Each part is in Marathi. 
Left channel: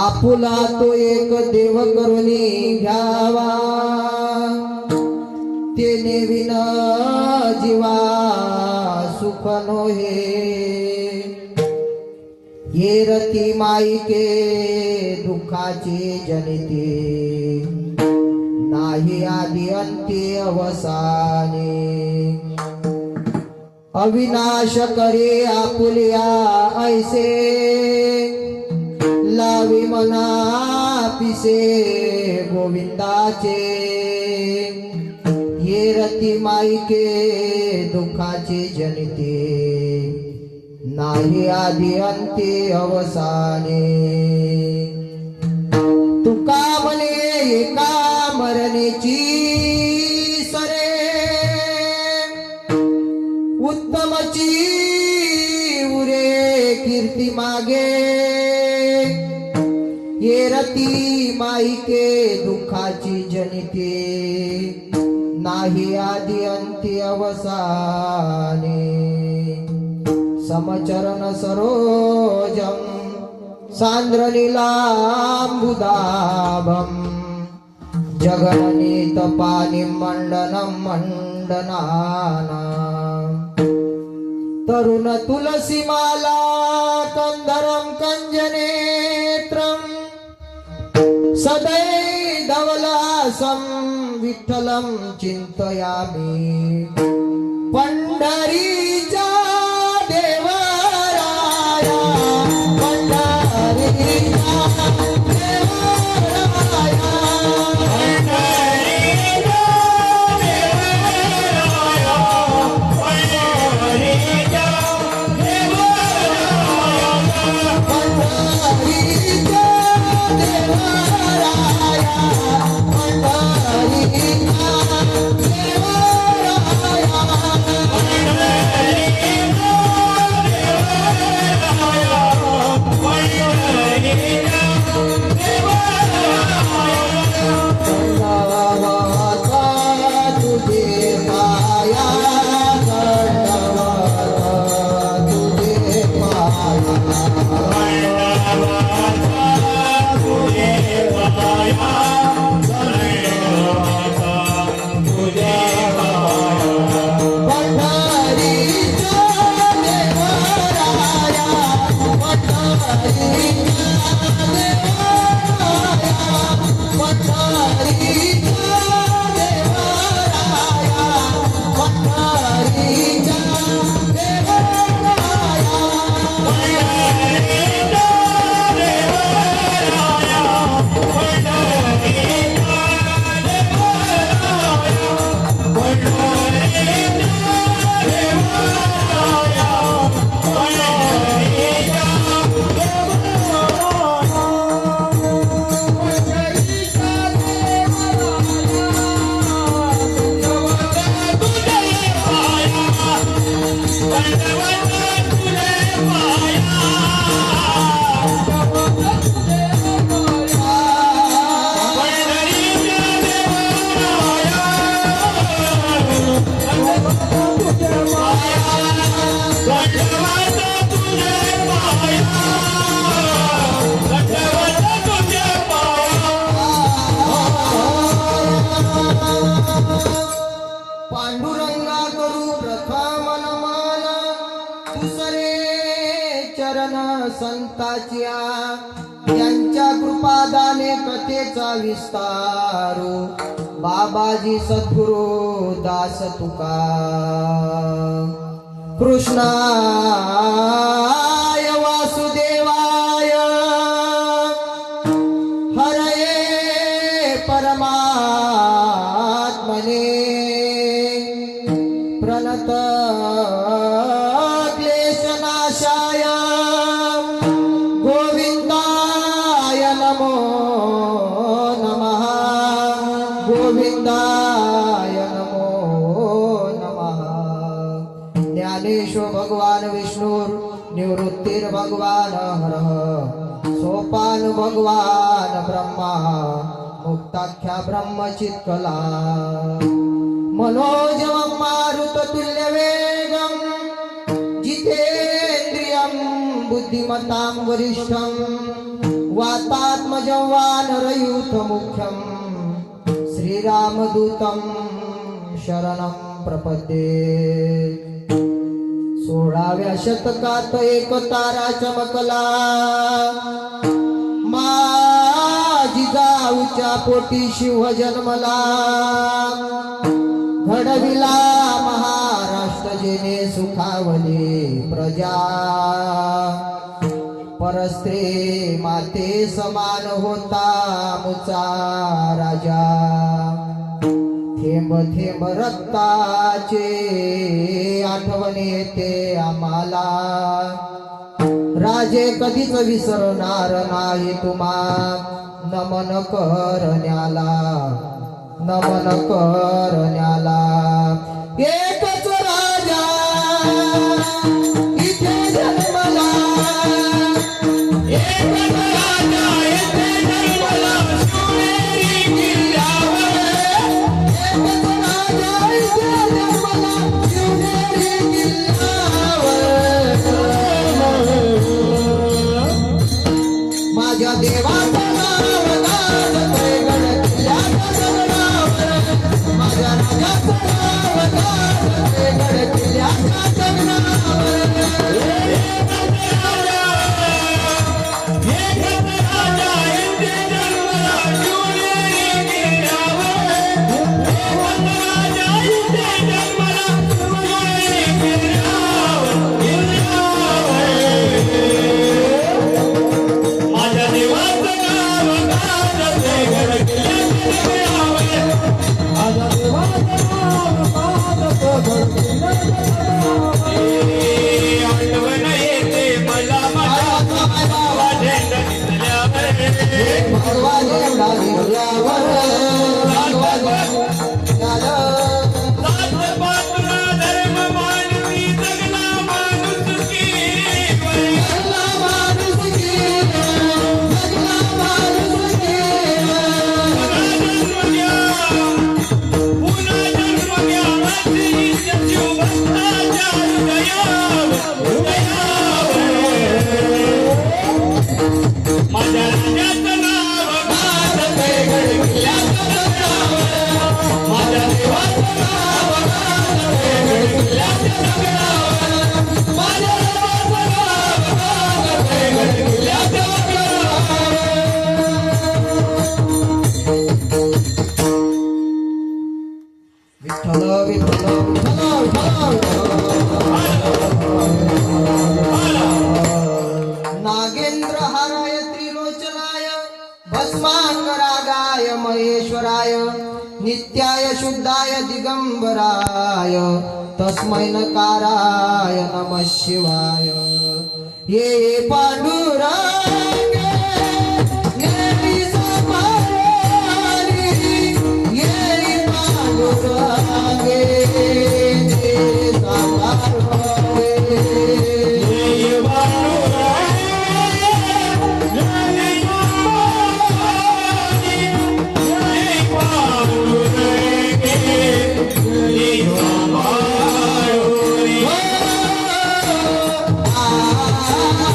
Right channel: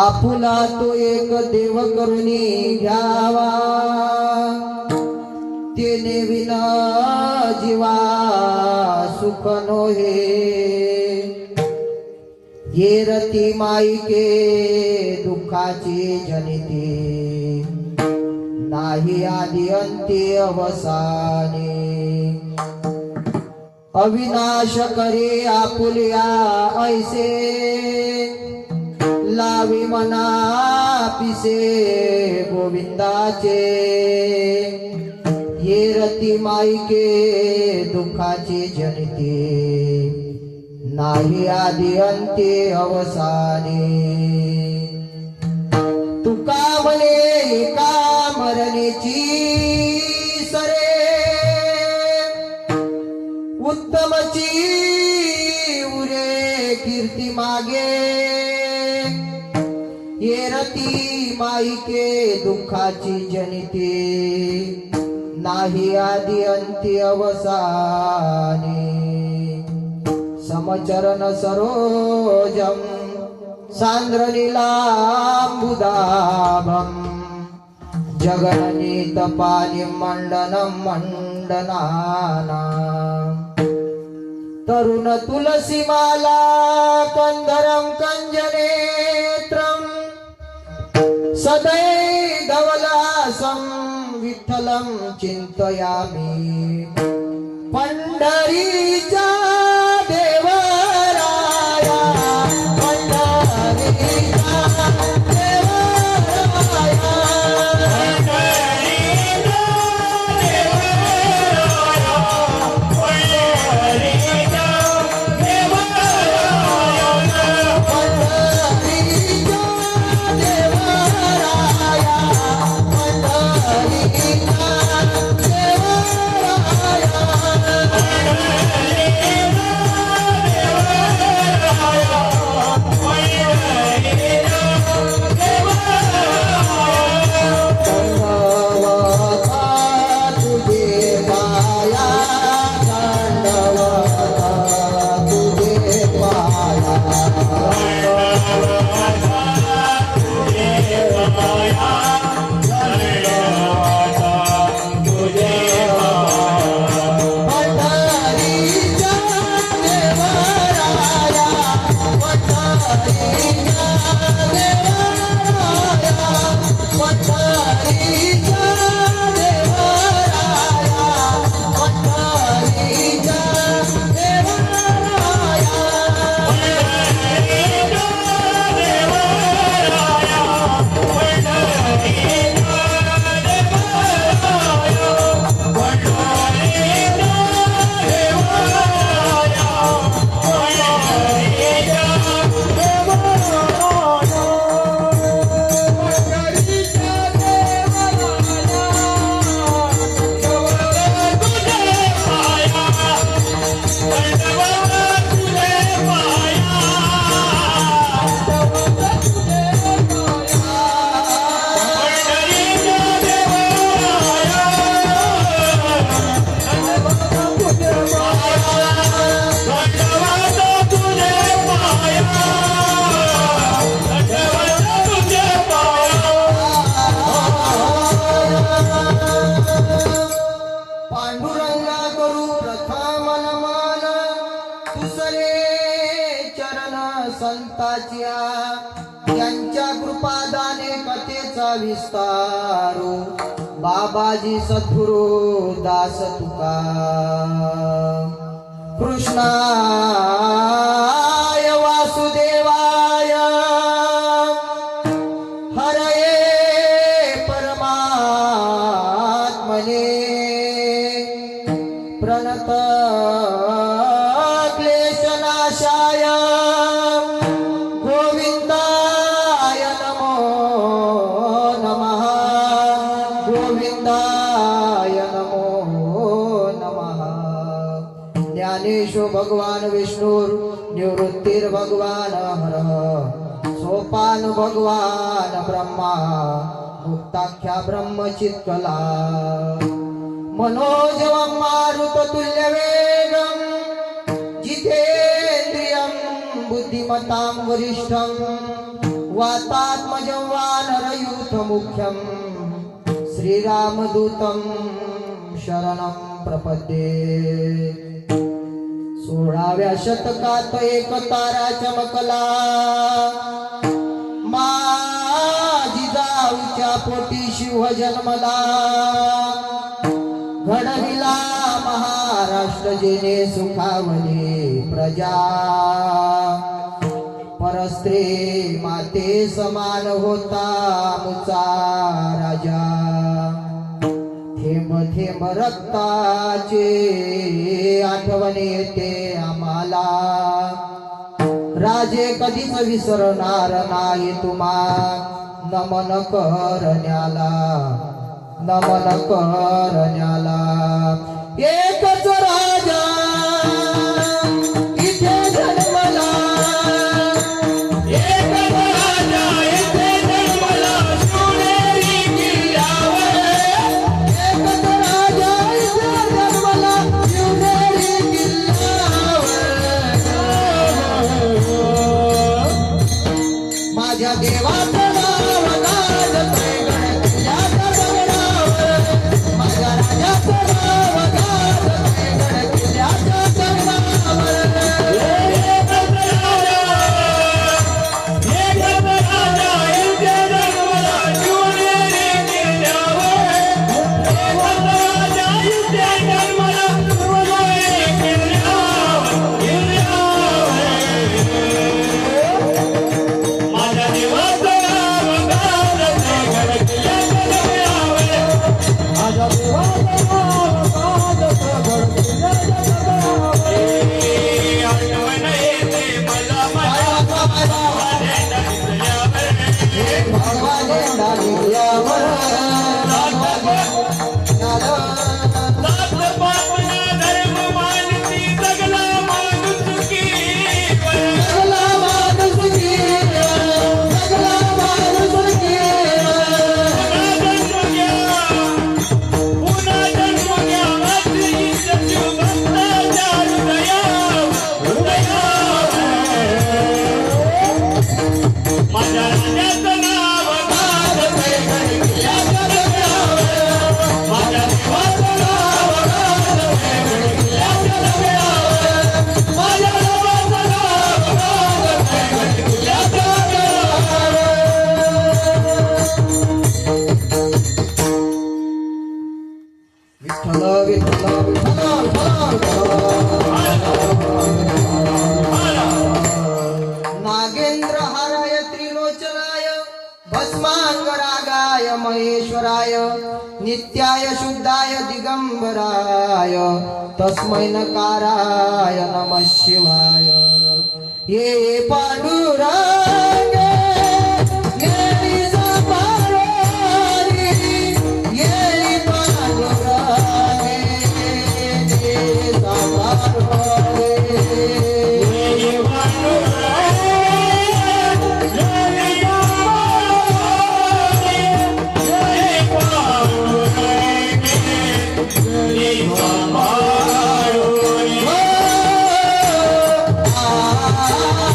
आपुला तो एक देव करुणी घ्यावा, तेने विना जीवा सुख नोहे. ये रती माईके दुःखाची जनिते, नाही आदि अंती अवसाने. अविनाश करे आपुलिया ऐसे, लावी मना पिसे गोविंदाचे. ये रती माईके दुःखाची जनिते, नाही आदि अंती अवसाने. तुका म्हणे एका मरणेची सरे, उत्तमची उरे कीर्ती मागे. ये रती माईके दुःखाची जनिते, नाही आदि अंती अवसाने. समचरण सरोजम सांद्रलीलांबुदाभम, जगननीत पानी मंडनम मंडनानाम. तरुण तुलसी माला कंदरम कंजनेत्रम, सदैधवलासं विठ्ठलं चिंतयामि. पंढरीचा देवराया, पंढरीचा देवराया, पांडुरंगा करू प्रथम नमन, दुसरे चरण संताच्या. यांच्या कृपादाने कथेचा विस्तारू, बाबाजी सद्गुरु दास तुका. कृष्णाय वासुदेवाय, हरये परमात्मने. प्रणत क्लेशनाशाय, गोविंदाय नमो नमः. गोविंदाय नमो नमः. ज्ञानेश्वर भगवान विष्णुर निवृत्तिर भगवान हरः. सोपान भगवान ब्रह्मा, मुक्ताख्या ब्रह्मचित्कला. मनोजवं मारुततुल्यवेगं, बुद्धिमतां वरिष्ठं वातात्मजं वानरयूथमुख्यं श्रीरामदूतं शरणं प्रपद्ये. 16व्या शतकात एक तारा चमकला, माझी जाऊच्या पोटी शिव जन्मला. घडविला महाराष्ट्र जेने सुखावले प्रजा, परस्त्री माते समान होता मुचा राजा. थेंब थेंब रक्ताचे आठवण येते आम्हाला, राजे कधीच विसरणार नाही तुम्हा. नमन करण्याला, नमन करण्याला. एकच राजा इथे जन्मला, एकच राजा इथे जन्मला, शिवनेरी किल्ल्यावर. एकच राजा इथे जन्मला, शिवनेरी किल्ल्यावर. माझ्या देवाचं नाव गाजतंय गड किल्ल्याच्या दगडावर. माझ्या राजाचं नाव गाजतंय गड किल्ल्याच्या दगडावर. नागेंद्रहाराय त्रिलोचनाय भस्मांगरागाय महेश्वराय नित्याय शुद्धाय दिगंबराय तस्मै नकाराय नमः शिवाय. ये पांडुरंग ये सापारोरी, ये पांडुरंग ये सापारोरी.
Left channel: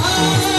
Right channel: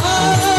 Ah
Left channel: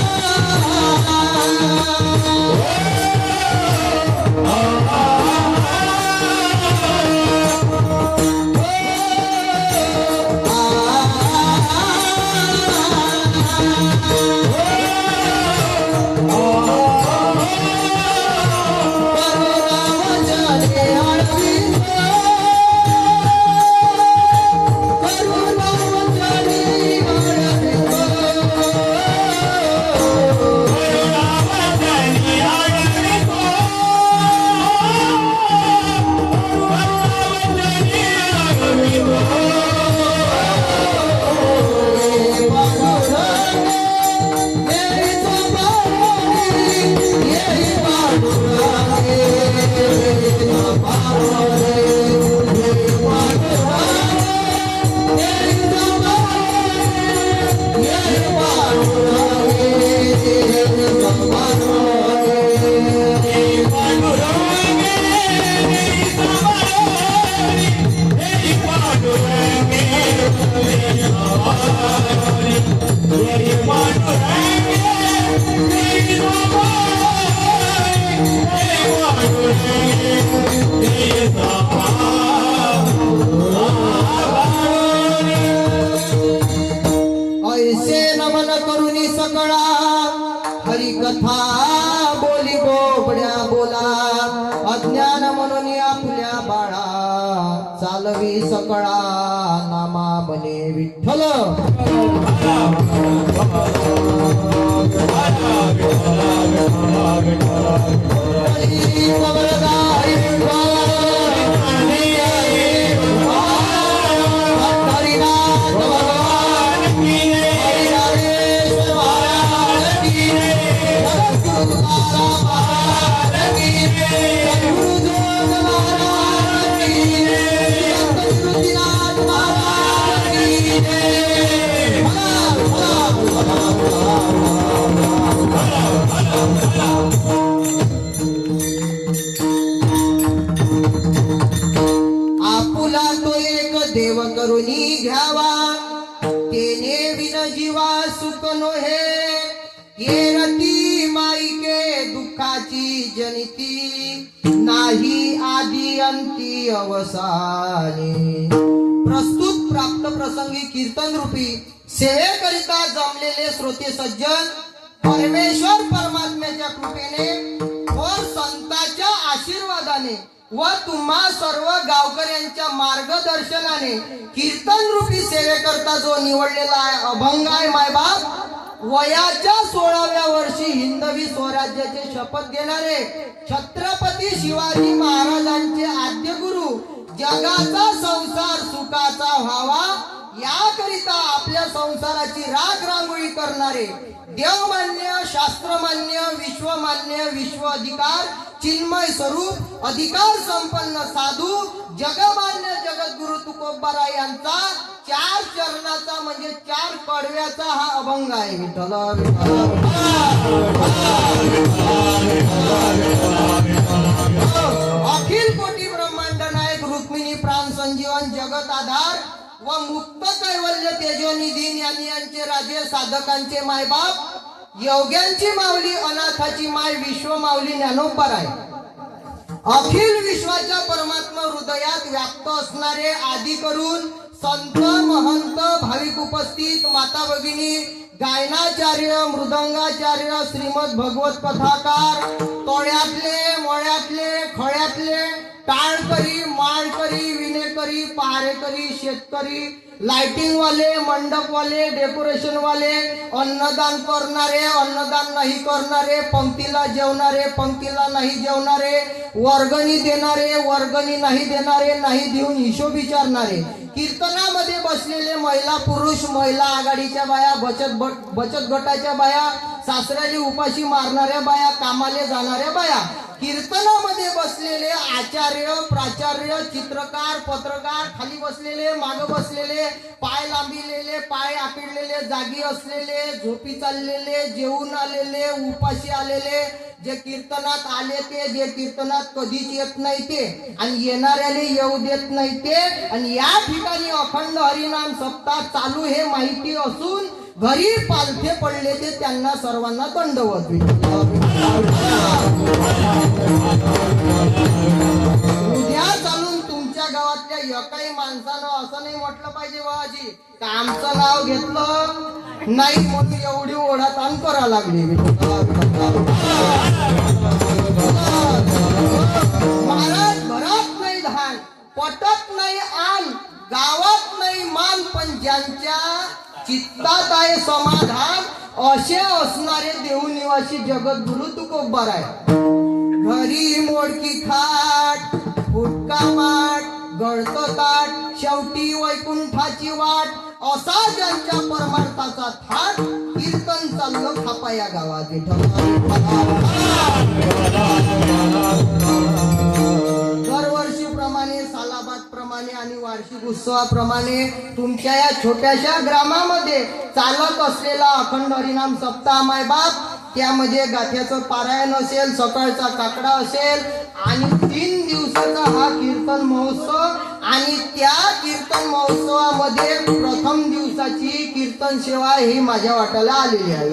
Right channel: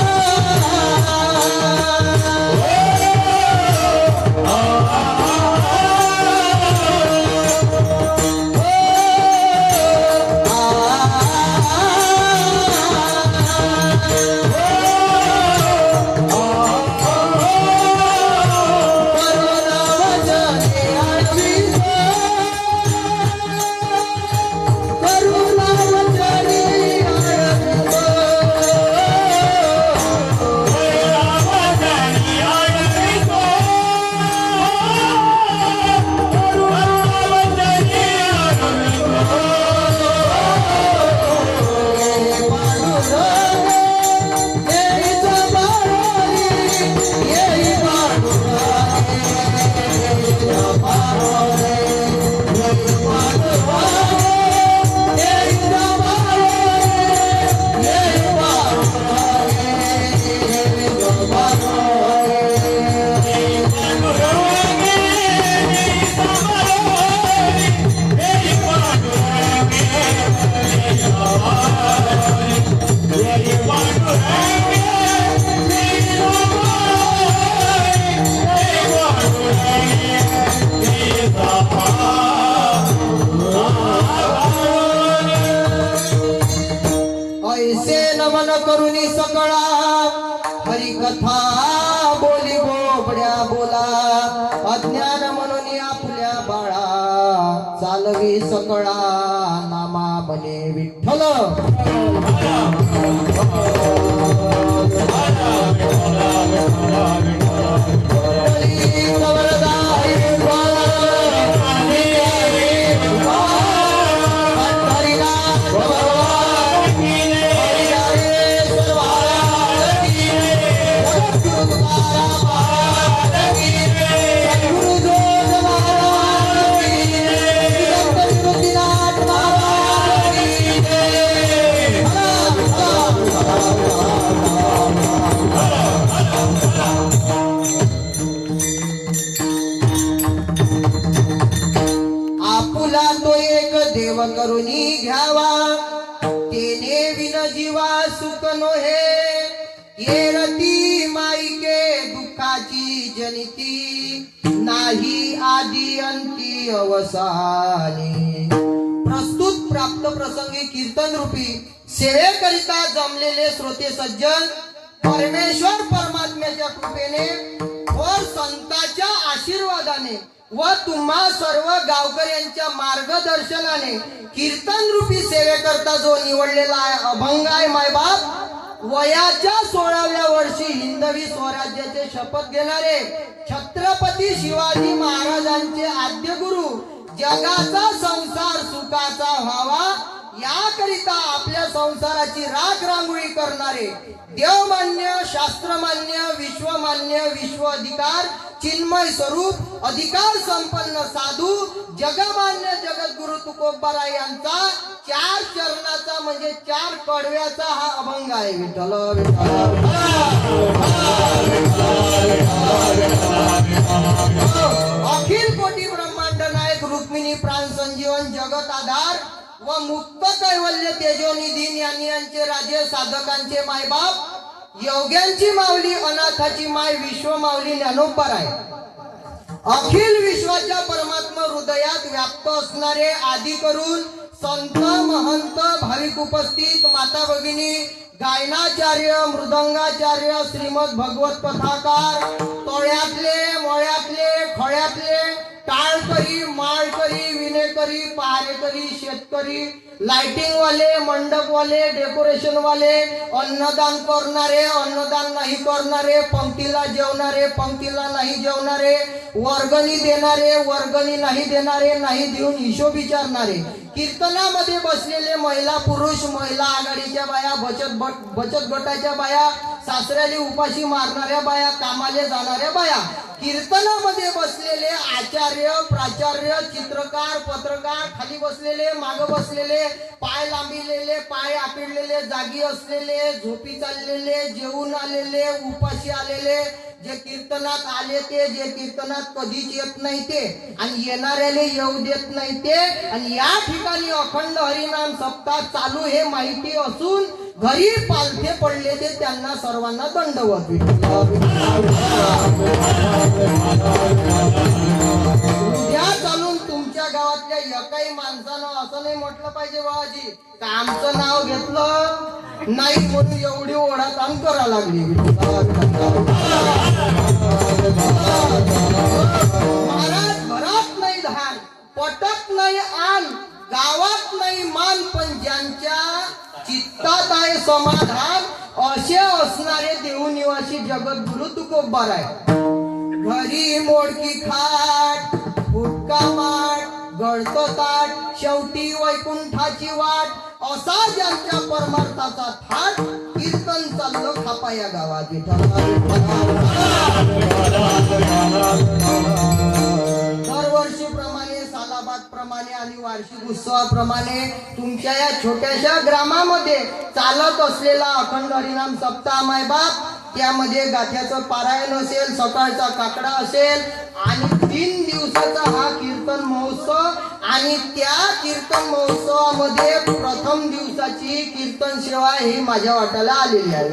करुणी सकळा हरिकथा बोली बोबड्या बोला अज्ञान म्हणून आपल्या बाळा चालवी सकळा नामा बने विठ्ठल आपुला तो एक देव करुणी घ्यावा तेने विन जीवा सुख नोहे ये रती माईके दुःखाची जनिती नाही आदी अंती अवसानी प्रस्तुत प्राप्त प्रसंगी कीर्तन रूपी सेवेकरिता जमलेले श्रोते सज्जन परमेश्वर परमात्म्याच्या कृपेने व संतांच्या आशीर्वादाने व तुम्हा सर्व गावकऱ्यांच्या मार्गदर्शनाने कीर्तन रूपी सेवेकरता जो निवडलेला आहे अभंग आहे मायबाप वयाच्या 16व्या वर्षी हिंदवी स्वराज्याचे शपथ घेणारे छत्रपती शिवाजी महाराजांचे आद्य गुरु जगाचा संसार सुखाचा व्हावा याकरिता आपल्या संसाराची राख रांगोळी करणारे देवमान्य शास्त्रमान्य विश्वमान्य विश्व अधिकार चिन्मय स्वरूप अधिकार संपन्न साधू जगमान्य जगद्गुरु तुकोबाराय यांचा 4 चरणाचा म्हणजे 4 कडव्याचा हा अभंग आहे विठ्ठल अखिल कोटी ब्रह्मांड नायक रुक्मिणी प्राण संजीवन जगत आधार व मुक्त कैवल्य तेजोनिधी ज्ञानी यांचे राजे साधकांचे मायबाप योग्यांची माऊली अनाथाची माय विश्व माऊली ज्ञानोबा आहे अखिल विश्वाच्या परमात्मा हृदयात व्याप्त असणारे आदी करून संत महंत भाविक उपस्थित माता भगिनी गायनाचार्य मृदंगाचार्य श्रीमद भगवत कथाकार तळ्यातले मळ्यातले खळ्यातले टाळकरी माळकरी विणेकरी पहारेकरी शेतकरी लाइटिंग वाले मंडप वाले डेकोरेशन वाले अन्नदान करणारे अन्नदान नाही करणारे पंक्तीला जेवणारे पंक्तीला नाही जेवणारे वर्गणी देणारे वर्गणी नाही देणारे नाही देऊन हिशोब विचारणारे कीर्तनामध्ये बसलेले महिला पुरुष महिला आघाडीच्या बाया बचत गटाच्या बाया सासऱ्याली उपाशी मारणाऱ्या बाया कामाले जाणाऱ्या बाया कीर्तनामध्ये बसलेले आचार्य प्राचार्य चित्रकार पत्रकार खाली बसलेले माग बसलेले पाय लांबिलेले पाय आखडलेले जागी असलेले झोपी चाललेले जेवून आलेले उपाशी आलेले जे कीर्तनात आले ते जे कीर्तनात कधीच येत नाही ते आणि येणाऱ्याने येऊ देत नाही ते आणि या ठिकाणी अखंड हरिनाम सप्ताह चालू हे माहिती असून घरी पालथे पडले ते त्यांना सर्वांना दंडवत उद्या चालून तुमच्या गावातल्या एकाही माणसानं असं नाही म्हटलं पाहिजे बाबाजी का आमचं नाव घेतलं नाही म्हणून एवढी ओढाताण करा लागली महाराज घरात नाही धान पटत नाही आण गावात नाही मान पण ज्यांच्या चित्तात आहे समाधान असे असणारे देवनिवासी जगद्गुरु तुकोबाराय घरी मोडकी खाट फुटका माठ गळतो ताट शेवटी वैकुंठाची वाट असा ज्यांच्या परमार्थाचा थाट कीर्तन चाललं थापा या गावात दरवर्षीप्रमाणे सालाबाद प्रमाणे आणि वार्षिक उत्सवाप्रमाणे तुमच्या या छोट्याशा ग्रामामध्ये चालत असलेला अखंड हरिनाम सप्ताह मायबाप त्यामध्ये गाथ्याचं पारायण असेल सकाळचा काकडा असेल आणि 3 दिवसाचा हा कीर्तन महोत्सव आणि त्या कीर्तन महोत्सवामध्ये प्रथम दिवसाची कीर्तन सेवा ही माझ्या वाट्याला आलेली आहे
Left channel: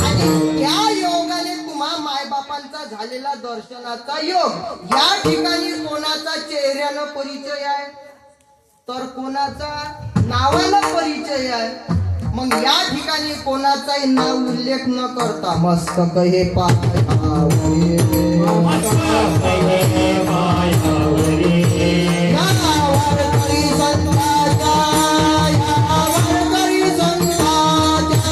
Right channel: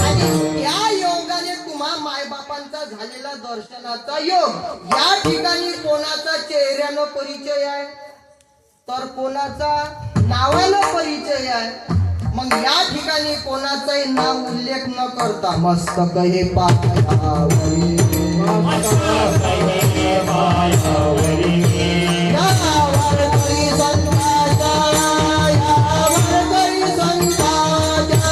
आणि या योगाने तुम्हा मायबापांचा झालेला दर्शनाचा योग या ठिकाणी कोणाचा चेहऱ्यानं परिचय आहे तर कोणाचा नावाला परिचय आहे. मग या ठिकाणी कोणाचाही नाव उल्लेख न करता मस्तक हे पायावरी या वारकरी संतांच्या, या वारकरी संतांच्या,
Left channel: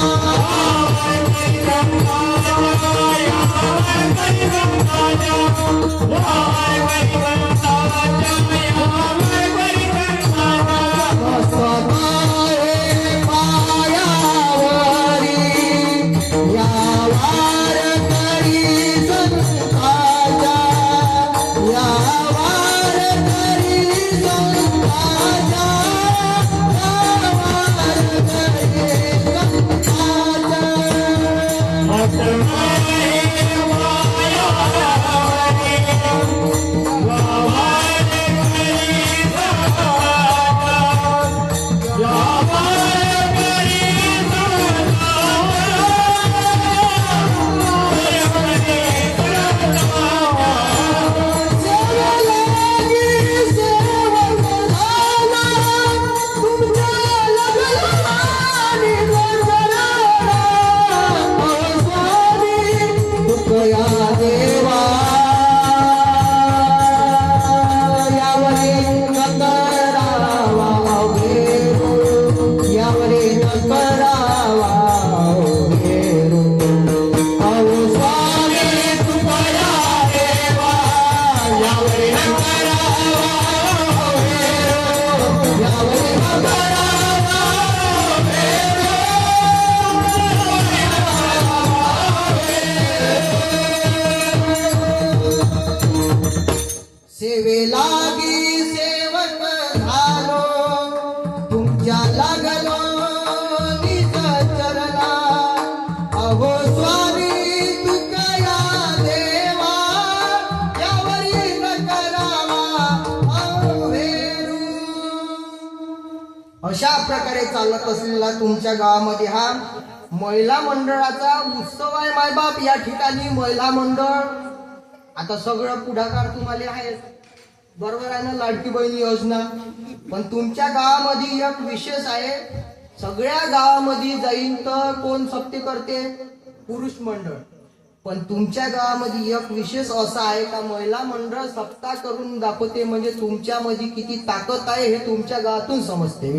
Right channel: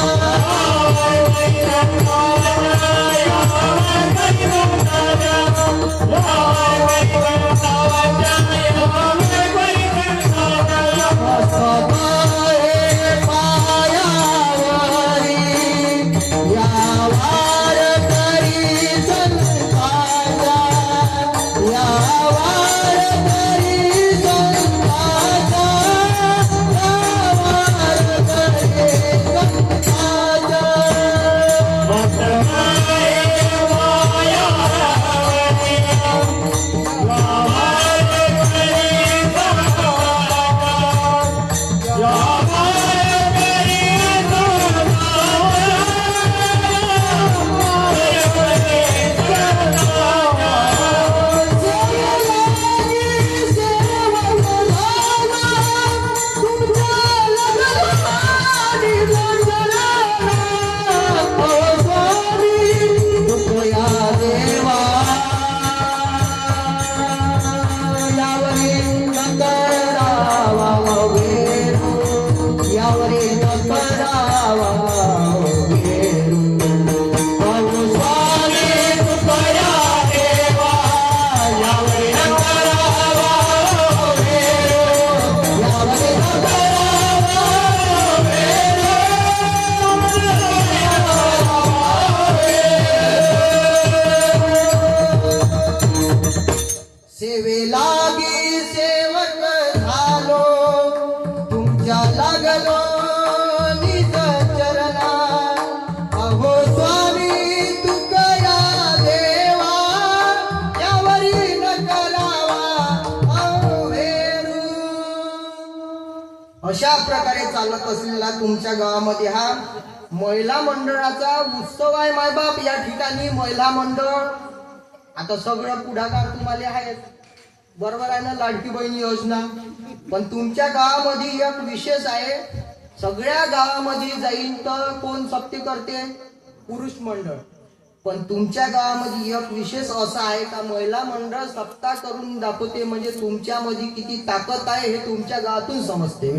सेवेलागी सेवक झालो, तुमच्या लागलो निज चरणा. अहो स्वामी तुकया देवा, यावरी न करावा अवेरू. अशा प्रकारे चालत असलेला तुमच्या गावामध्ये हा महिला मंडळाचा उत्सव आहे. मायबाप या ठिकाणी महिला मंडळ आता सगळं पुढाकार तुम्हाला आहेत, बरोबर आहे ना, लाडकी बहिणी योजना. पण तुमच्या गावामध्ये एक विशेष आहे. सगळ्या गावामध्ये जाईन तर कोण सप्ते करते? पुरुष मंडळ. पण तुमच्या गावामध्ये एक विशेष असा आहे का महिला मंडळ सप्ताह करून दाखवते. म्हणजे तुमच्यामध्ये किती ताकद आहे हे तुमच्या गावातून समजते.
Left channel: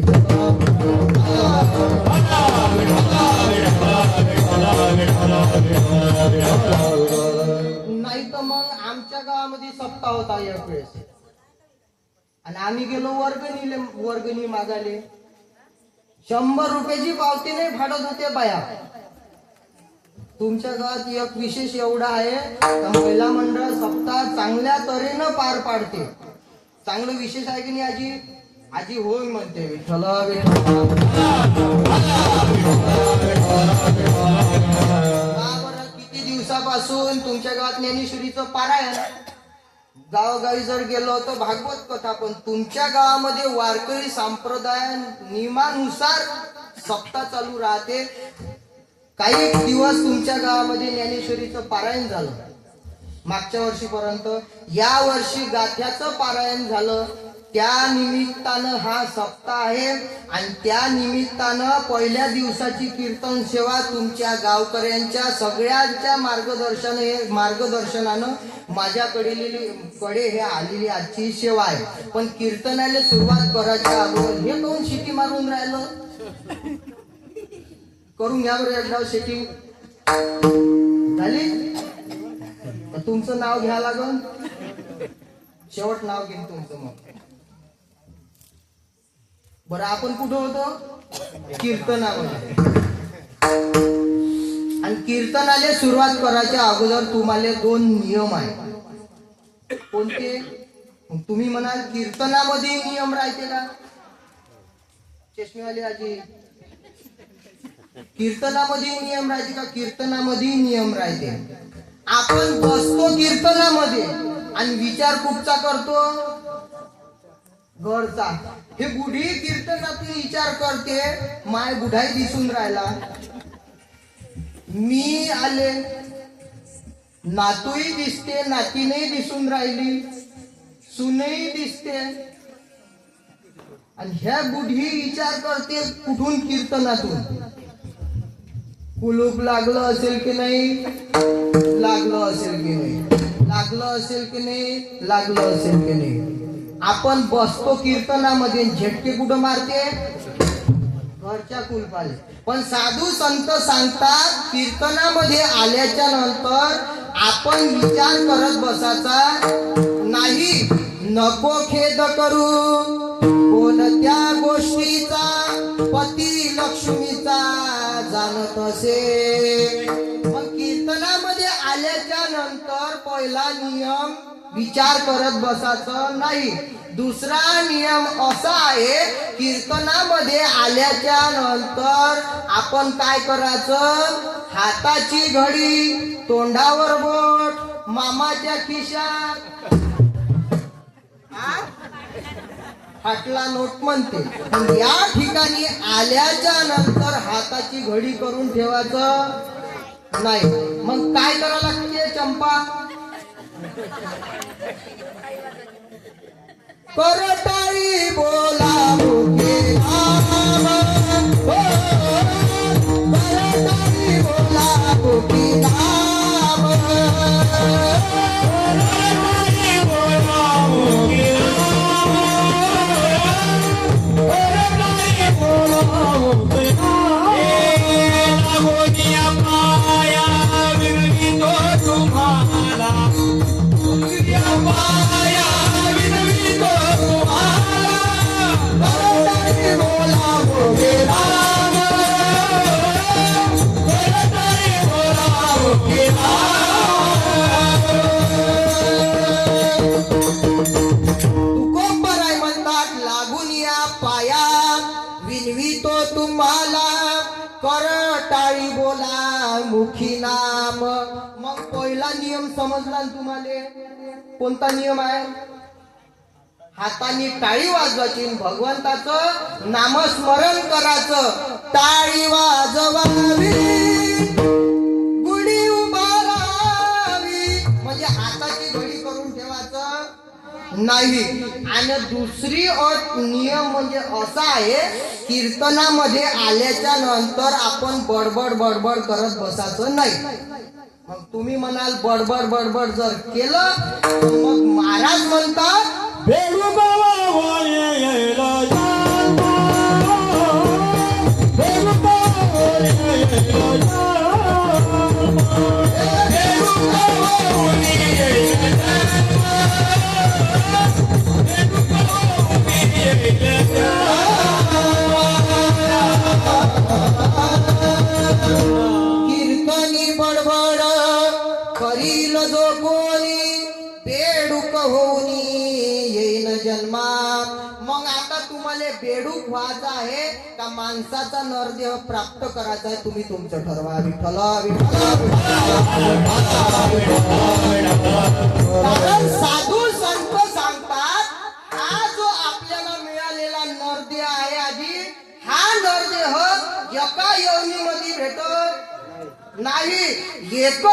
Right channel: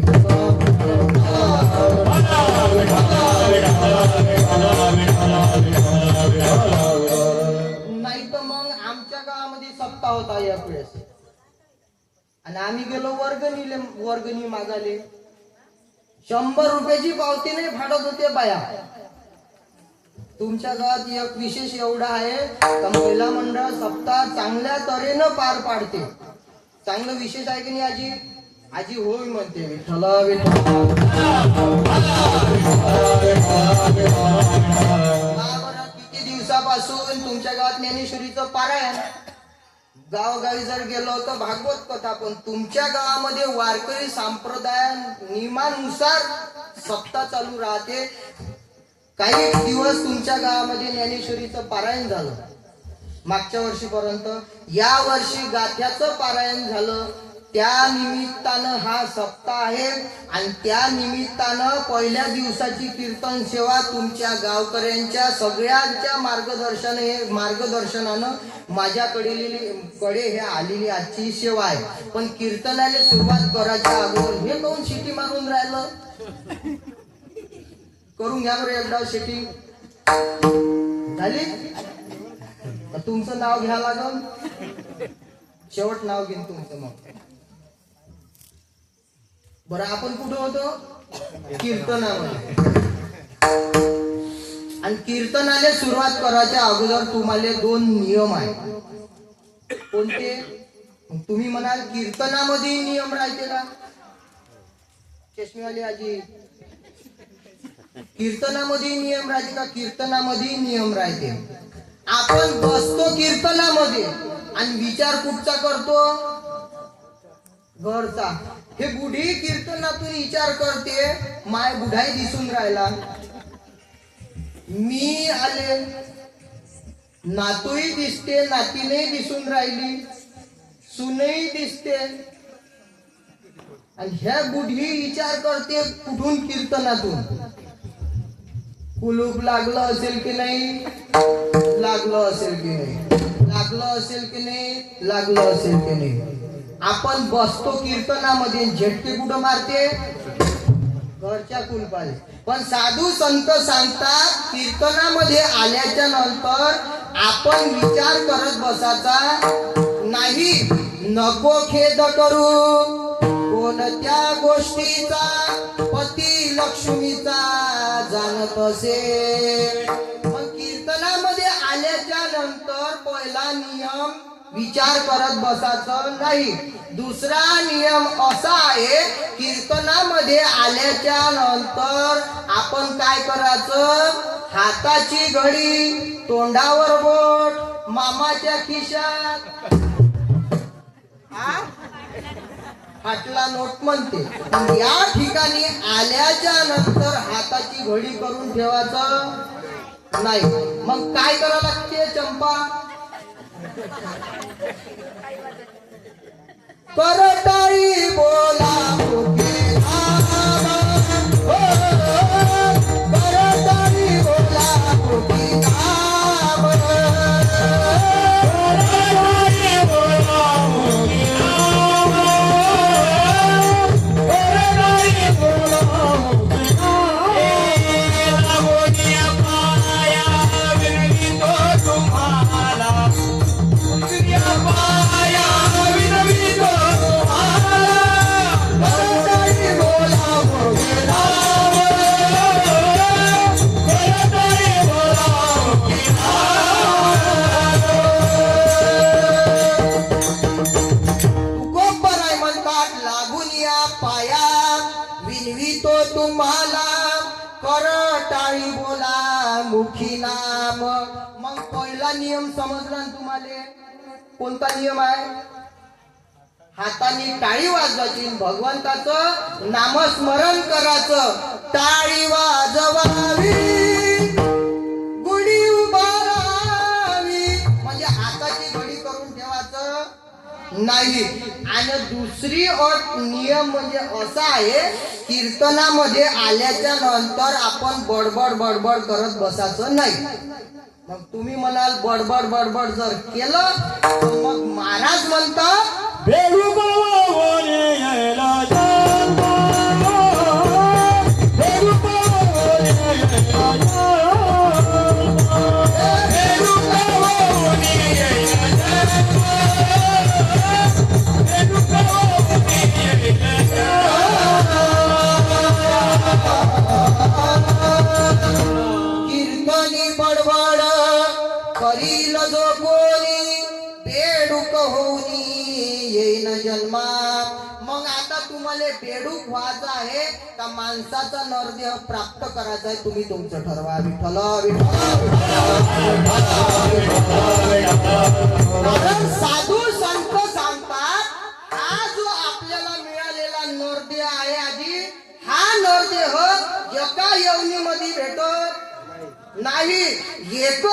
नाही तर मग आमच्या गावामध्ये सप्ताह होता एक वेळेस आणि आम्ही गेलो वर्गणी मागाले. 100 रुपयाची पावती नाही फाडत होते बाया. तुमच्या गावात एक विशेष एवढा आहे का महिला मंडळ सप्ताह चांगल्या तऱ्हेनं पार पाडते. चांगलं विशेष आहे की नाही आजी? आजी होय म्हणते. विठ्ठल किती दिवसापासून तुमच्या गावात ज्ञानेश्वरीचं पारायण, गावोगावी जर गेलो तर भागवत कथा. पण तुमच्या गावामध्ये वारकरी संप्रदाय नियमानुसार सप्ताह चालू राहते. काही दिवस तुमच्या गावामध्ये ज्ञानेश्वरीचं पारायण झालं मागच्या वर्षीपर्यंत. या वर्षी गाथ्याचं पारायण झालं. त्या निमित्तानं हा सप्ताह आहे आणि त्या निमित्तानं पहिल्या दिवसाची कीर्तन सेवा तुमच्या गावकऱ्यांच्या सगळ्यांच्या मार्गदर्शनानं माझ्याकडे हे आलेली आजची सेवा आहे. पण कीर्तनाला सुरुवात करायच्या अगोदर हे कोण शिटी मारून राहिलं? करून घ्या बरं एकदा शिटी झाली. तुमचं नाव घ्या लागल, शेवट नाव घेईन तुमचं. मग बरं आपण कुठं होतो? कीर्तनामध्ये. आणि कीर्तनाला सुरुवात करायच्या अगोदर तुम्हाला 2 नियम आहेत. कोणते? तुम्ही म्हणाल कीर्तनामध्ये नियम राहते का? चष्मेवाली आजी, कीर्तनामध्ये नियम राहते का? कीर्तनामध्ये नियम राहते. आपण बसतो कीर्तनामध्ये आणि विचार कुठचा करतो? घरचा. हे बुढी कीर्तनातून विचार करते, माय बुढाई दिसून राहिला, मी आले, नातूही दिसते, नातीने दिसून राहिली, सुनही दिसते, आणि ह्या बुढी विचार करते कुठून कीर्तनातून. कुलूप लागलं असेल की नाही, लागलं असेल की नाही, लागलं असेल की नाही, लागलं असेल की नाही. आपण बसतो कीर्तनामध्ये, झटके कुठं मारते, घरच्या कुलपाले. पण साधू संत सांगतात कीर्तनामध्ये आल्याच्या नंतर आपण विचार करत बसायचा नाही. नको खेद करू कोणत्या गोष्टीचा, पती लक्ष्मीचा जाणत असे. मग कीर्तनामध्ये आल्याच्या नंतर पहिला नियम विचार करत बसायचं नाही. दुसरा नियम असा आहे, कीर्तनामध्ये आल्याच्या नंतर आपण काय करायचं, हाताची घडी, तोंडावर बोट, मामाच्या खिशात फाटला नोट म्हणते. पण या ठिकाणी आल्याच्या नंतर हाताची घडी करून ठेवायचं नाही. मग काय करावं लागते चंपा, करताळी बोला मुखे नाम, करताळी बोला मुखे नाम, करताळी बोला मुखे नाम, करताळी बोला मुखे नाम. लागोनिया पाया विनवितो तुम्हाला, पाया विनवितो तुम्हाला, करताळी बोला मुखे नाम, करताळी बोला मुखे नाम. तुकोबराय म्हणतात, लागून या पायात विनवितो तुम्हाला, करताळी बोला मुखी नाम. मग पहिला नियम समजला ना तुम्हाला, कोणता नियम आहे, हाताने टाळी वाजवायची, भगवंताचं नामस्मरण करायचं. टाळी वाजवावी, गुढी उभारावी, म्हणजे हाताची घडी करून ठेवायचं नाही. आणि दुसरी अट नियम म्हणजे असा आहे, कीर्तनामध्ये आल्याच्या नंतर आपण बडबड बडबड करत बसायचं नाही. मग तुम्ही म्हणाल बडबड बडबड जर केलं तर मग महाराज म्हणतात, कीर्तनी बडबड करील जो कोणी, बेडूक होनी येईन जन्मा. मग आता तुम्हाला बेडूक व्हायचं आहे का माणसाचा नरदेह प्राप्त करायचा आहे, तुम्ही तुमचं ठरवा. विठ्ठल कारण साधू संत सांगतात, हा जो आपल्याला मिळालेला नरदेह आहे आधी, हा नरदेह एका योनीमध्ये भेटत नाही. एक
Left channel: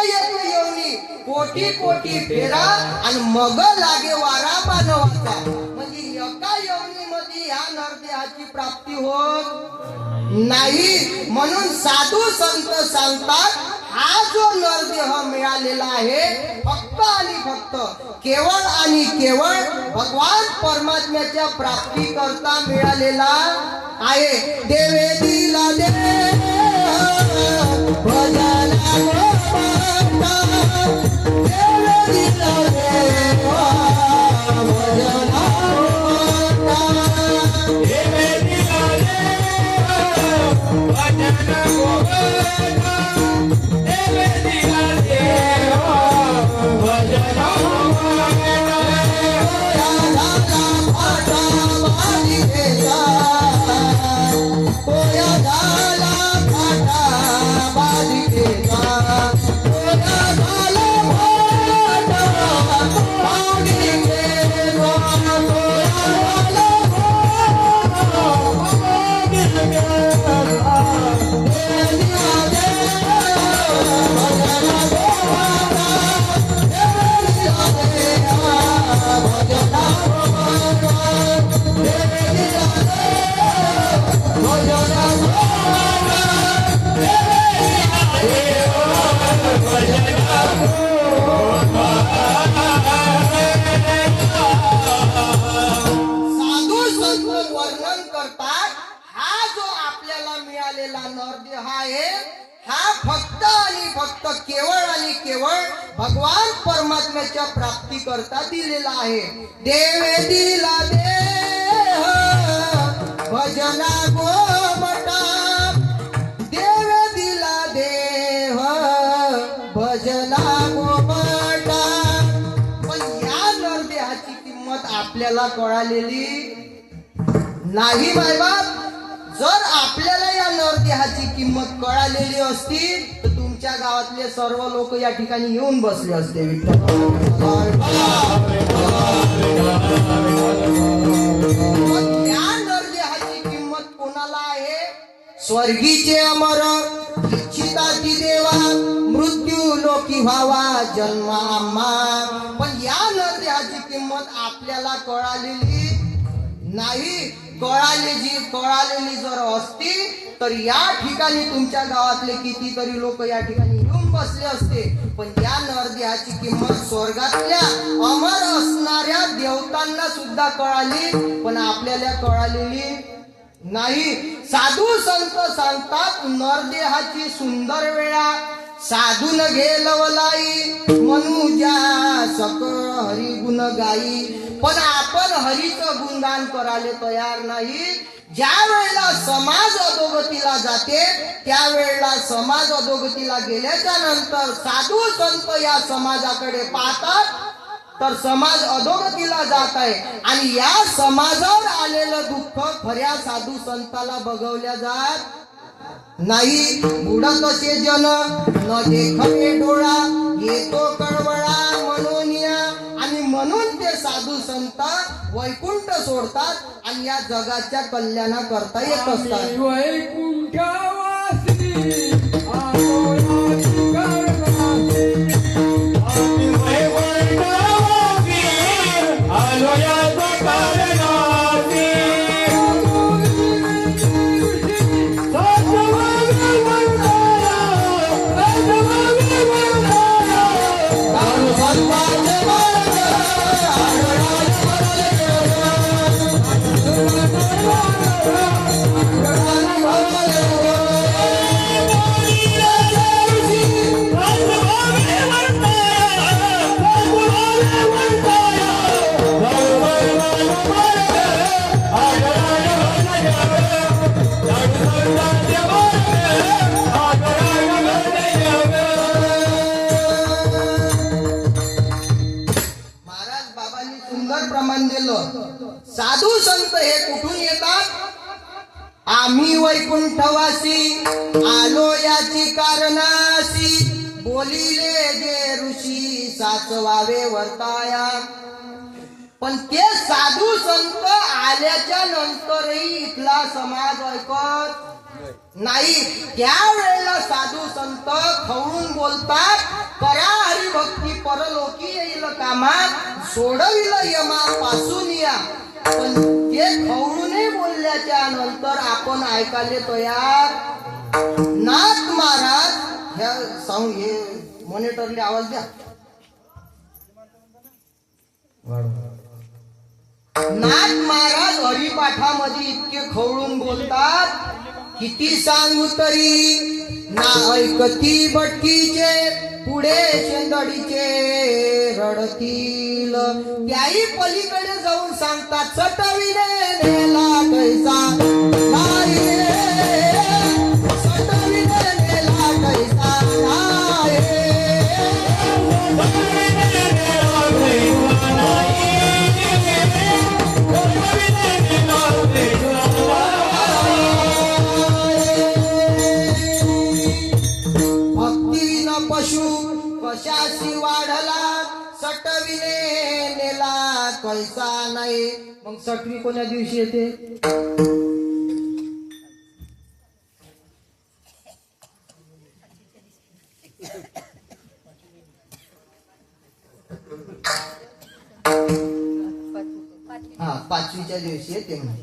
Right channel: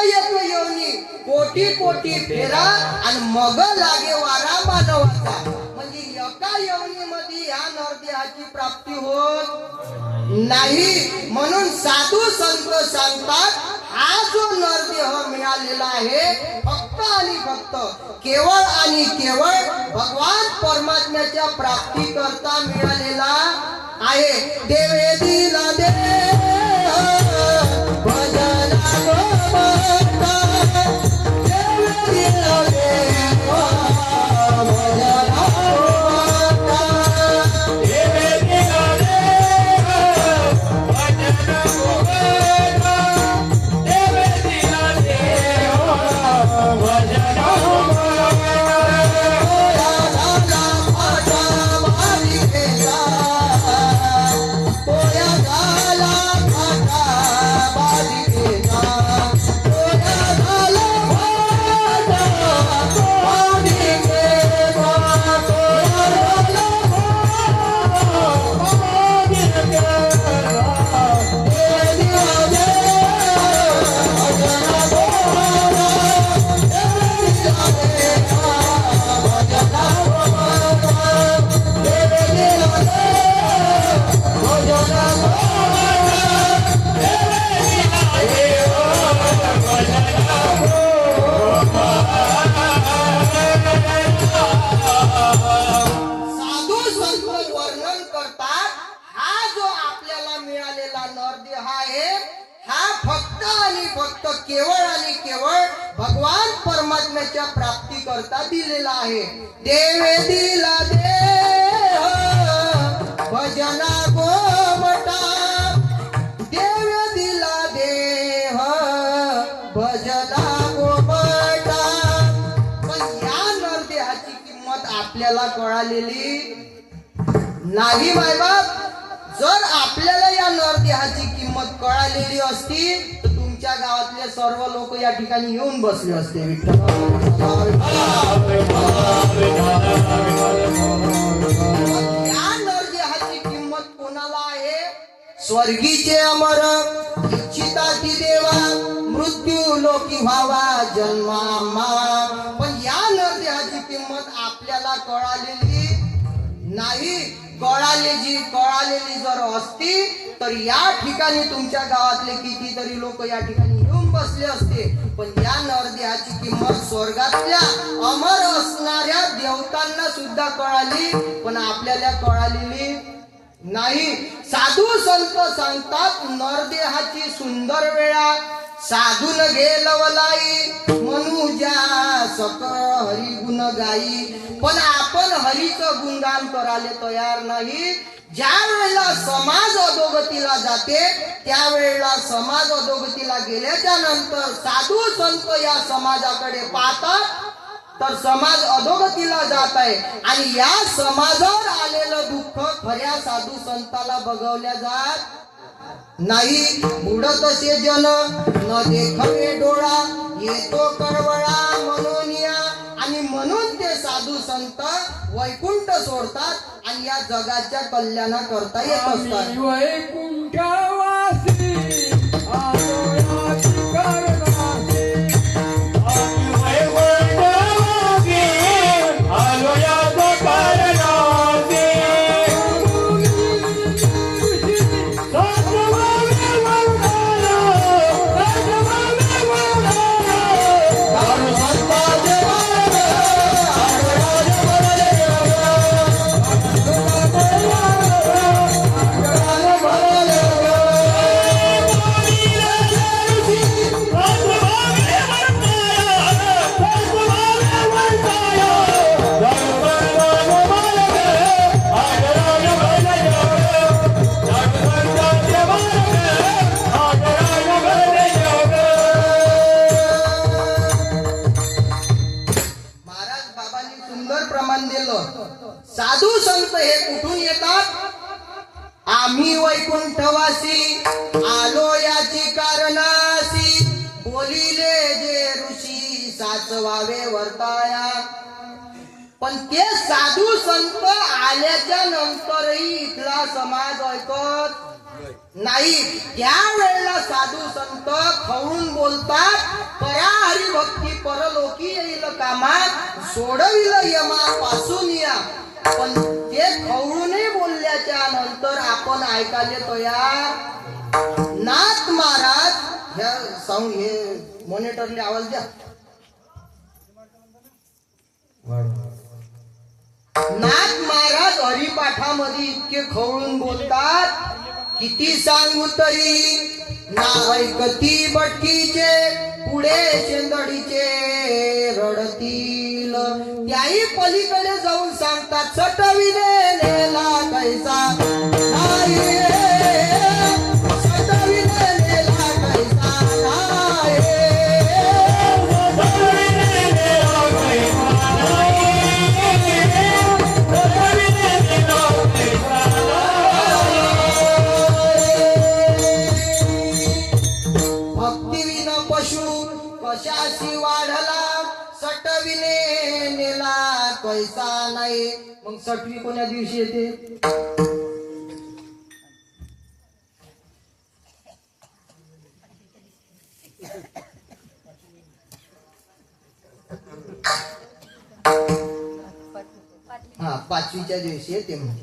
योनी कोटी कोटी फेरा आणि मग लागे वारा मानवाचा. म्हणजे एका योनीमध्ये या नरदेहाची प्राप्ती होत नाही. म्हणून साधू संत सांगतात, हा जो नरदेह मिळालेला आहे फक्त आणि फक्त केवळ आणि केवळ भगवान परमात्म्याच्या प्राप्ती करता मिळालेला आहे. देवे दिला दे नरदेह आहे हा फक्त आणि फक्त केवळ आणि केवळ भगवान परमात्म्याच्या प्राप्ती करता दिलेला आहे. देवे दिला देह भजना गोमटा, देवे दिला देह भजना गोमटा. पण या नरदेहाची किंमत आपल्याला कळालेली नाही मायबाप. जर आपल्याला या नरदेहाची किंमत कळालेली असती तर तुमच्या गावातले सर्व लोक या ठिकाणी येऊन बसले असते. या नरदेहाची किंमत कोणाला आहे? स्वर्गीचे अमर इच्छिताची देवा मृत्यू लोकी व्हावा जन्मामा. पण या नरदेहाची किंमत आपल्याला कळालेली नाही. कळालेली जर असती तर या ठिकाणी तुमच्या गावातले कितीतरी लोक या ठिकाणी येऊन बसले असते. पण या नरदेहाची किंमत स्वर्गातल्या अमर असणाऱ्या देवतांना सुद्धा कळाली, पण आपल्याला कळालेली नाही. साधू संत सांगतात नरदेहाची सुंदर वेळा साधून गेलवलाई मनुजा सक हरी गुण गाई. पण आपण हरीचं गुणगान करायला तयार नाही. ज्या वेळेला समाज अधोगतीला जाते त्यावेळेला समाज अधोगतीला गेल्याच्या नंतर साधू संत या समाजाकडे पाहतात तर समाज अधोगतीला जात आहे आणि या समाजावर आलेलं दुःख खऱ्या साधू संताला बघवल्या जात नाही. बुडत असे जन न देखवे डोळा येतो कळवळा मनोनिया. आणि म्हणून ते साधू संत वैकुंठ सोडतात आणि या जगाच्या कल्याणाकरता येत असतात. वैकुंठवासी साधू संत हे कुठून येतात? आम्ही वैकुंठवासी आलो याची कारणासी बोलिले जे ऋषी साचवावे वर्ताया. पण ते साधू संत आल्याच्या नंतरही इथला समाज ऐकत नाही. त्यावेळेला साधू संत खवळून बोलतात करा हरिभक्ती परलोकी येईल कामात सोडविलं यमा पासून या. पण ते खवळूनही बोलल्याच्या नंतर आपण ऐकायला तयार नाथ महाराज ह्या साऊंड हे मॉनिटरले आवाज द्या. नाथ महाराज हरिपाठामध्ये इतके खवळून बोलतात किती सांगू तरी ना ऐकती बटकीचे पुढे शेंदडीचे रडतील. त्याही पलीकडे जाऊन सांगतात सटविले नेला कैसा नाही सटविले नेला कैसा नाही. कशाशी वाढला सटविले नेला कैसा नाही. मग सटवी कोण्या दिवशी येते? हा पाचवीच्या दिवशी येते. मग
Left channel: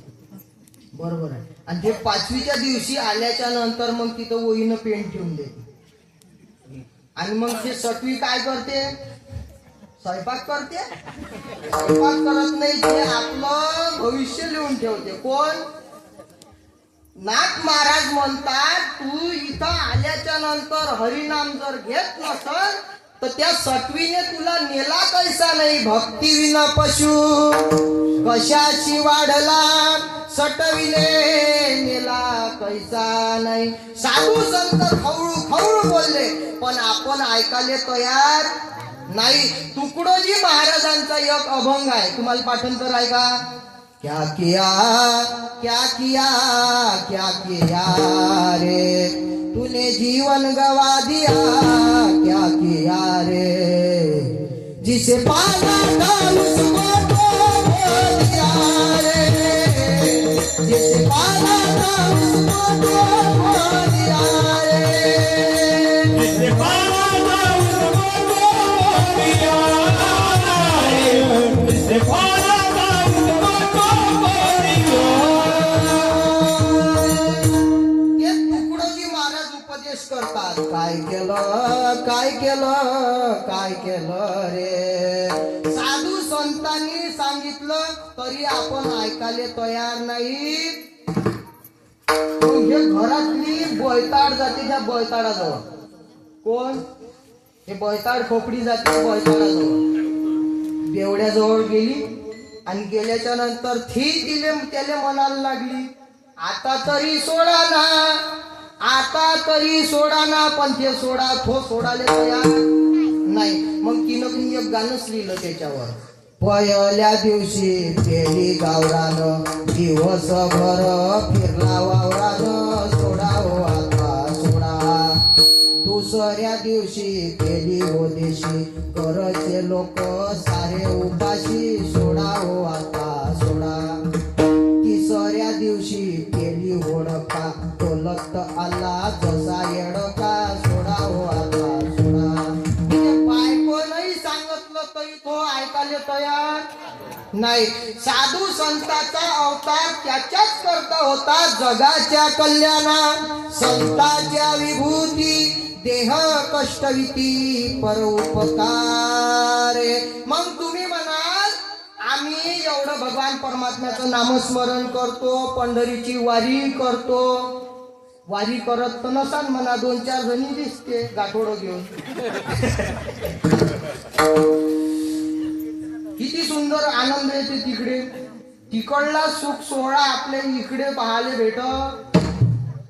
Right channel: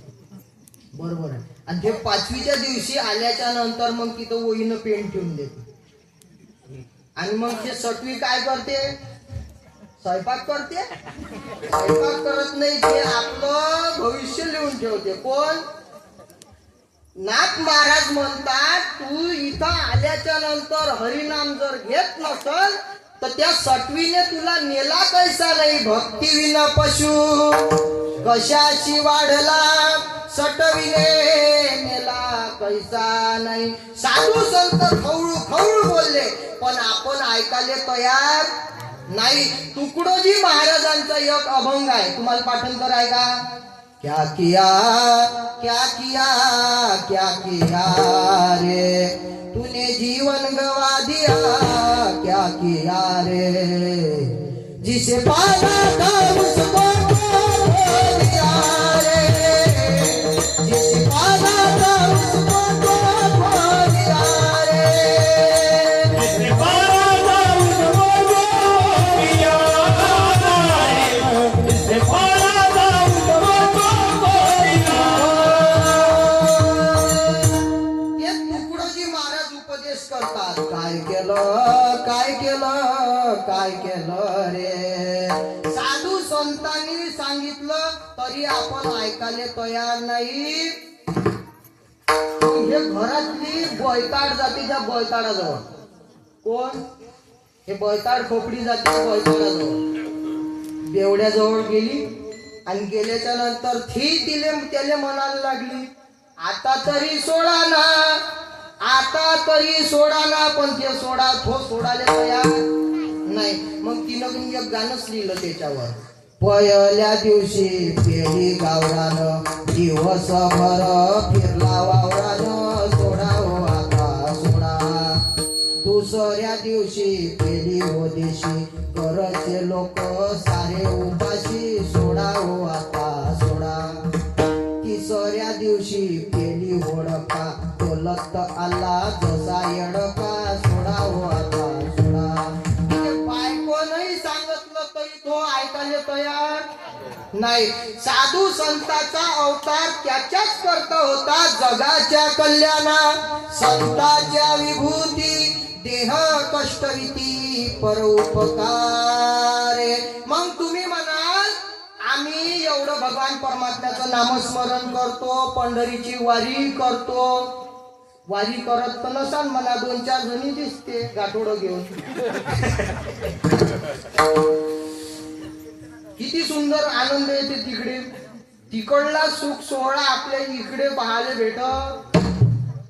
बरोबर आहे. आणि ते पाचवीच्या दिवशी आल्याच्या नंतर मग तिथं वहीनं पेन ठेवून देते आणि मग ते सटवी काय करते? स्वयंपाक करते? स्वयंपाक करत नाही, ते आपलं भविष्य लिहून ठेवते. कोण? नाथ महाराज म्हणतात, तू इथं आल्याच्या नंतर हरिनाम जर घेत नसल तर त्या सटवीने तुला नेला कैसा नाही. भक्ती विना पशु कशाची वाढला, सटविने नेला कैसा नाही. साधू संत खवळू खवळू बोलले, पण आपण ऐकायला तयार नाही. तुकडोजी महाराजांचा एक अभंग आहे, तुम्हाला पाठांतर आहे का? क्या किया क्या किया क्या किया रे तूने जीवन गवा दिया, क्या किया रे जिसे पाना था उसको खो दिया रे, जिसे पाना था उसको खो दिया रे, जिसे पाना था उसको खो दिया रे, जिसे पाना था उसको खो दिया. हे तुकडोजी महाराज उपदेश करतात, काय केलं काय केलं काय केलं रे. साधू संतांनी सांगितलं तरी आपण ऐकायला तयार नाही. हे घरातली बैताड जातीच्या बैताडाजवळ कोण, हे बैताड खोपडी जाती बैताडाजवळ बेवड्याजवळ गेली आणि गेल्याच्या नंतर त्याला म्हणायला लागली, आता तरी सोडा ना, आता तरी सोडा ना. पण ते सोडायला तयार नाही. मग तिनं एक गाणंच लिहिलं त्याच्यावर, पहिल्या दिवशी पेली गावरान, दिवसभर फिरला वावरान, सोडा हो आता सोडा. दुसऱ्या दिवशी पेली ओदेशी, करचे लोक सारे उपाशी, सोडा हो आता सोडा. तिसऱ्या दिवशी पेली होडका, डोलत आला जसा येडका, सोडा हो आता सोडा. बायको नाही सांगितलं तरी तो ऐकायला तयार नाही. साधू संतांचा अवतार त्याच्याच करता होता, जगाच्या कल्याणा संतांच्या विभूती, देह कष्टविती परोपकार. मग तुम्ही म्हणाल आम्ही एवढं भगवान परमात्म्याचं नामस्मरण करतो, पंढरीची वारी करतो. वारी करत तर नसाल म्हणा, 2-4 जणी दिसते गाठोडं घेऊन. किती सुंदर आनंद येते तिकडे. तिकडला सुख सोहळा आपल्या इकडे पाहायला भेटत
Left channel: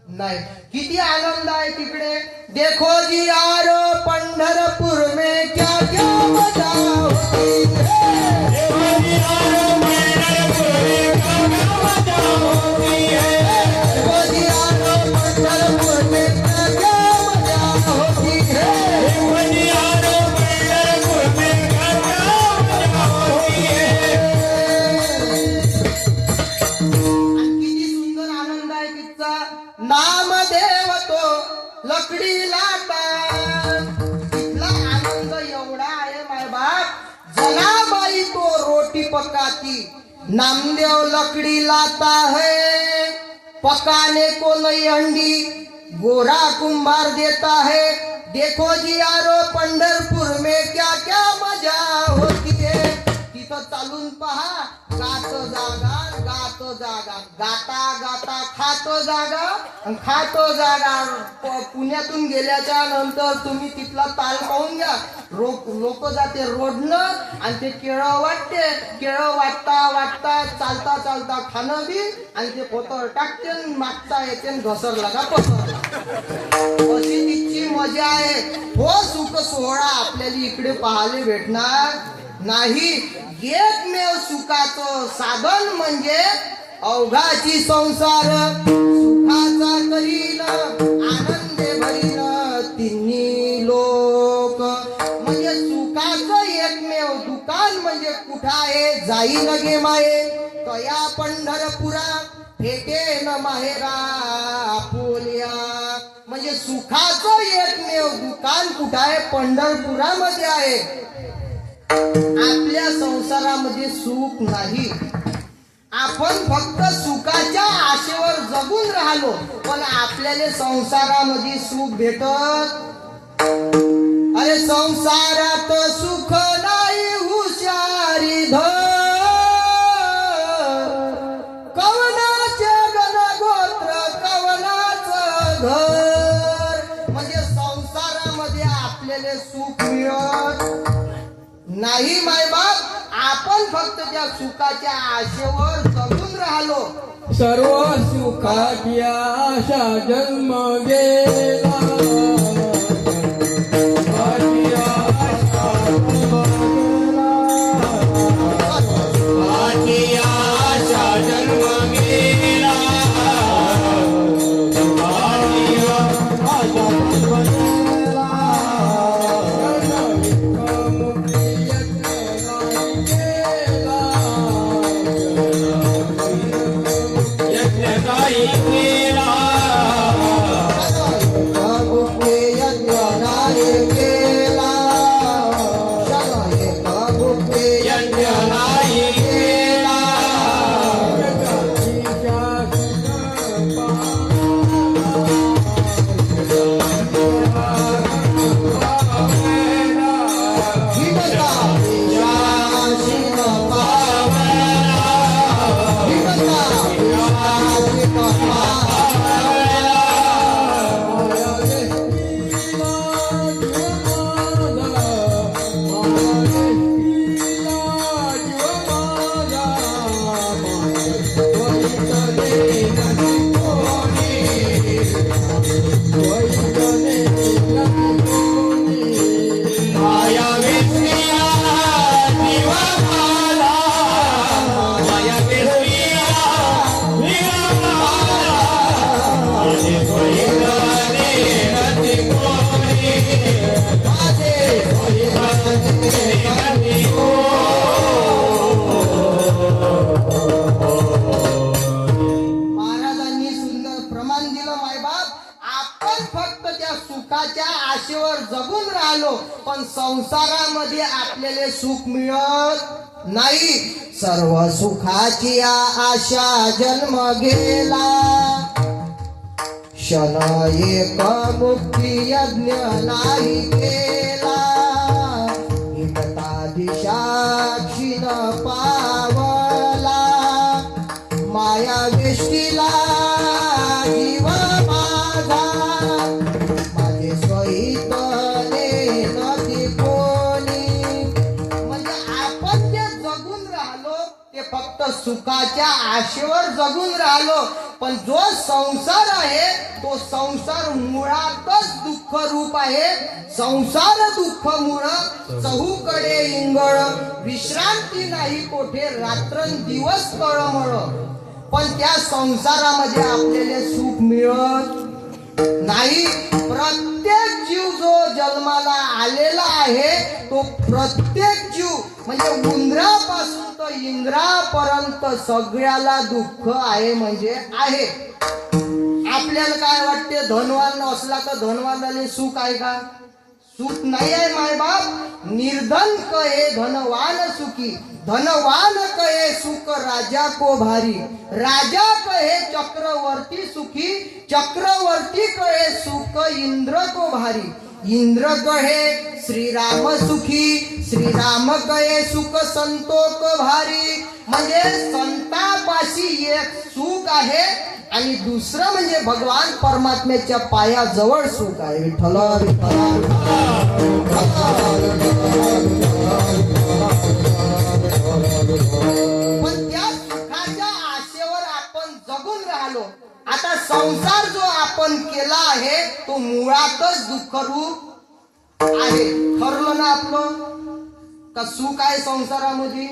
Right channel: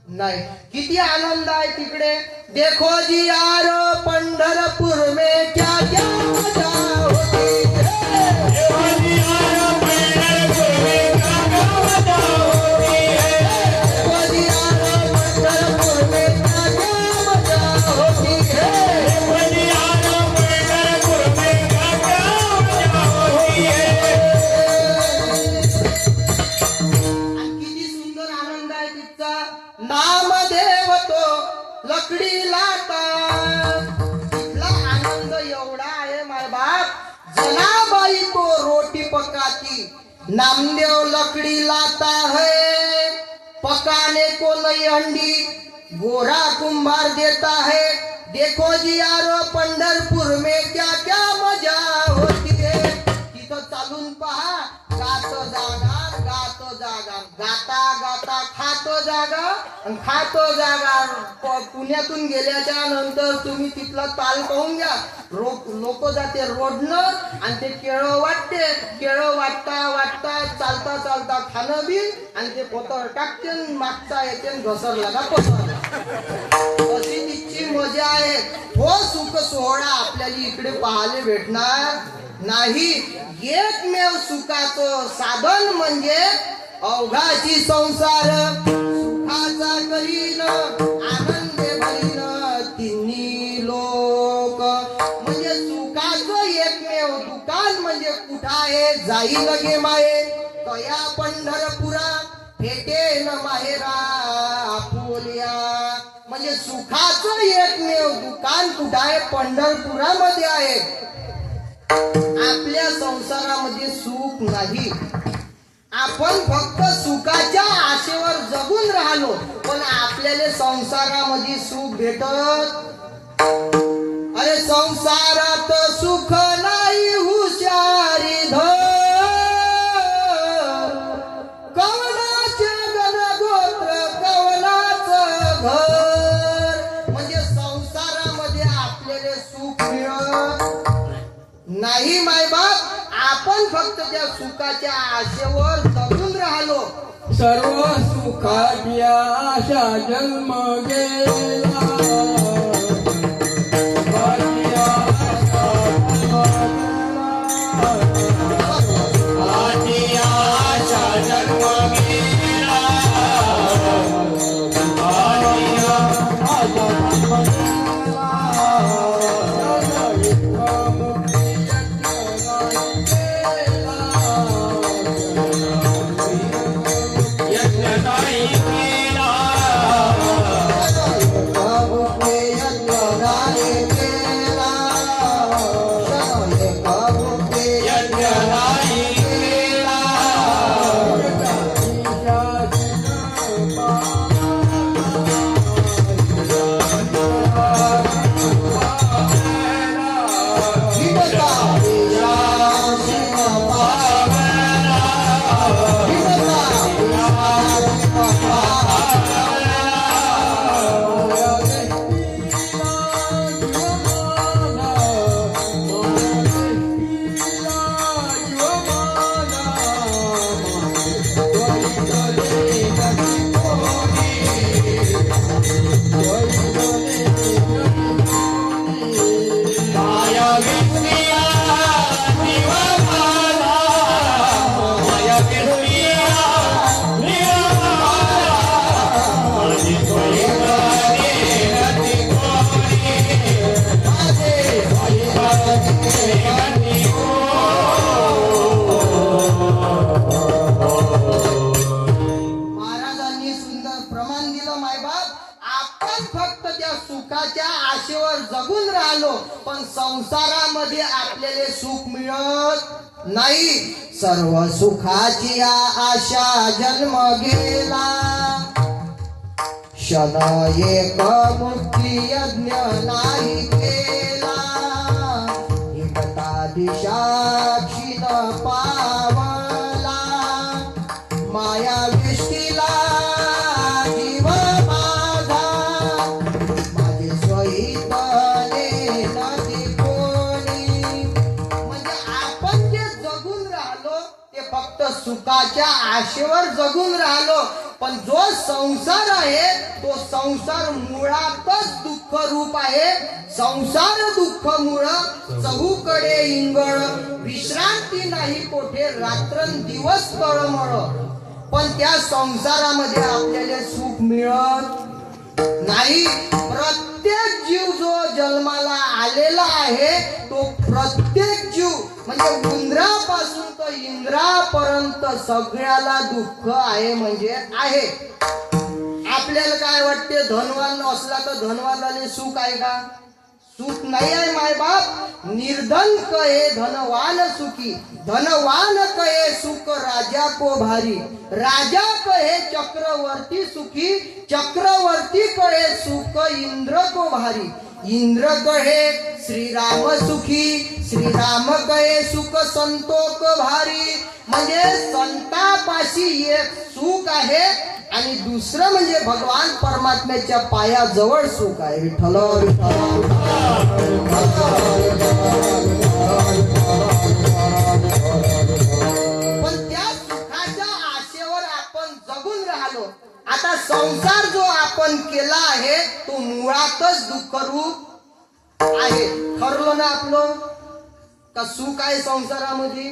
नाही. किती आनंद आहे तिकडे. देखो जी यार पंढरपूर में क्या क्या मजा होती है, देखो जी यार पंढरपूर में क्या क्या मजा होती है, देखो जी यार पंढरपूर में क्या क्या मजा होती है, देखो जी यार पंढरपूर में क्या क्या मजा होती है. किती सुंदर आनंद आहे तिचा. नामदेव तो लकडी लाता, तिथला आनंद एवढा आहे माय बाप. जनाबाई तो रोटी पकाती, नामदेव लकडी लाता है, पकाने को नई हंडी गोरा कुंभार देता है. देखो जी यारो पंढरपूर में क्या क्या मजा होती है. तिथं चालून पहा, गातो जागा गातो जागा, गाता गाता खातो जागा आणि खातो जागा. पुण्यातून गेल्याच्या नंतर तुम्ही तिथला ताल पाहून घ्या. लोक जाते रोडनं आणि ते केळं वाटते, केळं वाटता वाटता चालता चालता खाणं बी आणि ते पोतर टाकते, मागचा येते घसरला का पोतरला. अशी तिची मजा आहे. हो सुख सोहळा आपल्याला इकडे पाहायला भेटणार नाही. एकमेव सुखाचं साधन म्हणजे अवघाची संसार, सुखाचा करीन आनंदे भरीन तिन्ही लोक. म्हणजे सुखाचं एकमेव दुकान म्हणजे कुठं आहे, जाई लगे माये तया पंढरपुरा, भेटे न माहेरा आपुल्या. म्हणजे सुखाचं एकमेव दुकान कुठं आहे, पंढरपुरामध्ये आहे. आपल्या संसारामध्ये सुख नाही. आपण फक्त सुखाच्या आशेवर जगून राहिलो, पण आपल्याला संसारामध्ये सुख भेटत. अरे संसारात सुख नाही हुशारी धर, कवनाचे गण गोत्र फक्त त्या सुखाच्या आशेवर जगून राहिलो. सर्व सुखाची आशा जन्म गेला. सुखाची आशा जन्म गेला. सुखाची आशा जन्म गेला. सुखाची आशा जन्म गेला. मुक्ती यज्ञ नाही केला. यज्ञ नाही केला. प्रभुके यज्ञ नाही केला. शरणे प्रभुके यज्ञ नाही केला. हिडता विश्वासीन पावला. हिडता विश्वासीन माया विसरिला दिवा झाला. माया विसरिला दिवा झाला. माझे सोयीला गेला ती कोणी. माझे सोयीला गेला ती महाराजांनी सुंदर प्रमाण दिलं. मायबाप, आपण फक्त त्या सुखाच्या आशेवर जगून राहिलो, पण संसारामध्ये आपल्याला सुख मिळत नाही. सर्व सुखाची आशा जन्म गेला. क्षण एक मुक्ती यज्ञ नाही केला. एकता दिशाक्षीण पावला. माया वेष्टीला जीव माझा. माझे स्वहितने नदी कोणी. म्हणजे आपण जे जगून राहिलो ते फक्त सुखाच्या आशेवर जगून राहिलो, पण जो संसार आहे तो संसार मुळातच दुःख रूप आहे. संसार दुःख मुळ चहूकडे इंगळ. विश्रांती नाही कोठे रात्रंदिवस तळमळ. पण त्या संसारामध्ये आपल्याला सुख मिळत नाही. प्रत्येक जीव जो जन्माला आलेला आहे तो प्रत्येक जीव म्हणजे उंदरापासून तर इंद्रापर्यंत सगळ्याला दुःख आहे म्हणजे आहे. आपल्याला काय वाटते, धनवान असला तर धनवानाले सुख आहे का? सुख नाही आहे मायबाप. निर्धन कहे धनवान सुखी. धनवान कहे सुख राजा को भारी. राजा कहे चक्रवर्ती सुखी. चक्रवर्ती कहे सुख इंद्र को भारी. इंद्र कहे श्री राम सुखी. श्री राम कहे सुख संतोक भारी. म्हणजे संतापाशी एक सुख आहे आणि दुसरं म्हणजे भगवान परमात्म्याच्या पायाजवळ सुख आहे. विठ्ठल विठ्ठल. पण त्या सुखाच्या आशेवर आपण जगून राहिलो. आता संसार जो आपण केला आहे तो मुळातच दुःखरूप आहे. ठरलं ना आपलं का सुख आहे संसारामध्ये.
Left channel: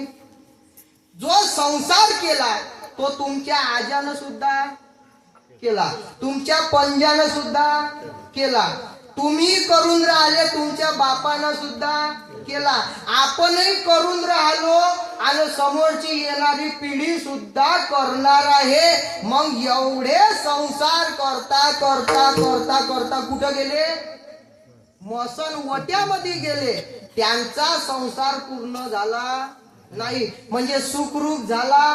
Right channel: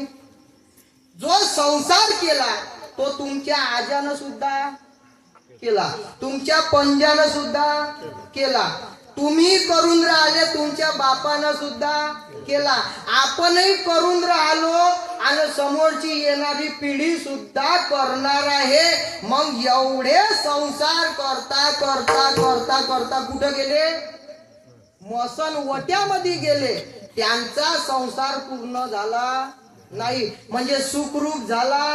जो संसार केला तो तुमच्या आजानं सुद्धा केला, तुमच्या पंजानं सुद्धा केला, तुम्ही करून राहिले तुमच्या बापानं सुद्धा केला, आपणही करून राहिलो आणि समोरची येणारी पिढी सुद्धा करणार आहे. मग एवढे संसार करता करता करता करता कुठं गेले? मसन वट्यामध्ये गेले. त्यांचा संसार पूर्ण झाला नाही, म्हणजे सुखरूप झाला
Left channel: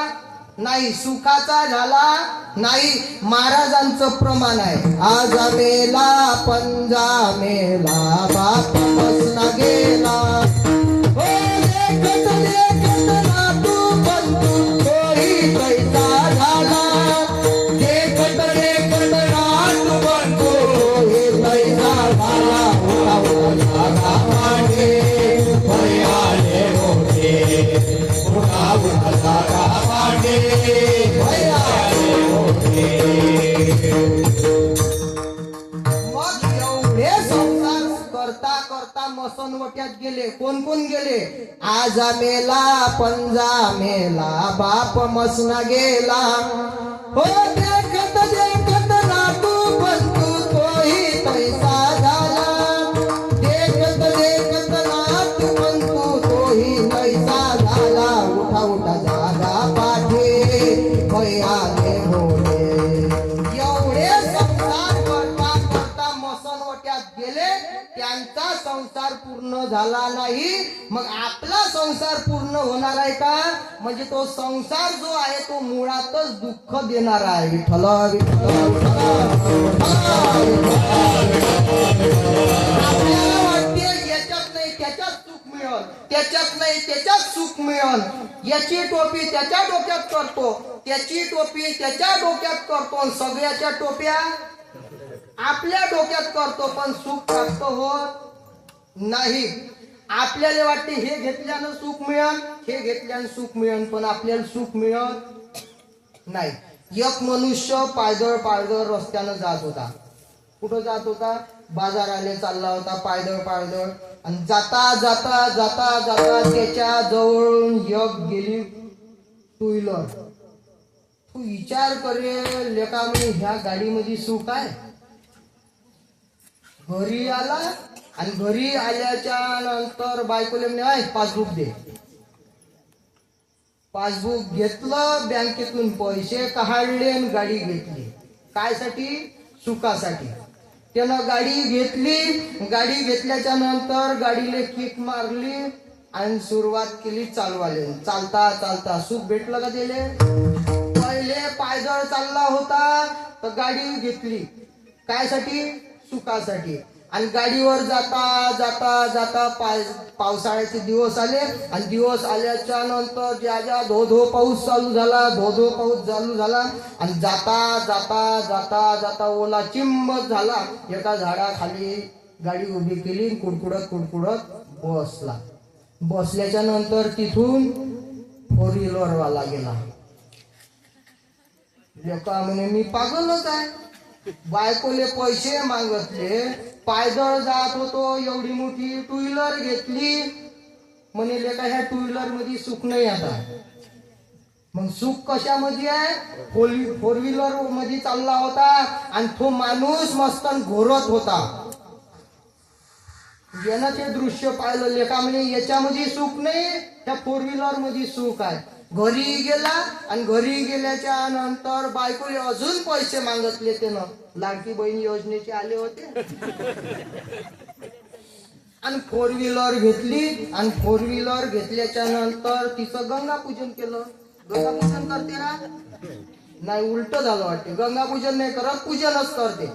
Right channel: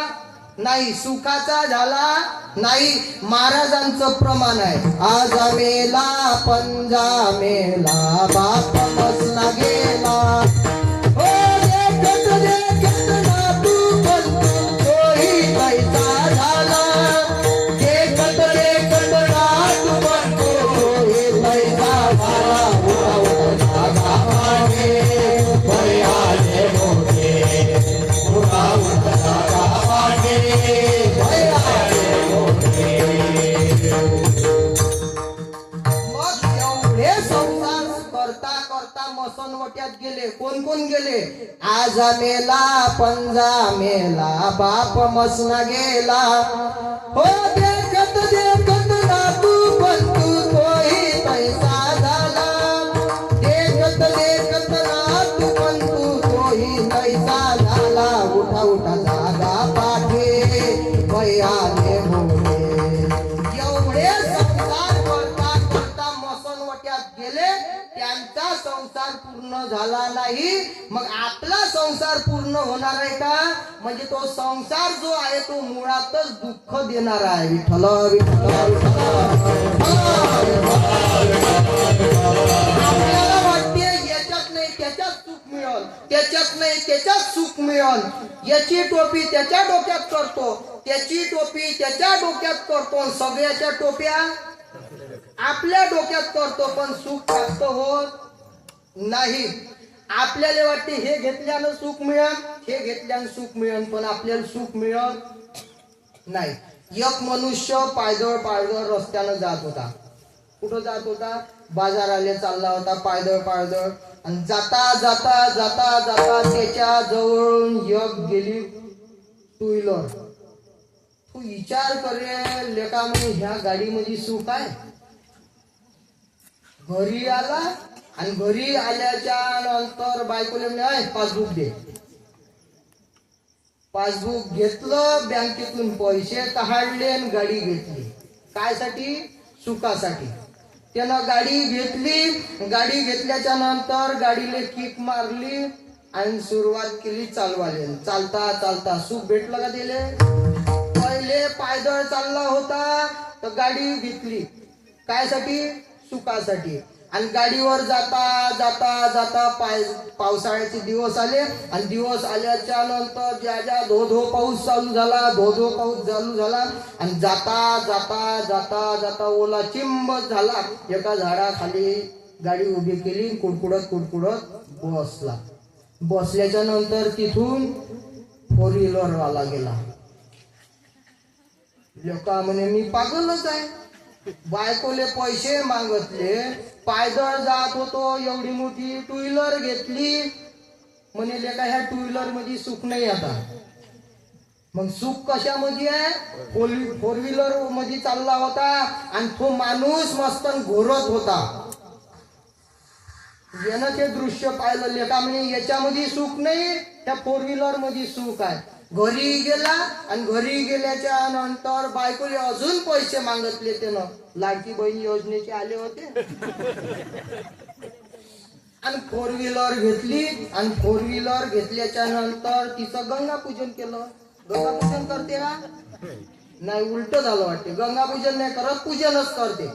नाही, सुखाचा झाला नाही. महाराजांचं प्रमाण आहे, आज मेला पंजा मेला बाप बसला गेला. हो देखत देखत नातू बंधू तोही कैसा झाला. देखत देखत नातू बंधू तोही कैसा झाला. उडावला मागे भयाले होते. गेले. कोण कोण गेले? आजा मेला, पंजा मेला, बाप मसना गेला. हो देखत देखत नातू पंतू तोही तैसा झाला. देखत देखत नातू पंतू तोही तैसा झाला. उठा उठा जागा पाठे भयाने भोले. एवढे संसार करता करता मसनवट्यात गेले. त्यांचा संसार पूर्ण झाला नाही. मग आपला संसार पूर्ण होणार आहे का? म्हणजे तो संसार जो आहे तो मुळातच दुःख देणारा आहे. विठ्ठल विठ्ठल आपल्याला वाटते याच्यात नाही त्याच्यात सुख मिळल, त्याच्यात नाही त्याच्यात सुख मिळल. याची टोपी त्याच्या डोक्यात करतो, त्याची टोपी त्याच्या डोक्यात करतो, आणि सगळ्याच्या टोप्या आपल्या डोक्यात करतो, पण सुख प्राप्त होत नाही. आपल्याला वाटते हे घेतल्यानं सुख मिळेल, हे घेतल्यानं सुख मिळेल, पण आपल्याला सुख मिळत नाही. एक मनुष्य पायदळ पायदळ रस्त्यानं जात होता. कुठं जात होता? बाजाराला चालला होता पायदळ पायदळ. आणि जाता जाता जाता जाता त्याच्या जवळून एक गेली टू व्हीलर. तू विचार करे लेका, म्हणे ह्या गाडीमध्ये सुख आहे. घरी आला आणि घरी आल्याच्या नंतर बायकोले म्हणे पासबुक दे. पासबुक घेतलं, बँकेतून पैसे काढले आणि गाडी घेतली. कायसाठी? सुखासाठी. त्यानं गाडी घेतली. गाडी घेतल्याच्या नंतर गाडीले किक मारली आणि सुरुवात केली चालवाले. चालता चालता सुख भेटलं का दिले? पहिले पायदळ चालला होता तर गाडी घेतली. कायसाठी? सुखासाठी. आणि गाडीवर जाता जाता जाता पावसाळ्याचे दिवस आले. आणि दिवस आल्याच्या नंतर ज्या ज्या धो धो पाऊस चालू झाला, धो धो पाऊस चालू झाला. आणि जाता जाता जाता जाता ओला चिंब झाला. एका झाडाखाली गाडी उभी केली, कुडकुडत कुडकुडत बसला. बसल्याच्या नंतर तिथून फोर व्हीलर वाला गेला. लेका म्हणे मी पागलच आहे. बायकोले पैसे मागतले, पायदळ जात होतो, एवढी मोठी टू व्हीलर घेतली. म्हणे लेका ह्या टू व्हीलर मध्ये सुख नाही आता. मग सुख कशामध्ये आहे? फोर व्हीलर मध्ये चालला होता आणि तो माणूस मस्त घोरत होता. यानं ते दृश्य पाहिलं. लेका म्हणे याच्यामध्ये सुख नाही, त्या फोर व्हीलर मध्ये सुख आहे. घरी गेला आणि घरी गेल्याच्या नंतर बायकोले अजून पैसे मागितले. त्यानं लाडकी बहीण योजनेचे आले होते. आणि फोर व्हीलर घेतली. आणि फोर व्हीलर घेतल्याच्या नंतर तिचं गंगापूजन केलं. गंगापूजन करते ना? नाही, उलट झालं वाटते. गंगापूजन नाही करत, पूजनच करते.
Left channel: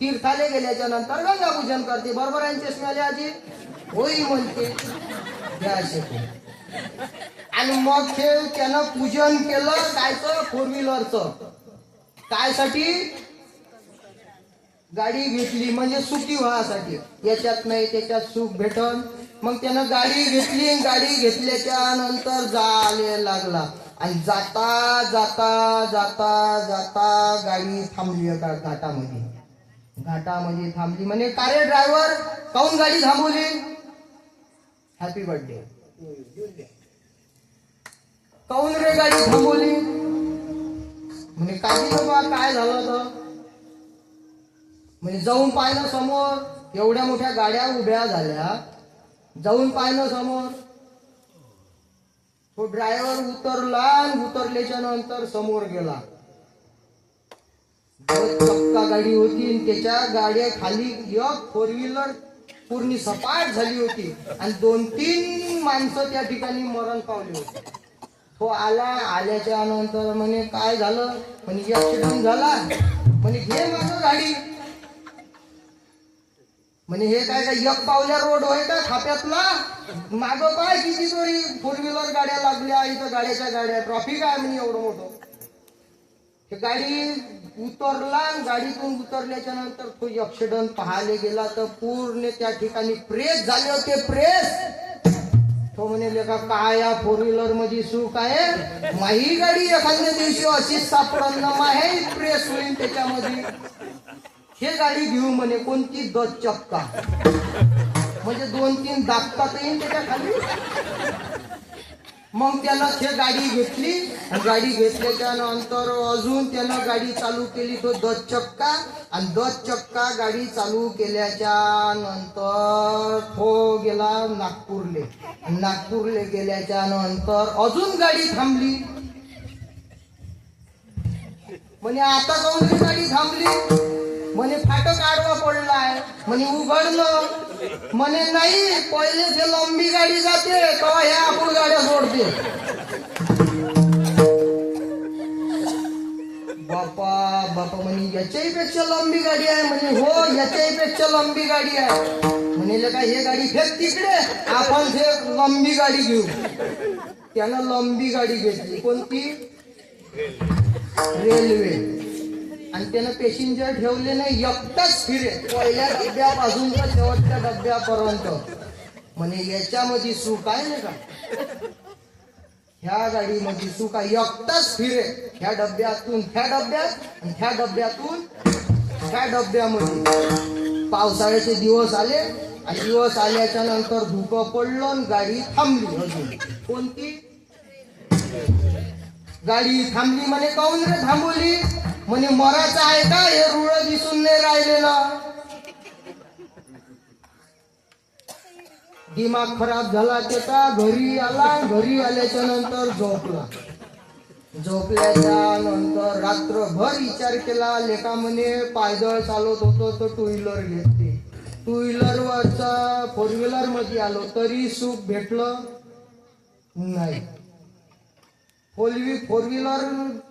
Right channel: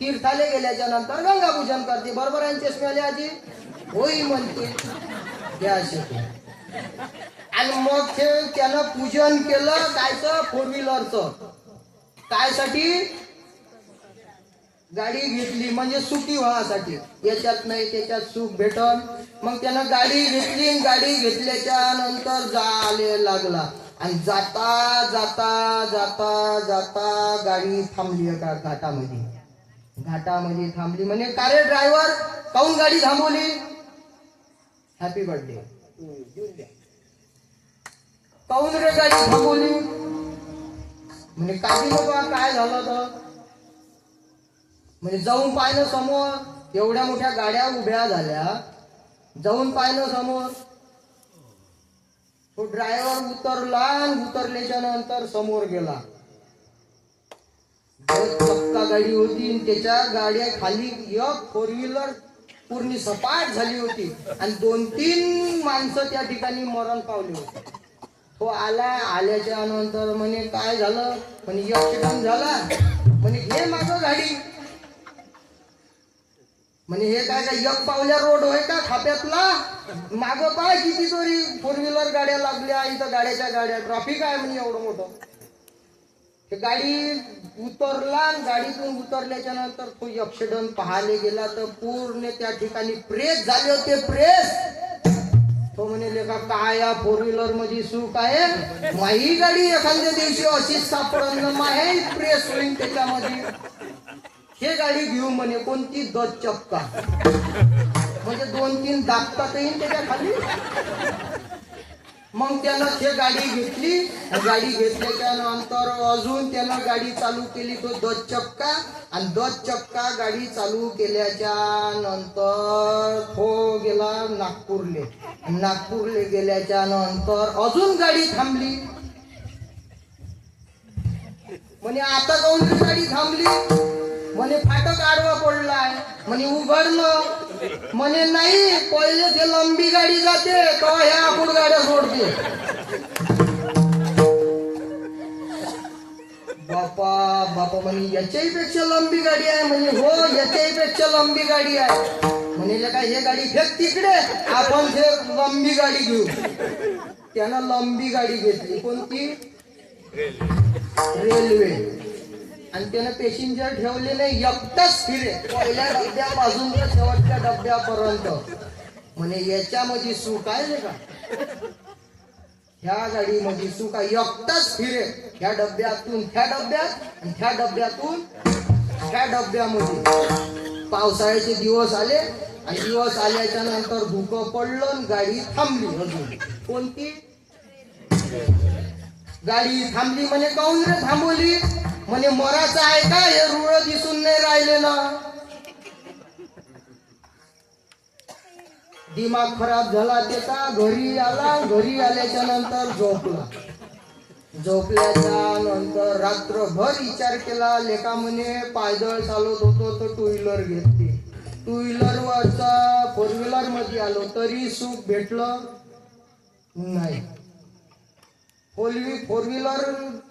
तीर्थाले गेल्याच्या नंतर गंगापूजन करते. बरोबर आहे चष्म्याले आजी? होई म्हणते. आणि मग ते त्यानं पूजन केलं. कायचं? फोर व्हीलरचं. कायसाठी? गाडी घेतली म्हणजे सुखी व्हासाठी. याच्यात नाही त्याच्यात सुख भेटन. मग त्यानं गाडी घेतली. गाडी घेतल्याच्या नंतर जाले लागला. आणि जाता जाता जाता जाता गाडी थांबली एका घाटामध्ये. घाटामध्ये थांबली. म्हणे का रे ड्रायव्हर, काऊन गाडी थांबवली? Happy birthday. काऊन रे गाडी थांबवली? म्हणे काही बाबा काय झालं होतं? म्हणजे जाऊन पाहिलं समोर, एवढ्या मोठ्या गाड्या उभ्या झाल्या. जाऊन पाहिलं समोर. तो ड्रायव्हर उतरला आणि उतरल्याच्या नंतर समोर गेला. चक्का गाडी होती आणि त्याच्या गाड्या खाली एक फोर व्हीलर पूर्ण सपाट झाली होती. आणि 2-3 माणसं त्या ठिकाणी मरण पावली होती. तो आल्याच्या नंतर म्हणे काय झालं? म्हणे ऍक्सिडेंट झाला. म्हणे घे मागं गाडी. म्हणे हे काय काय एक पावल्या रोड होय का खाप्यातला? मागं काय कितीतरी फोर व्हीलर गाड्या लागल्या. इथं गाड्याच्या गाड्या, ट्रॅफिक आहे म्हणे एवढं मोठं. हे गाडी उतरला. गाडीतून उतरल्याच्या नंतर तो ऍक्सिडेंट पाहायला गेला तर पूर्ण त्या ठिकाणी प्रेस झाले होते. प्रेस. तो म्हणे लेका काय या फोर व्हीलर मध्ये सुख आहे? माही गाडी एखाद्या दिवशी अशीच सापडत ना माहे प्रेस होईल त्याच्यामध्ये. हे गाडी घेऊ म्हणे. कोणती? 10 चक्का. म्हणजे 2-3 दाबतात येईल त्याच्या खाली. मग त्यानं ते गाडी घेतली. गाडी घेतल्याच्या नंतर अजून त्यानं गाडी चालू केली, तो 10 चक्का. आणि 10 चक्का गाडी चालू केल्याच्या नंतर तो गेला नागपूरले. नागपूरले गेल्याच्या नंतर अजून गाडी थांबली. म्हणे आता जाऊन रे गाडी थांबली. म्हणे फाटक आडवा पडलाय. म्हणे उघडलं. म्हणे नाही, पहिले ते लंबी गाडी जाते तेव्हा ह्या आपण गाड्या सोडते. बापा बापा म्हणे याच्याही पेक्षा लंबी गाडी आहे. म्हणे हो, याच्याही पेक्षा लंबी गाडी आहे. म्हणे काय हे गाडी फेक तिकडे, आपण हे लंबी गाडी घेऊ. त्यानं लंबी गाडी घेतली. कोणती? रेल्वे. आणि त्यानं पॅसेंजर ठेवले नाही, एकटाच फिरे पहिल्या डब्यापासून तर शेवटच्या डब्यापर्यंत. म्हणे याच्यामध्ये सुख आहे का? ह्या गाडीमध्ये सुख आहे. एकटाच फिरे ह्या डब्यातून ह्या डब्यात आणि ह्या डब्यातून ह्या डब्यामध्ये. पावसाळ्याचे दिवस आले आणि दिवस आल्याच्या नंतर धुकं पडलं आणि गाडी थांबली. अजून कोणती गाडी थांबली? म्हणे काऊन रे थांबवली? म्हणे मराचं आहे का, हे रुळ दिसून नाही राहिले ना. दिमाग खराब झाला त्याचा. घरी आला. घरी आल्याच्या नंतर झोपला. झोपल्याच्या नंतर रात्रभर विचार केला. लेखा म्हणे पायदळ चालत होतो तर 2 व्हीलर घेतली. 2 व्हीलरवरचा 4 व्हीलर मध्ये आलो तरी सुख भेटलं नाही. 4 व्हीलर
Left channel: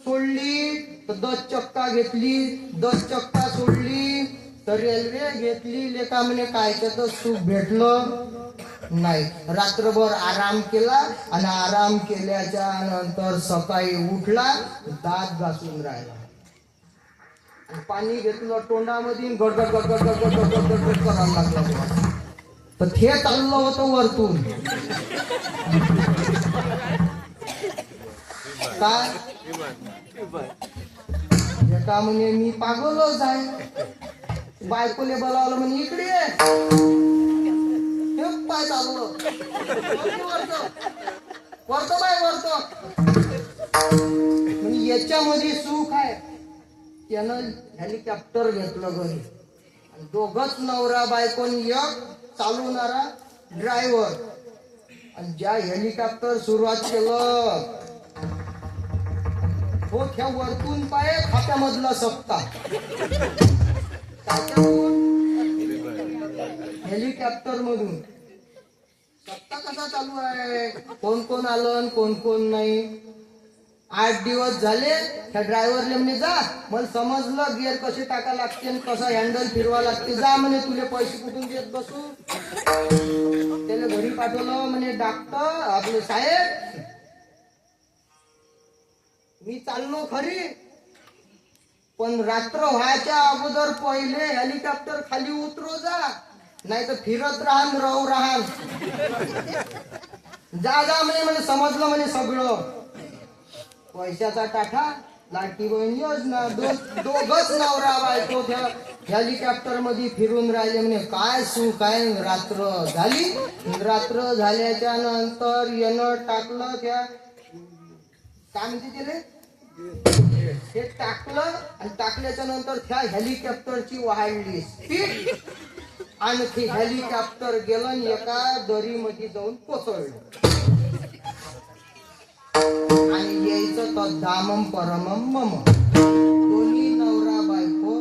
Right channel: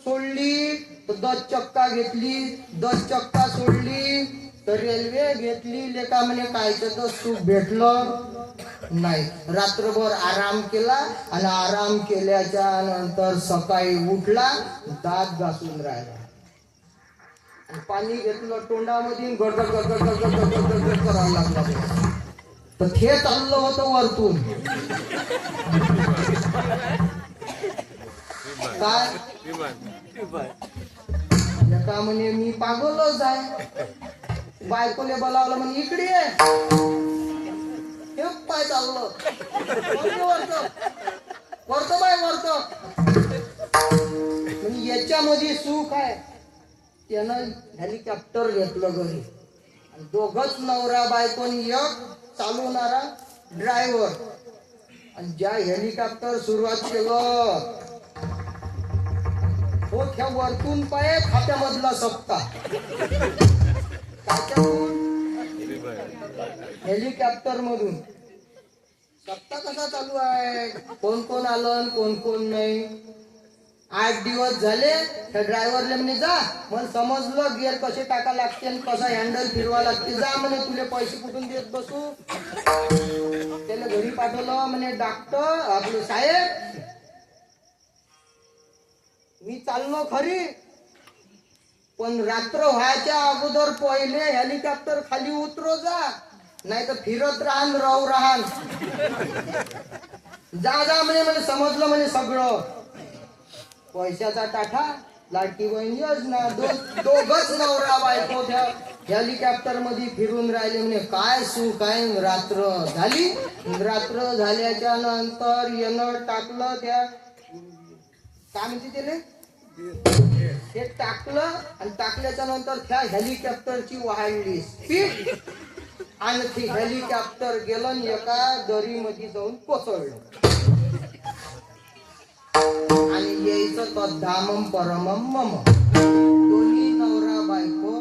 सोडली तर 10 चक्का घेतली. 10 चक्का सोडली तर रेल्वे घेतली. लेका म्हणे कायचं तर सुख भेटलं नाही. रात्रभर आराम केला आणि आराम केल्याच्या नंतर सकाळी उठला, दात घासून राहिला. पाणी घेतलं तोंडामध्ये, गडगड गडगड गडगड गडगड गडगड करायला लागला. तर ते चाललं होतं वरतून. काय का म्हणे मी पागलच आहे. बायकोले बोलावलं. म्हणे इकडे ये. हे पाय चाललं वरतो बाय वरतो. म्हणजे याच्यामध्ये सुख आहे. त्यानं हेलिकॉप्टर घेतलं घरी. आणि दोघच नवरा बायकोन, एक चालवणारा ड्रायव्हर. आणि ज्या हेलिकॉप्टर सुरुवात केलं हो त्या वरतून पाय खात्यामधला सप्ता. हेलिकॉप्टर मधून सप्ता कसा चालू आहे, कोण कोण आलं कोण कोण नाही. 8 दिवस झाले. त्या ड्रायव्हरले म्हणे जा, मला समजलं गिअर कसे टाका लागते आणि कसा हँडल फिरवा लागते. जा म्हणे, तुले पैसे कुठून देत बसू. त्याला घरी पाठवलं. म्हणे डॉक्टर आपलं साहेब मी चाललो खरी, पण रात्र व्हायच्या अगोदर पहिले हेलिकॉप्टर खाली उतरो जा, नाही तर फिरत राहू राहान. जा जा म्हणे. म्हणे समजलं म्हणे सगळं. पैशाचा टाठा, लाडकी बहीण योजना. दोघच नवरा बायको त्या हेलिकॉप्टर मध्ये फिरून राहिले. म्हणे काय सुख आहे. रात्र झाली. रात्र झाल्याच्या नंतर येणं टाकलं त्या काय म्हणते त्याले, ते टाकलं. आणि टाकल्याच्या नंतर त्या हेलिकॉप्टरची वाढली स्पीड. आणखी हेलिकॉप्टर गेलं आणि एका दरीमध्ये जाऊन कोसळलं. आणि यायचं तर धामम परमम मम. दोन्ही नवरा बायको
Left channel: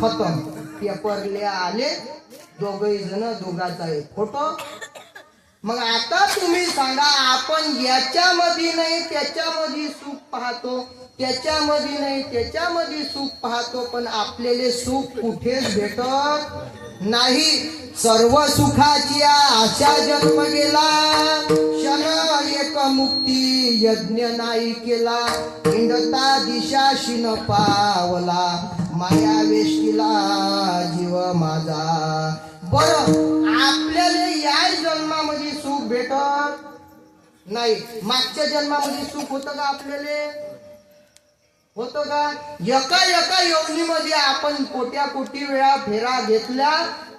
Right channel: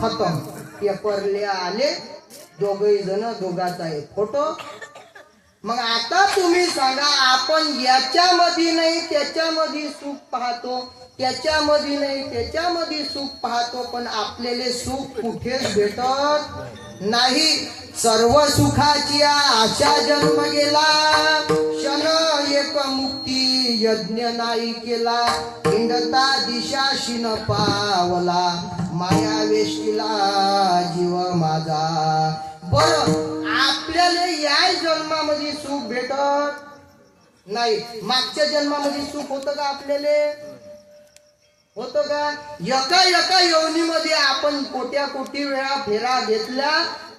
खतम. पेपरले आले. दोघही जण, दोघाचा एक फोटो. मग आता तुम्ही सांगा, आपण याच्यामध्ये नाही त्याच्यामध्ये सुख पाहतो, त्याच्यामध्ये नाही त्याच्यामध्ये सुख पाहतो, पण आपल्याला सुख कुठेच भेटत नाही. सर्व सुखाची आशा जन्म गेला. क्षण एक मुक्ती यज्ञ नाही केला. हिंडता दिशाशी न पावला. माया वेशीला जीव माझा. बरं, आपल्याला या जन्मामध्ये सुख भेटत नाही. मागच्या जन्मामध्ये सुख होतं का आपल्याला? होतं का? एका एका यवनीमध्ये आपण कोट्या कोटी वेळा फेरा घेतल्या,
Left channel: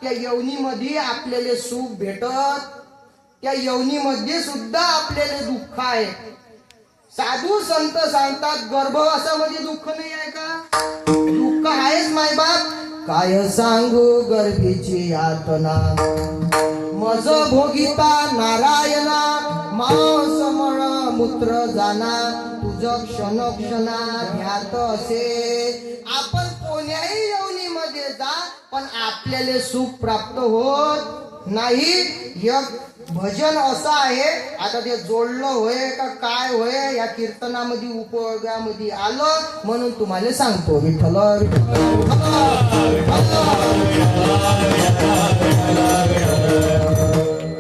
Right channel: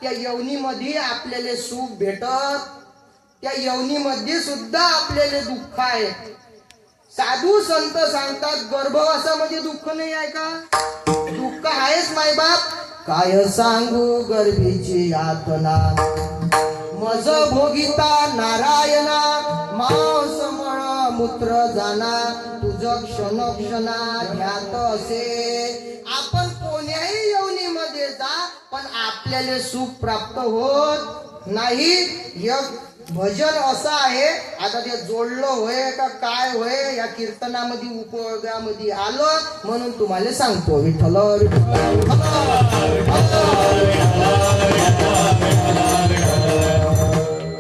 त्या यवनीमध्ये आपल्याला सुख भेटत, त्या यवनीमध्ये सुद्धा आपल्याला दुःख आहे. साधू संत सांगतात गर्भवासामध्ये दुःख नाही आहे का? दुःख आहेच मायबाप. काय सांगू गर्भीची यातना, मज भोगिता नारायणा, मांस मळ मूत्र जाना, तुझ क्षणोक्षणा ध्यात असे. आपण कोण्याही यवनीमध्ये जा, पण आपल्याला सुख प्राप्त होत नाही. एक भजन असं आहे, आता ते जोडलं होय का काय होय या कीर्तनामध्ये उपयोगामध्ये आलं म्हणून तुम्हाला सांगतो. विठ्ठल विठ्ठल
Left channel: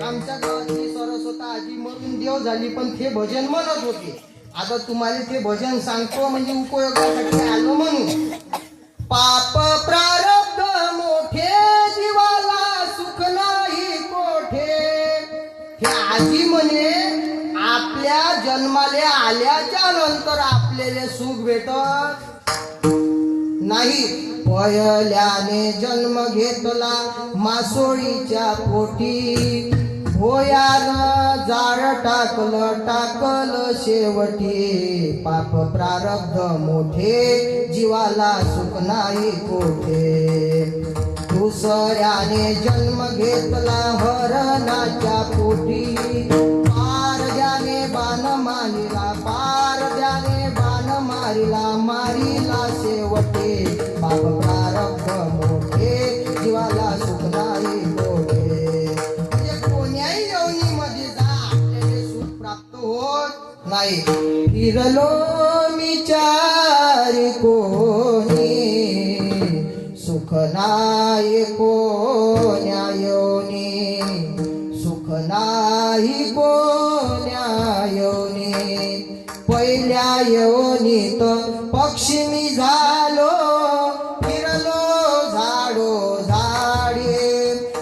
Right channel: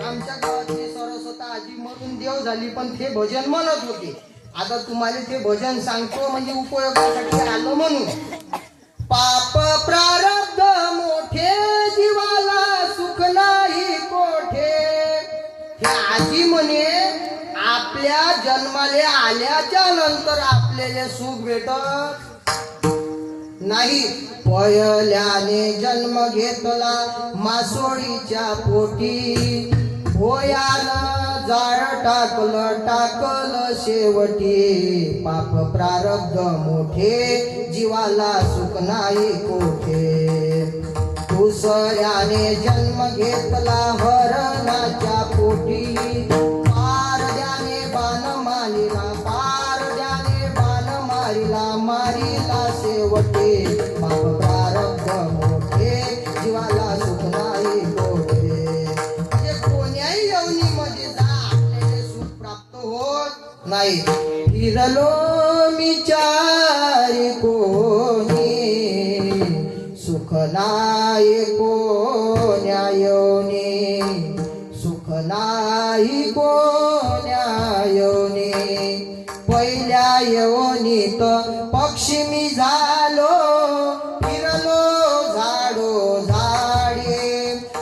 आमच्या गावातली सरस्वता आजी मरून देव झाली, पण ते भजन म्हणत होते. आता तुम्हाला ते भजन सांगतो म्हणजे उपयोगासाठी आलं म्हणून. पाप प्रारब्ध मोठे, जीवाला सुख नाही कोठे. ह्या आजी म्हणे आपल्या जन्माले आल्याच्या नंतर आपल्याला सुख भेटत नाही. पहिल्याने जन्म घेतला मासोळीच्या पोटी, भोयानं जाळ टाकलं शेवटी. पाप प्रारब्ध मोठे, जीवाला सुख नाही कोठे. दुसऱ्याने जन्म घेतला हरणाच्या पोटी, पारद्याने बाण मारिला, पारद्याने बाण मारिला, मारिला शेवटी. पाप प्रारब्ध मोठे, जीवाला सुख नाही कोठे. म्हणजे कोण्याही यवनीमध्ये जा, आपल्याला सुख प्राप्त होत नाही. फिरलो मी चारी कोणी, सुख नाही कोण्या योनी, सुख नाही कोण्या योनी. पहिल्या योनीत पक्षी मी झालो, फिरलो झाडो झाडे,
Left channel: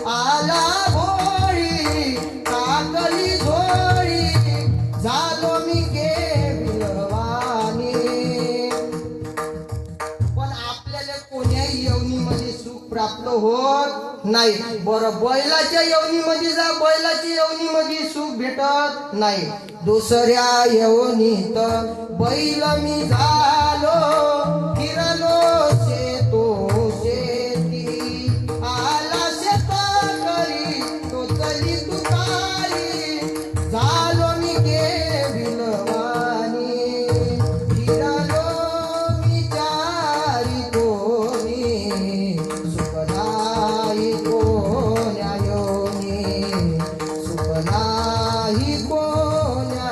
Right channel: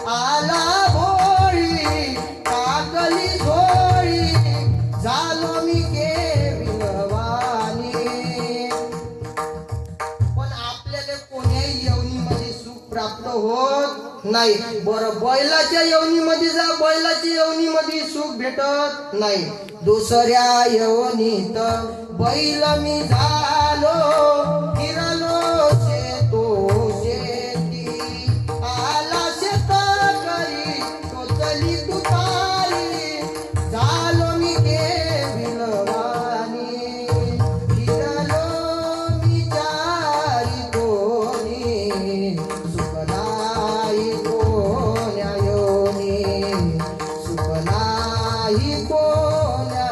आला भोळी टाकली झोळी, झालो मी केविलवाणी. पण आपल्याला कोण्याही यवनीमध्ये सुख प्राप्त होत नाही. बरं बैलाच्या यवनीमध्ये जा, बैलाच्या यवनीमध्ये सुख भेटत नाही. दुसऱ्या यवनीत बैल मी झालो, फिरलो शेतो शेती, आला शेतकरी टोचली तुतारी, झालो मी केविलवाणी. फिरलो मी चारी कोणी, सुख नाही कोण्या योनी, सुख नाही कोण्या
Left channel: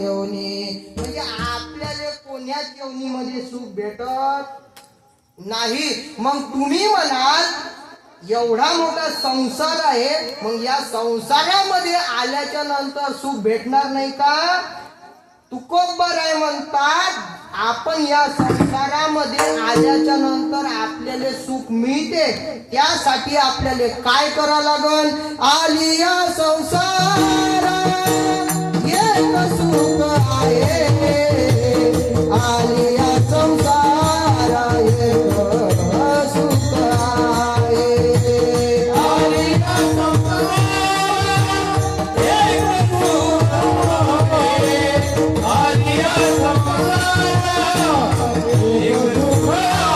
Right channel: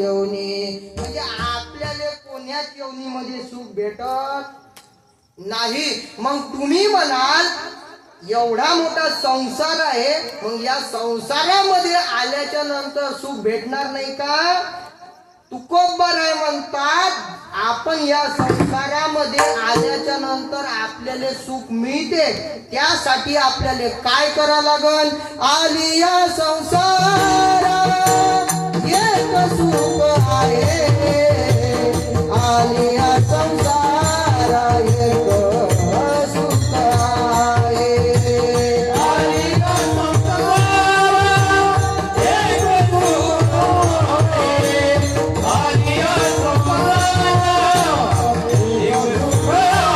योनी. म्हणजे आपल्याला कोण्याच योनीमध्ये सुख भेटत नाही. मग तुम्ही म्हणाल एवढा मोठा संसार आहे, मग या संसारामध्ये आल्याच्या नंतर सुख भेटणार नाही का? तुकोबराय म्हणतात आपण या संसारामध्ये आल्याच्या नंतर आपल्याला सुख मिळते, त्यासाठी आपल्याला काय करा लागल? आली या संसारात एक सुख आहे, आली या संसारात एक सुख आहे. आली या संसारात एक सुख आहे,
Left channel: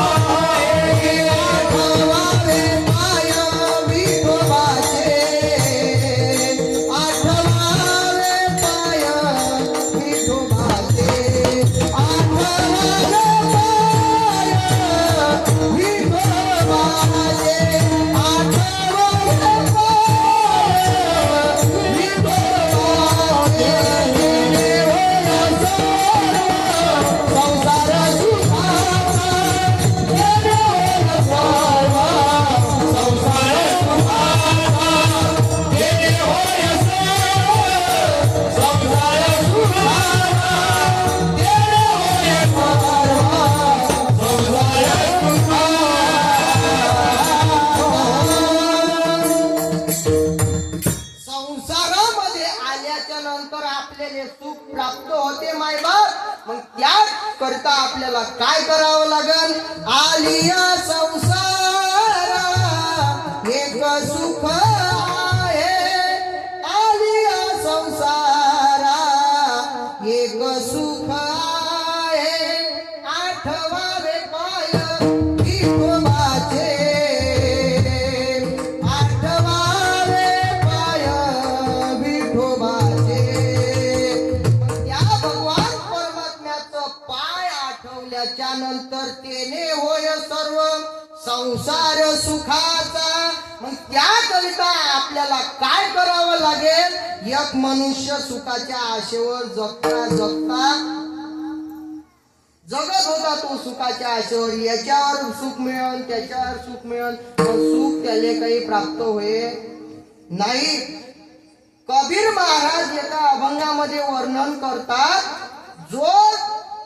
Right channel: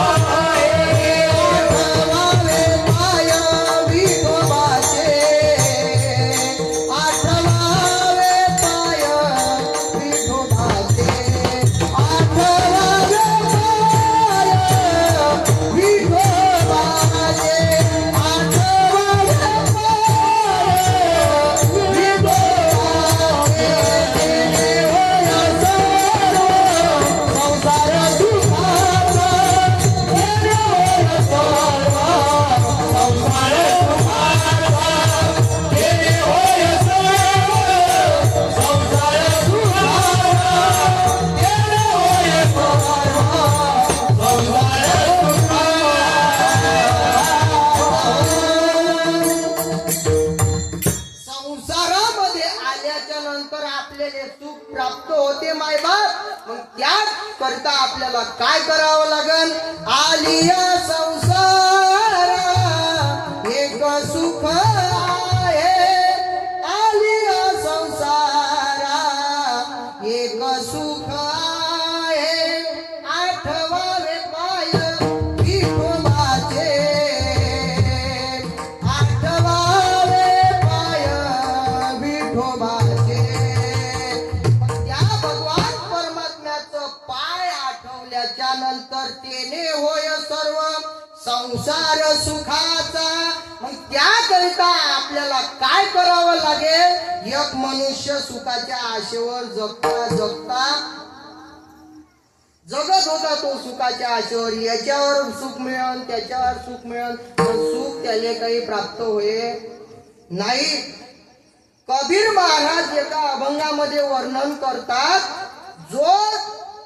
आपल्याला काय करावं लागन? आलिया संसारा एक सुख आहे, आलिया संसारा एक सुख आहे, आठवावे पाय विठोबाचे, आठवावे पाय विठोबाचे. त्या भगवान परमात्म्याचं पाय आठवल्याच्या नंतर तेने होय सर्व संसार सुखाचा. मग त्याकरिता आपल्याला काय करावं लागेल? एक मनुष्य सुखाच्या आशेवर जगता जगता जगत होता, तो सुखाच्या आशेवर, याच्यावर सुख मिळन त्याच्यावर सुख मिळन, पण सुख त्याला काही प्राप्त होय नाही. कबीर महाराज एका अभंगामध्ये वर्णन करतात, जो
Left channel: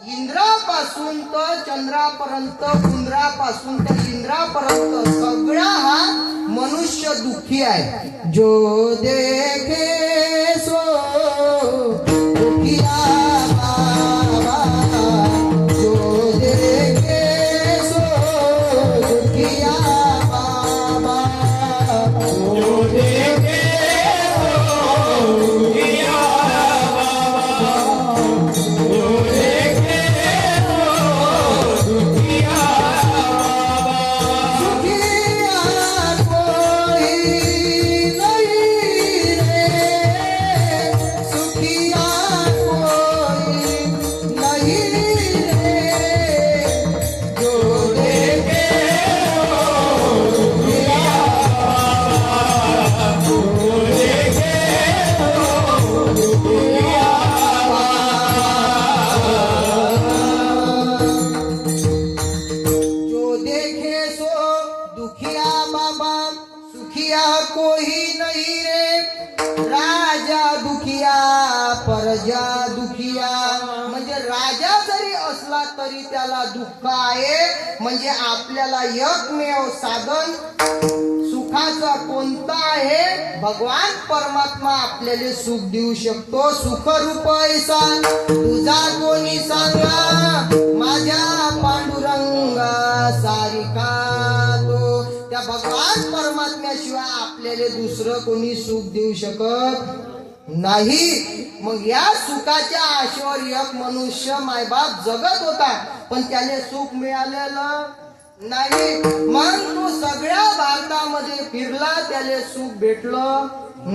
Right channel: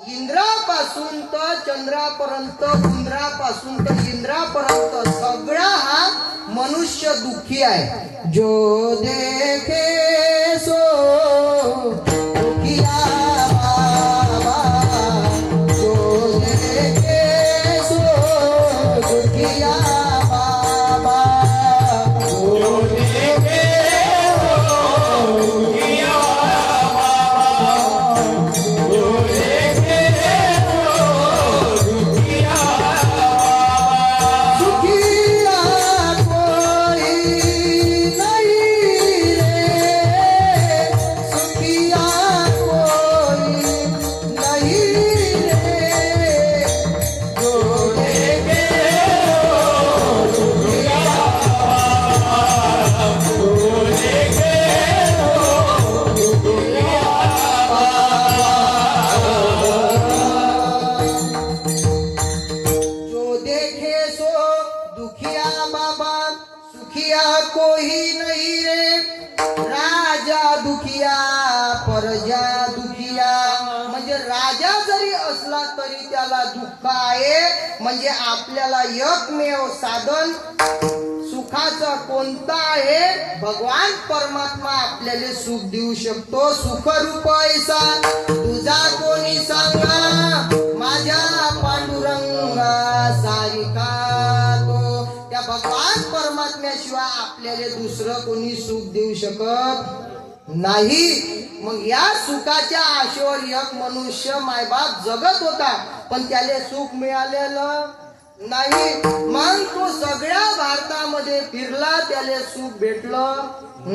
इंद्रापासून तर चंद्रापर्यंत, इंद्रापासून तर इंद्रापर्यंत सगळा हा मनुष्य दुःखी आहे. जो देखे सो दुखिया बाबा, जो देखे सो दुखिया बाबा, जो देखे सो दुखिया बाबा, जो देखे सो दुखिया बाबा. दुखिया कोई नहीं रे, सुखिया कोई नहीं रे, जो देखे जो देखे सो दुखिया बाबा, सुखिया कोई नहीं रे. राजा दुखिया प्रजा दुखिया, म्हणजे राजा जरी असला तरी त्याला दुःख आहे. म्हणजे आपल्याला एकमेव साधन सुखाचं कोणतं आहे? भगवान परमात्मा आपल्याला सुख देऊ शकतो. सुखरूप ऐसा तुझा कोणी सांगा, माझ्या पांडुरंगा सारिका तो. त्या भगवान परमात्म्याशिवाय आपल्याला दुसरं कोणी सुख देऊ शकत नाही. मग या सुखाच्या आशेवर एक मनुष्य मायबाप जगत होता, पण त्याला सुख मिळालेलं नाही. मग तो सगळ्या भारतामध्ये फिरला, त्याला सुख भेटलं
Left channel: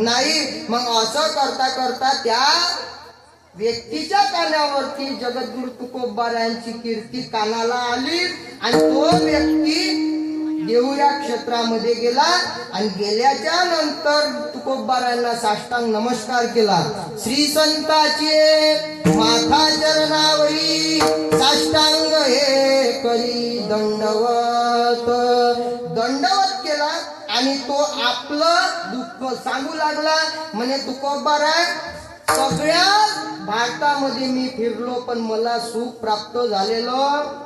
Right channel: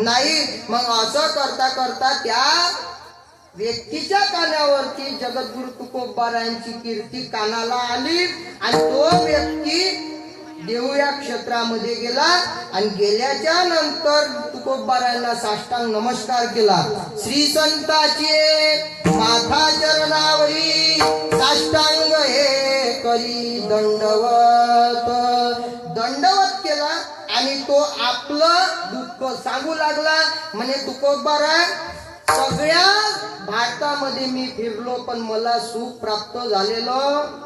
नाही. मग असं करता करता त्या व्यक्तीच्या कानावरती जगद्गुरु तुकोबारायांची कीर्ती कानाला आली, आणि तो व्यक्ती देवया क्षेत्रामध्ये गेला, आणि गेल्याच्या नंतर तुकोबारायांना साष्टांग नमस्कार केला. श्री संताचे माथा चरणावरी साष्टांग हे करी दंडवत, दंडवत केला, आणि तो आपलं दुःख सांगू लागला. म्हणे तुकोबाराय, सगळ्या भारतामध्ये मी फिरलो, पण मला सुख प्राप्त झालेलं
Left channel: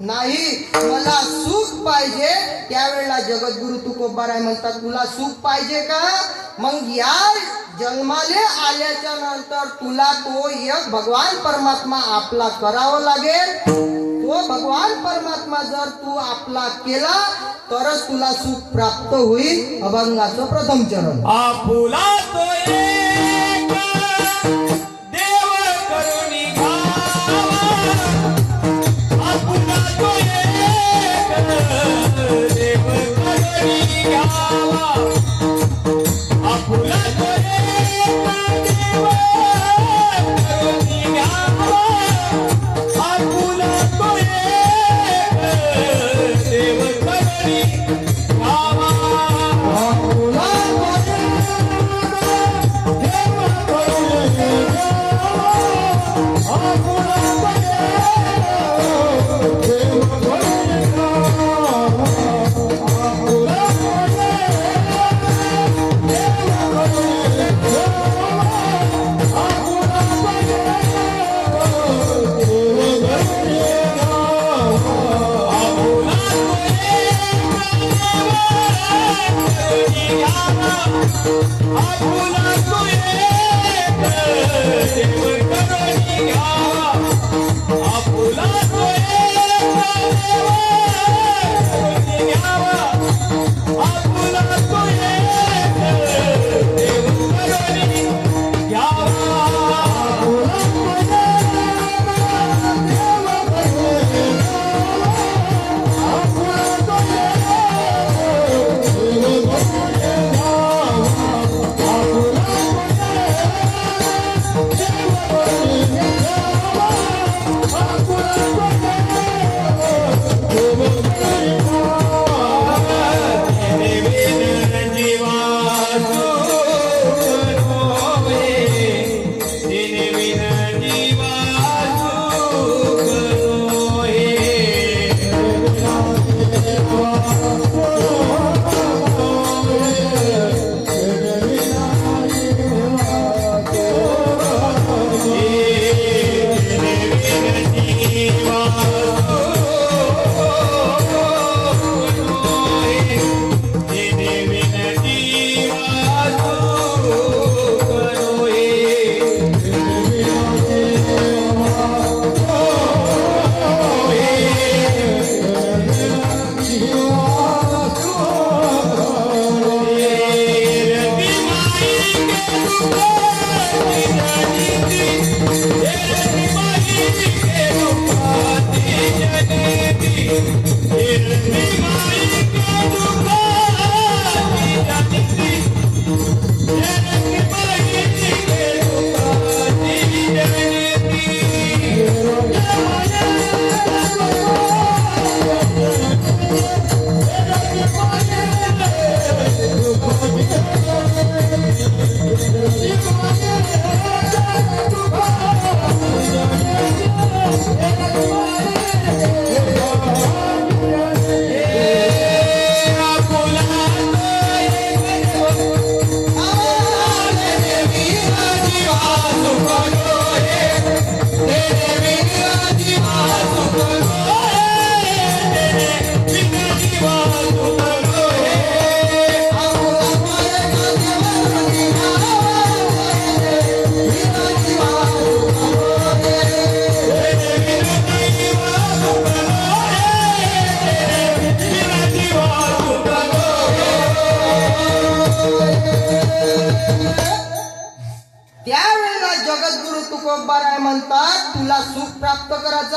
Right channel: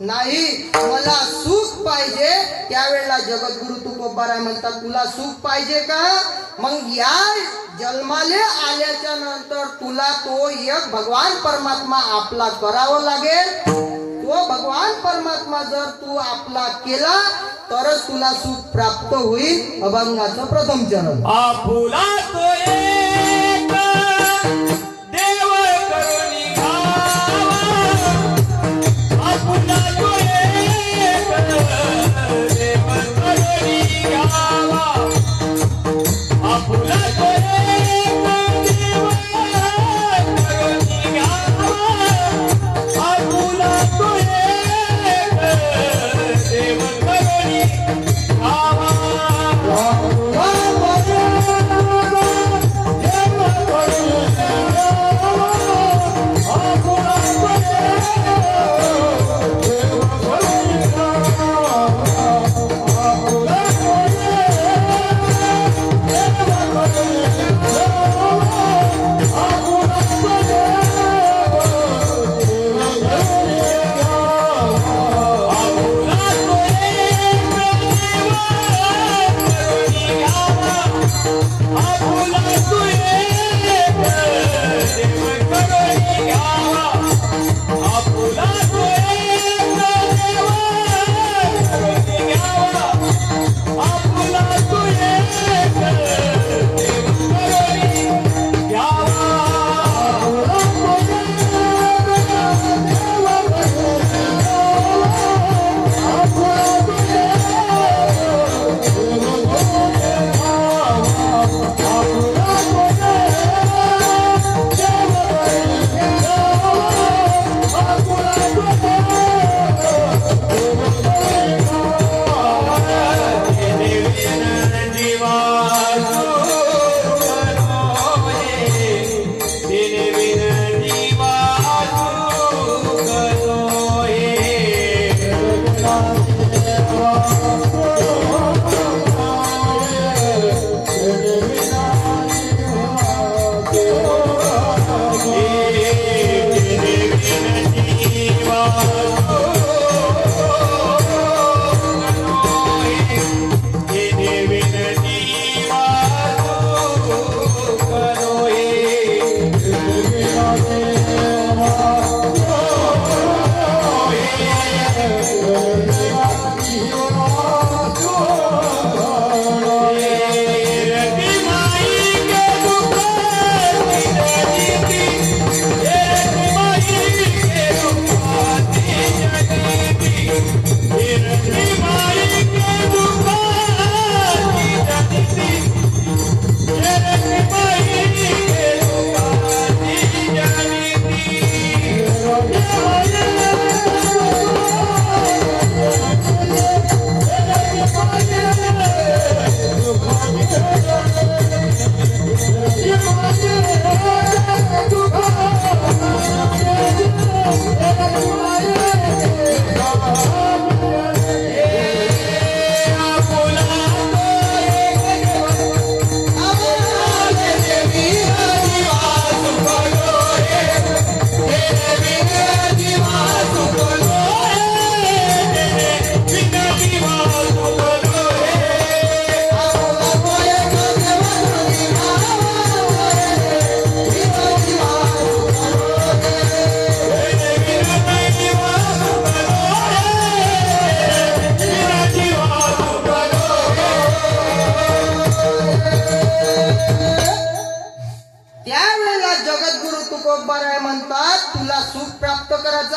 नाही, मला सुख पाहिजे. त्यावेळेला जगद्गुरु तुकोबाराय म्हणतात, तुला सुख पाहिजे का? मग या जन्माले आल्याच्या नंतर तुला तो एक भगवान परमात्मा आपला करावं लागेल. तो भगवान परमात्मा जर तू आपला केला तरच तुला सुख प्राप्त होईल. अभंगाचं प्रथम चरण. आपुला तो एक देव करुणी घावा, आपुला तो एक देव करुणी घावा, आपुला तो एक देव करुणी घावा, आपुला तो एक देव करुणी घावा.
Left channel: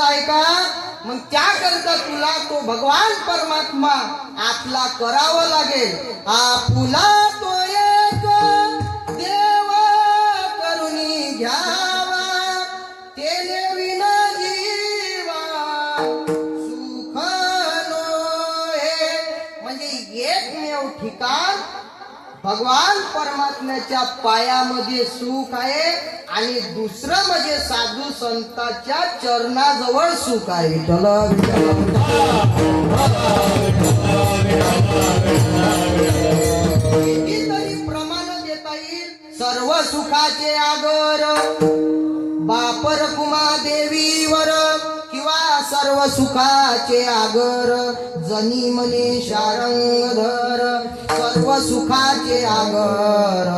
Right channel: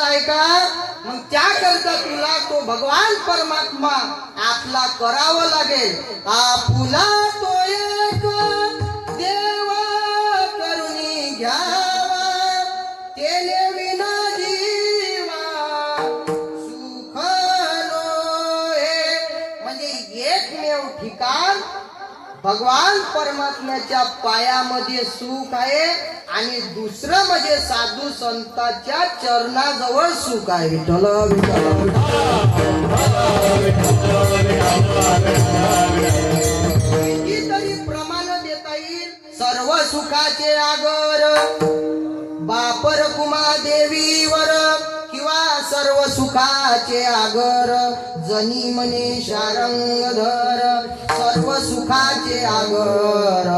करायचा आहे का? मग त्याकरता तुला तो भगवान परमात्मा आपला करावं लागेल. आपुला तो एक देव करुणी घ्यावा, तेने विना जीवा सुख नोहे. म्हणजे एकमेव ठिकाण भगवान परमात्म्याच्या पायामध्ये सुख आहे आणि दुसरं म्हणजे साधू संतांच्या चरणाजवळ सुख आहे. विठ्ठल विठ्ठल कितीतरी प्रमाण देता येईल. सर्व सुखाचे आगर बापर कुमा देवीवर, किंवा सर्व सुखाचे आगर जनी मने शारंगधर. सर्व सुखाचे आगर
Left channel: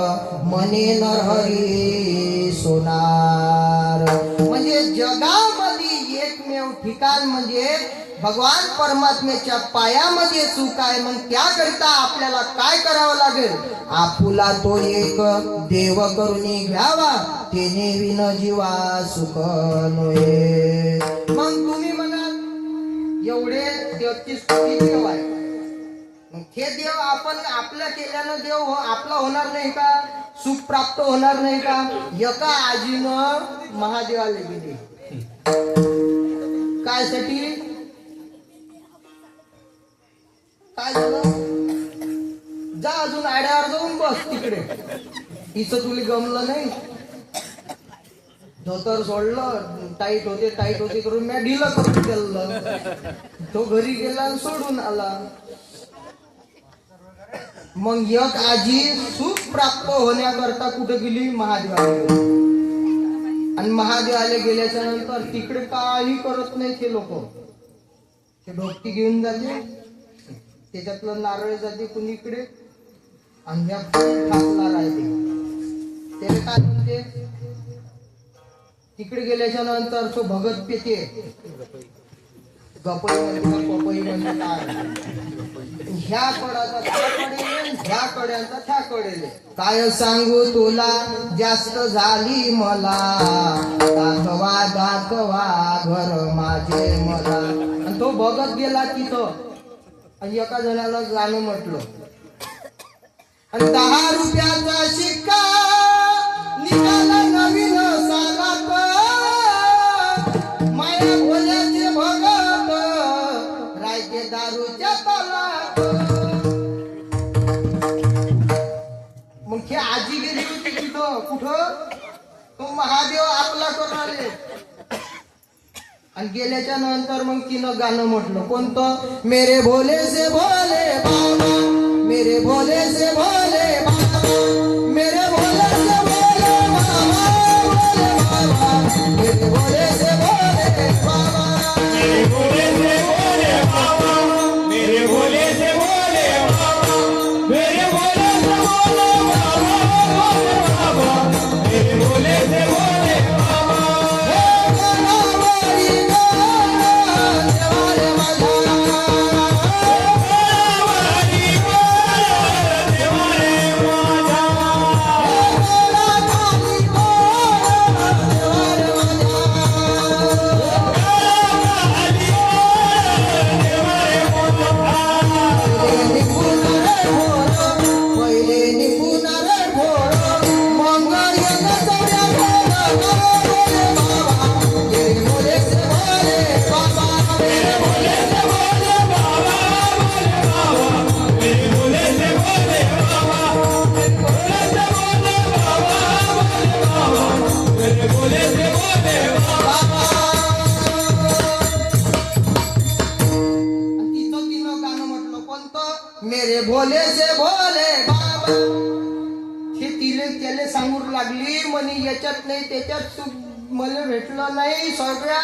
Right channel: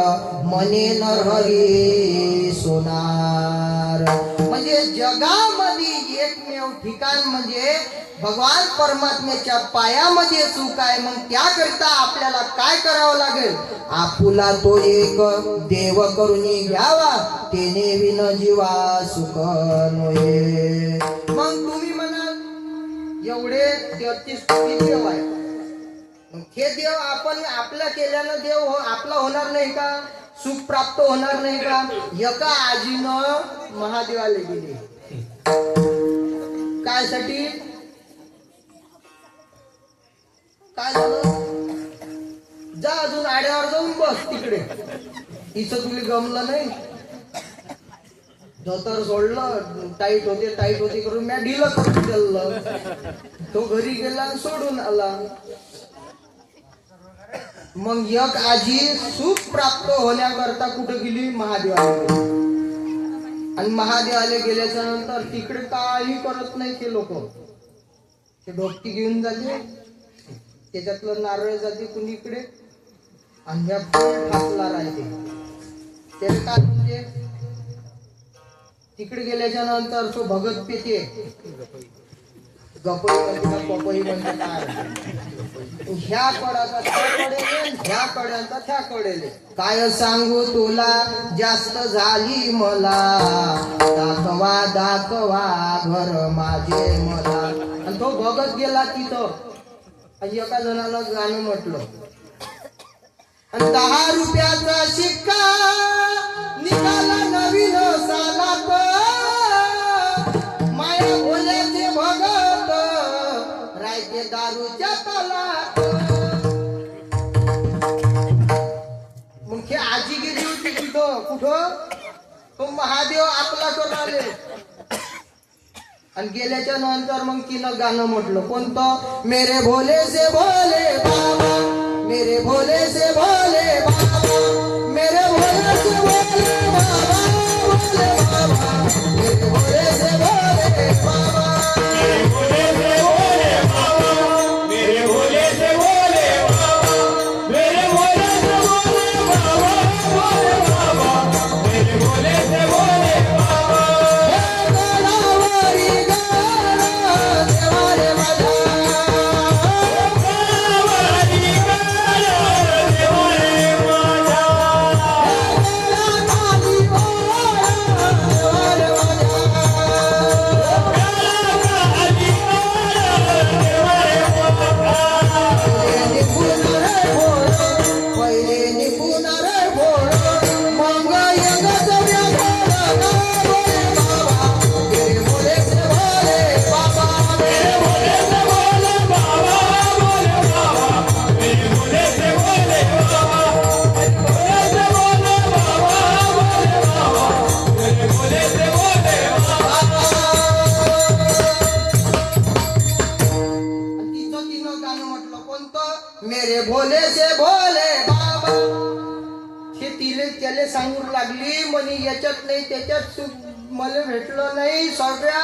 मने नरहरी सोनार. म्हणजे जगामध्ये एकमेव ठिकाण म्हणजे भगवान परमात्म्याच्या पायामध्ये सुख आहे. मग त्याकरिता आपल्याला काय करावं लागेल? आपुला तो एक देव करुणी घ्यावा, तेने विन जीवा सुख नोहे. मग तुम्ही म्हणाल एवढे 33 कोटी देव आहे, मग हे देव आपण आपल्या केल्यानं देव आपला होणार नाही का? सुख प्राप्त होणार नाही का? एका आजीनं महादेवाला गेले काय साठी? काय झालं? जा अजून आड्यावर जाऊन बस तिकडे, इथं तुला गमलं नाही. धोतर सोडलं, टाईट होते करून मी ढिलं करून गेलं. तो घरी गेला आणि सोडून आला. मग एक आजी सुख प्राप्त होण्याकरता कुठे गेली? महादेवाला गेली. आणि महादेवाला गेल्याच्या नंतर तिकडे काही करत नाही ते लोक. ते डोकटी घेऊन जाते, त्याच्यातलं नारळ जाते कुणीकडे, आंब्या ठाकला राहते. त्याला काय म्हणते? तिकडे गेल्याच्या नंतर तो भगत पेते, गपई म्हणते का पपई म्हणते काय, ह्या कडाचा त्या कडेले, ह्या कड्यांचा त्या कडेले. काय सांगू तुला जास्त झाली मला, दाखवा दाखवा घर माझे मला. आणि तो भगत गेला तिथं आणि एका जणानं गाणं म्हटलं, आणि 10 रुपयाचा शिक्का निघाला नवीन सालाप, माया बोल्याचे भगत रायते दारूच्या तालाप. मग हे आजी गेली होती तिथं कुठं? तो महादेव आपला करून आले. आणि गेल्याच्या नंतर मग तिनं गाणं म्हटलं कोणतं? मेरे भोले से भोले बाबा, मेरे भोले से भोले बाबा, मेरे भोले से भोले बाबा, भोले बाबा, मेरे भोले से भोले बाबा, मेरे भोले से भोले बाबा, मेरे भोले से भोले बाबा, मेरे भोले से भोले बाबा, भोले बाबा, मेरे भोले से भोले बाबा. हे गोलावरी गाणं देवारे माझा, देवारी गाणं देवारे माझा, हे गोलावरी गाणं देवारे माझा. पहिले निघून रे भोर, मग येत सगळ्या भोर बाबा, मेरे भोले से भोले बाबा, मेरे भोले से भोले बाबा, मेरे भोले से भोले बाबा, भोले से भोले बाबा, भोले बाबा, मेरे भोले से भोले बाबा. तिचं गाणं म्हटलं कोणतं? मेरे भोले से भोले बाबा. हे तिले त्याले सांगून लागली म्हणे याच्यात नाही त्याच्यात सुख मला भेटलं नाही. सगळ्या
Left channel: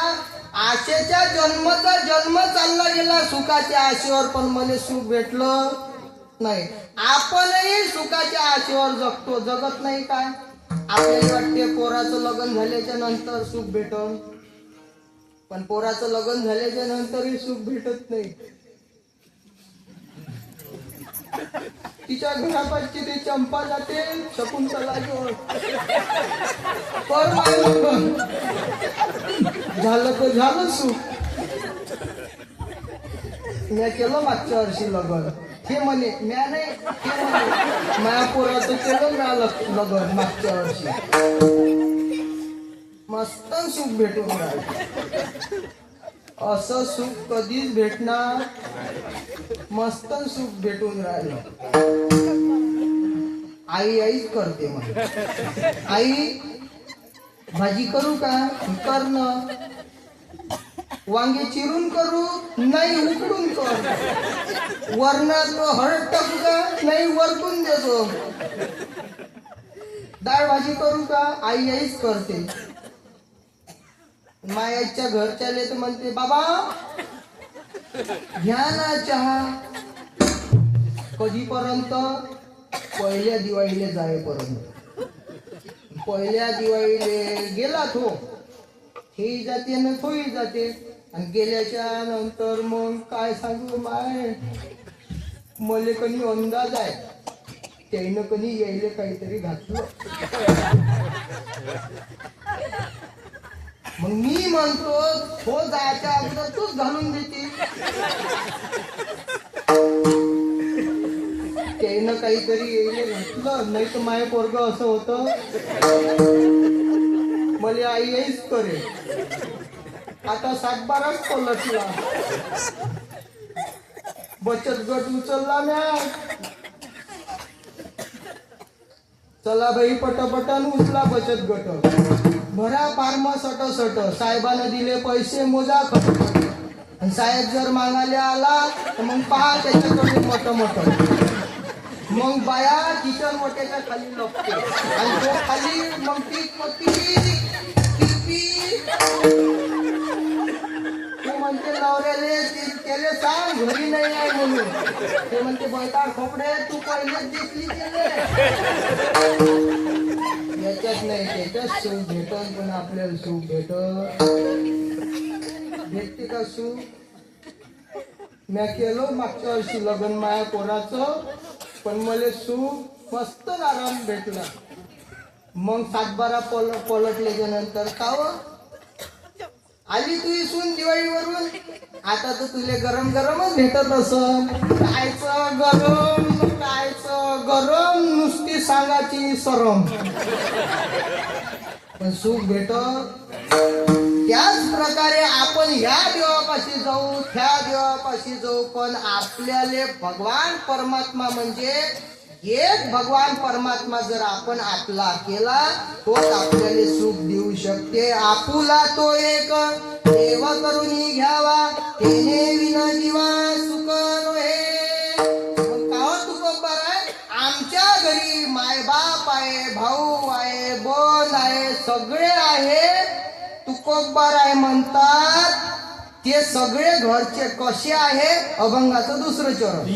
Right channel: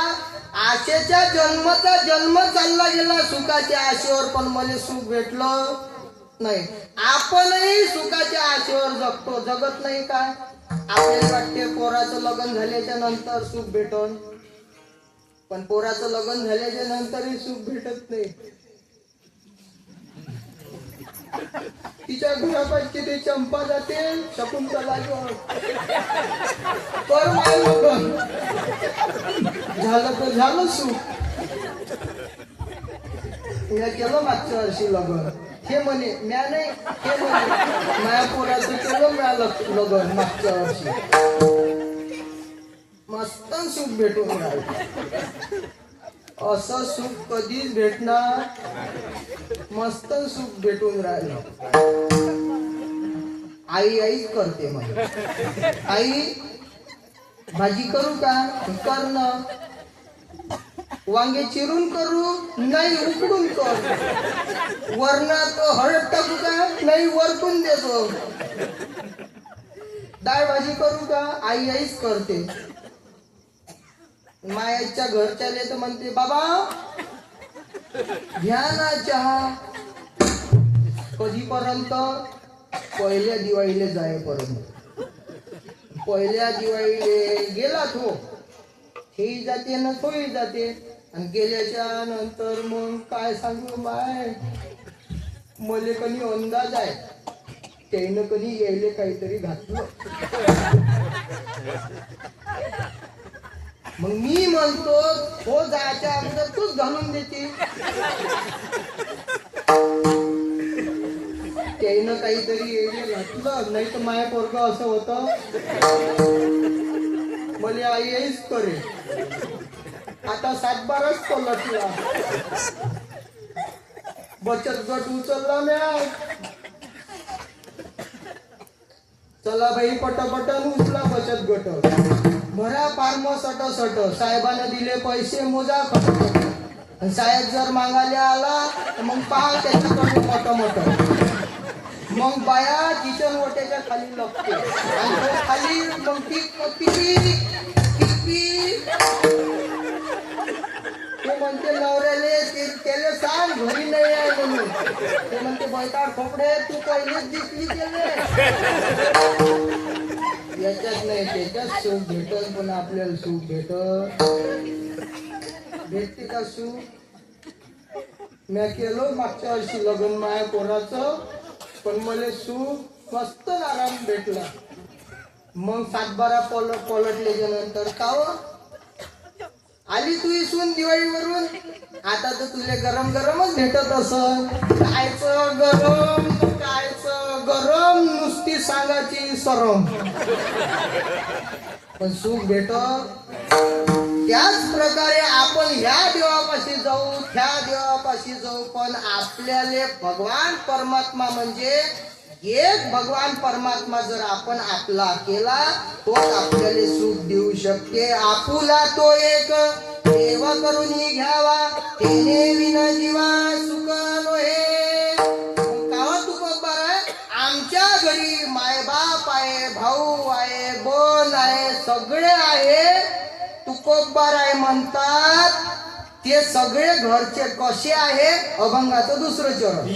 आशेच्या जन्माचा जन्म चालला गेला सुखाच्या आशेवर, पण मला सुख भेटलं नाही. आपणही सुखाच्या आशेवर जगत नाही का? आपल्याला वाटते पोराचं लग्न झाल्याच्या नंतर सुख भेटन, पण पोराचं लग्न झाल्याच्या नंतरही सुख भेटत नाही. तिच्या घरापाशी ते चंपा जाते शकुंतला घेऊन कर माय लग्न झालं तर झालं सुख. मी केलं मागच्या वर्षी लग्न, हे म्हणे म्या नाही, हे म्हणे माया पोराचं केलं म्या लग्न मागच्या वर्षी. मस्त सुख भेटून राहिलं. असं सुख कधीच भेटणार, मस्त सुख भेटून राहिलं. आईच करते मग. आई भाजी करू का? करणं. वांगे चिरून करू? नाही, उकडून कर. वरणात हळद टाकू का? नाही, वरतून देतो. डाळ भाजी करू का? आईच करते. मायाच्या घरच्याले तर म्हणते बाबा घ्या ना चहा. कधीपर्यंत? पहिल्या दिवाळीला जाईपर्यंत. पहिल्या दिवाळीले गेला तो, हेही जाते ना तोही जाते. आणि गेल्याच्या नंतर मग काय सांगू माय, मले कधी अंदाज आहे त्यानं कधी यायले काहीतरी घातलं. मग मी म्हणतो हो जायच्या अगोदर तूच घालून देते. त्यानं काहीतरी यायले घातलं, नाही तर माझ्या पोरग असं होतं मला आईच करे. आता 7-12च पलटला. बचत गट उचलला म्या. चला बाई पटापटान उचला बचत गट. भरा फार्म सट साहेबांना दिले पैसे मोजा खटखट. आणि साहेब जर मागायला आला तर मग पहा त्याच्याकडे मोठं. मग बाया किचन ओट्याच्या खाली लपते आणि तो खाली मग ती तू म्हणते नवऱ्याले त्याला सांग घरी नाही आहे म्हणून. ते म्हणते बैताड खोपडे तू पहिलेच दिसली केले. याच्यात नाही त्याच्यात सुख भेटत. पण आपल्याला सुख भेटते का सुख? म्या केलं मागच्या वर्षी लग्न माया कोणाचं, पण मला सुख मस्त आराम भेटला. मग 7-12 पलटल्याच्या नंतर काव आली तू इसून दिवाळीवरून. आता तर तुले गरम गरमच भेटत असन. कायचं गरम नुसती सांगाची सरम. पण सुख भेटत. त्याच प्रकारे आपण ह्या देवापाशी जाऊ, त्या देवापाशी जाऊ, पण आपल्याला भगवान परमात्मा म्हणजे एक भगवान परमात्मा जर आपण आपला केला तोच आपल्याला सुख देऊ शकते. आपुला तो एक देव करून घ्यावा, तेने विना जीवा सुख नोहे. कावा तू कब्बर आहे? आमच्या घरी मायबाप आहे, भाऊ आहे, बोन आहे, सगळे आहे. तुकोब्बर आहे म्हणतात. ते सगळे घरचे कसे आहे? अभंगाचं दुसरं चरण.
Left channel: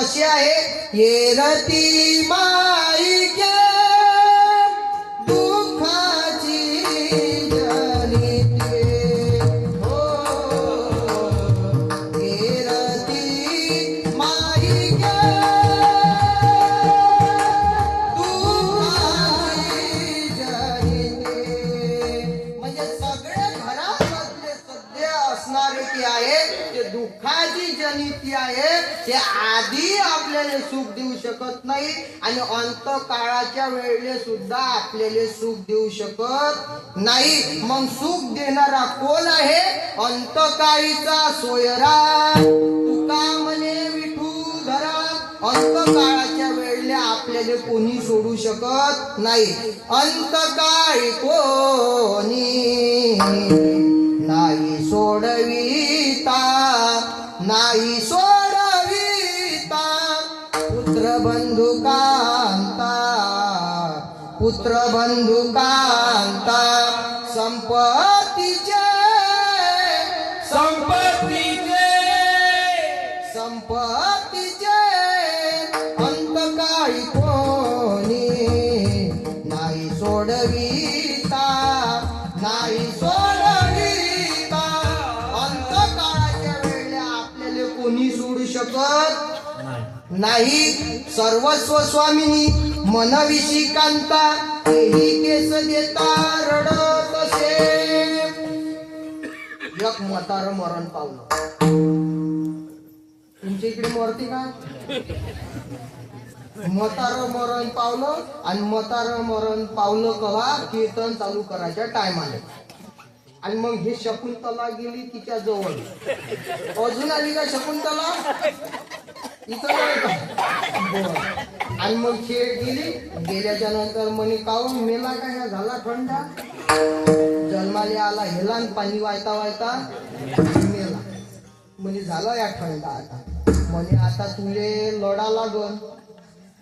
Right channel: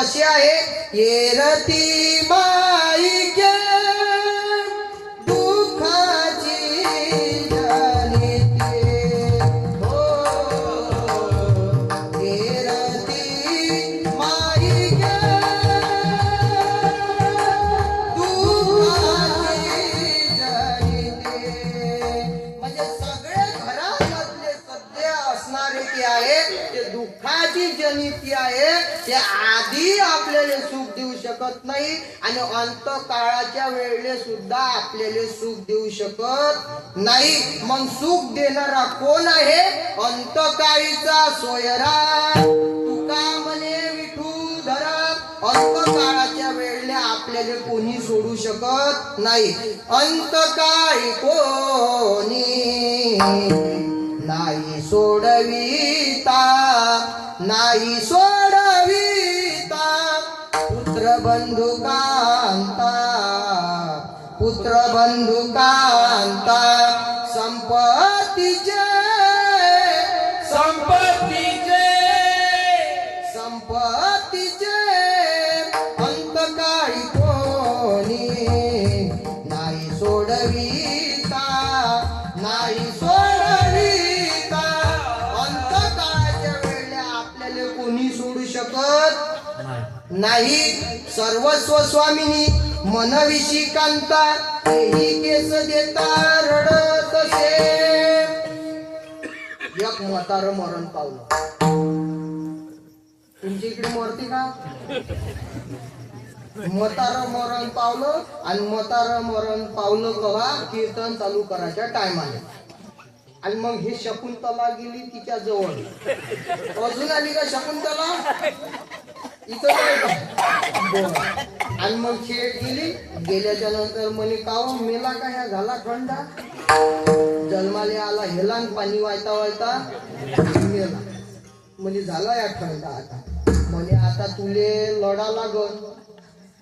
कसे आहे? येरती माईके दुःखाची जनिते हो येरती माईके दुःखाची जनिते. म्हणजे सगळे घरामधले सध्या असणारे की आहे ते दुःखाची जनिती आहे. ते आधी आपल्याला सुख देऊ शकत नाही आणि अंतकाळाच्या वेळेला सुद्धा आपल्याला सुख देऊ शकत नाही. मग सुख देणारा कोण आहे? अंतकाळीचा सोयरा. तुका म्हणे विठूधरा अंतकाळाच्या वेळेला आपल्याला कोणी सोडू शकत नाही. अंतकाळी कोणी नाही सोडविता नाही सोडविता पुत्र बंधू कांता पुत्र बंधू कांता संपत्तीचे संपत्तीचे संपत्तीचे अंतकाळी कोणी नाही सोडविता नाही सोडविता. अंतकाळाच्या वेळेला आपल्याला कोणी सोडू शकत नाही. सर्वस्व स्वामिनी मनविषी कांता तेही केस देता रडत असे. एक म्हातारं मरण पावलं. तुमच्या इकडे मरते का? म्हातारं मरण पावलं आणि म्हातारं मरण पावलं कवा? कीर्तन चालू करायच्या टायमाला. आणि मग हे शकुंतला गेली तिच्या जवळ. अजून आली का शकुंतला? इथं नाही का? बरं. आणि मग खेळ गेली. गेल्याच्या नंतर म्हणे काव मेला का? ह्या झाला थंडा जन्माले आला हेला पाणी वायता वायता मेला. म्हणे झाला या थंडा. आता म्हणे आता तुले लढा लागल.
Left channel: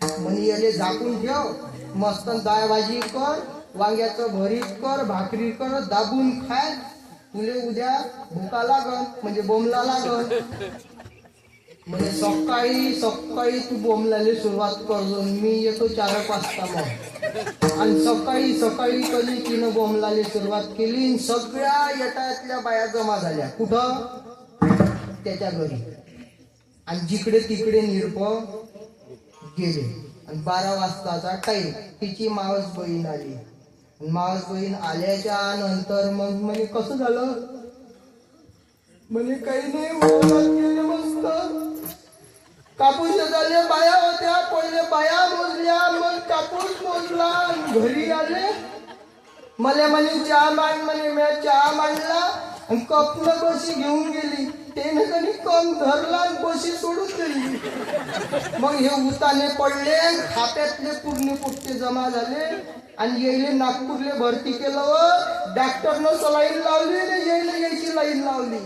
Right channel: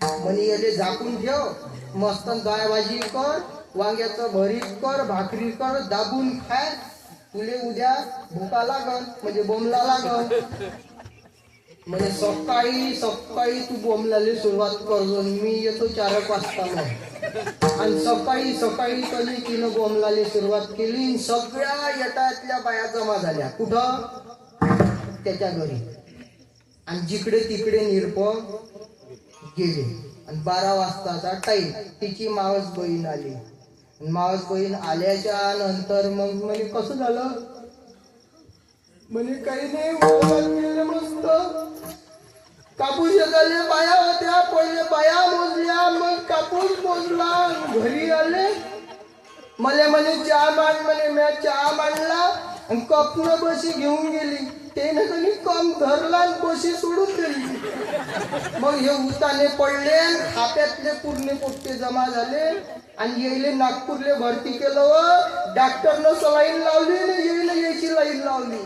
म्हणे याले झाकून ठेव मस्त डाळ भाजी कर वांग्याचं भरीत कर भाकरी कर दाबून खाय तुले उद्या भुका लागल म्हणजे बोंबला लागल. म्हणजे सकाळी सकाळी तू बोंबलाले सुरुवात करजो. मी येतो 4 वाजता मग. आणि सकाळी सकाळी कधी तिनं बोंबलाले सुरुवात केली. सगळ्या येटातल्या बाया जमा झाल्या. कुठं? त्याच्या घरी. आणि जिकडे तिकडे निरप गेले. आणि 12 वाजताचा टाईम. तिची मावस बहीण आली. मावस बहीण आल्याच्या नंतर मग म्हणे कसं झालं? म्हणे काही नाही बोलत गेले मस्त. कापूस झाले बाया होत्या. पहिले बाया मोजल्या मग कापूस मोजला. घरी आले मला म्हणे चहा मांड. म्हणे मी चहा मांडला आणि कपनं बशी घेऊन गेली. त्याने कधी कम धरला आणि बशी सोडून दिली. मग हे उताने पडले. खाप्यातले पूर्ण पोट्टे जमा झाले आणि येईले नागपूरले भरती केलं. व डॉक्टरनं सलाईन लावली आणि येईले यायची लाईन लावली.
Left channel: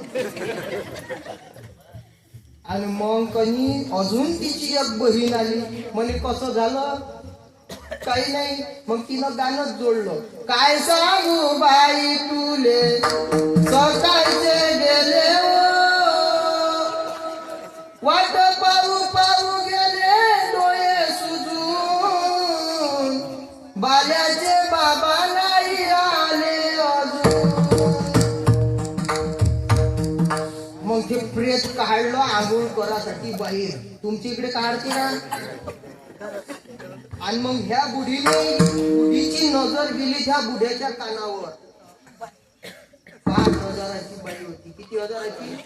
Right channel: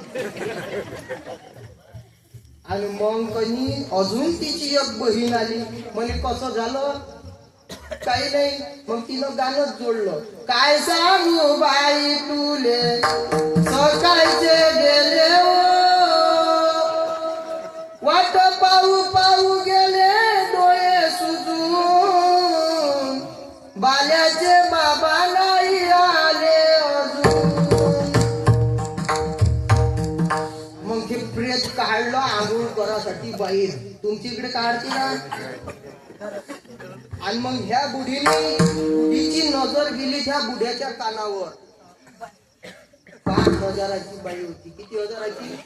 आणि मग कनी अजून तिची एक बहीण आली. म्हणे कसं झालं? काही नाही. मग तिनं गाणंच जोडलं. काय सांगू बाई तुले सकाळचे गेले वाट पाहू पाहू गेले डोळे सुजून बाल्याचे बाबा नाही आले अजून. मग ते प्रेत काढलं आंघोळ करासाठी बाहेर. तुमच्या इकडे काढते ना? आणि मग ह्या बुढीची नजर गेली त्या बुढ्याच्या कानावर. 5,000ची बाई होती. किती हजाराची?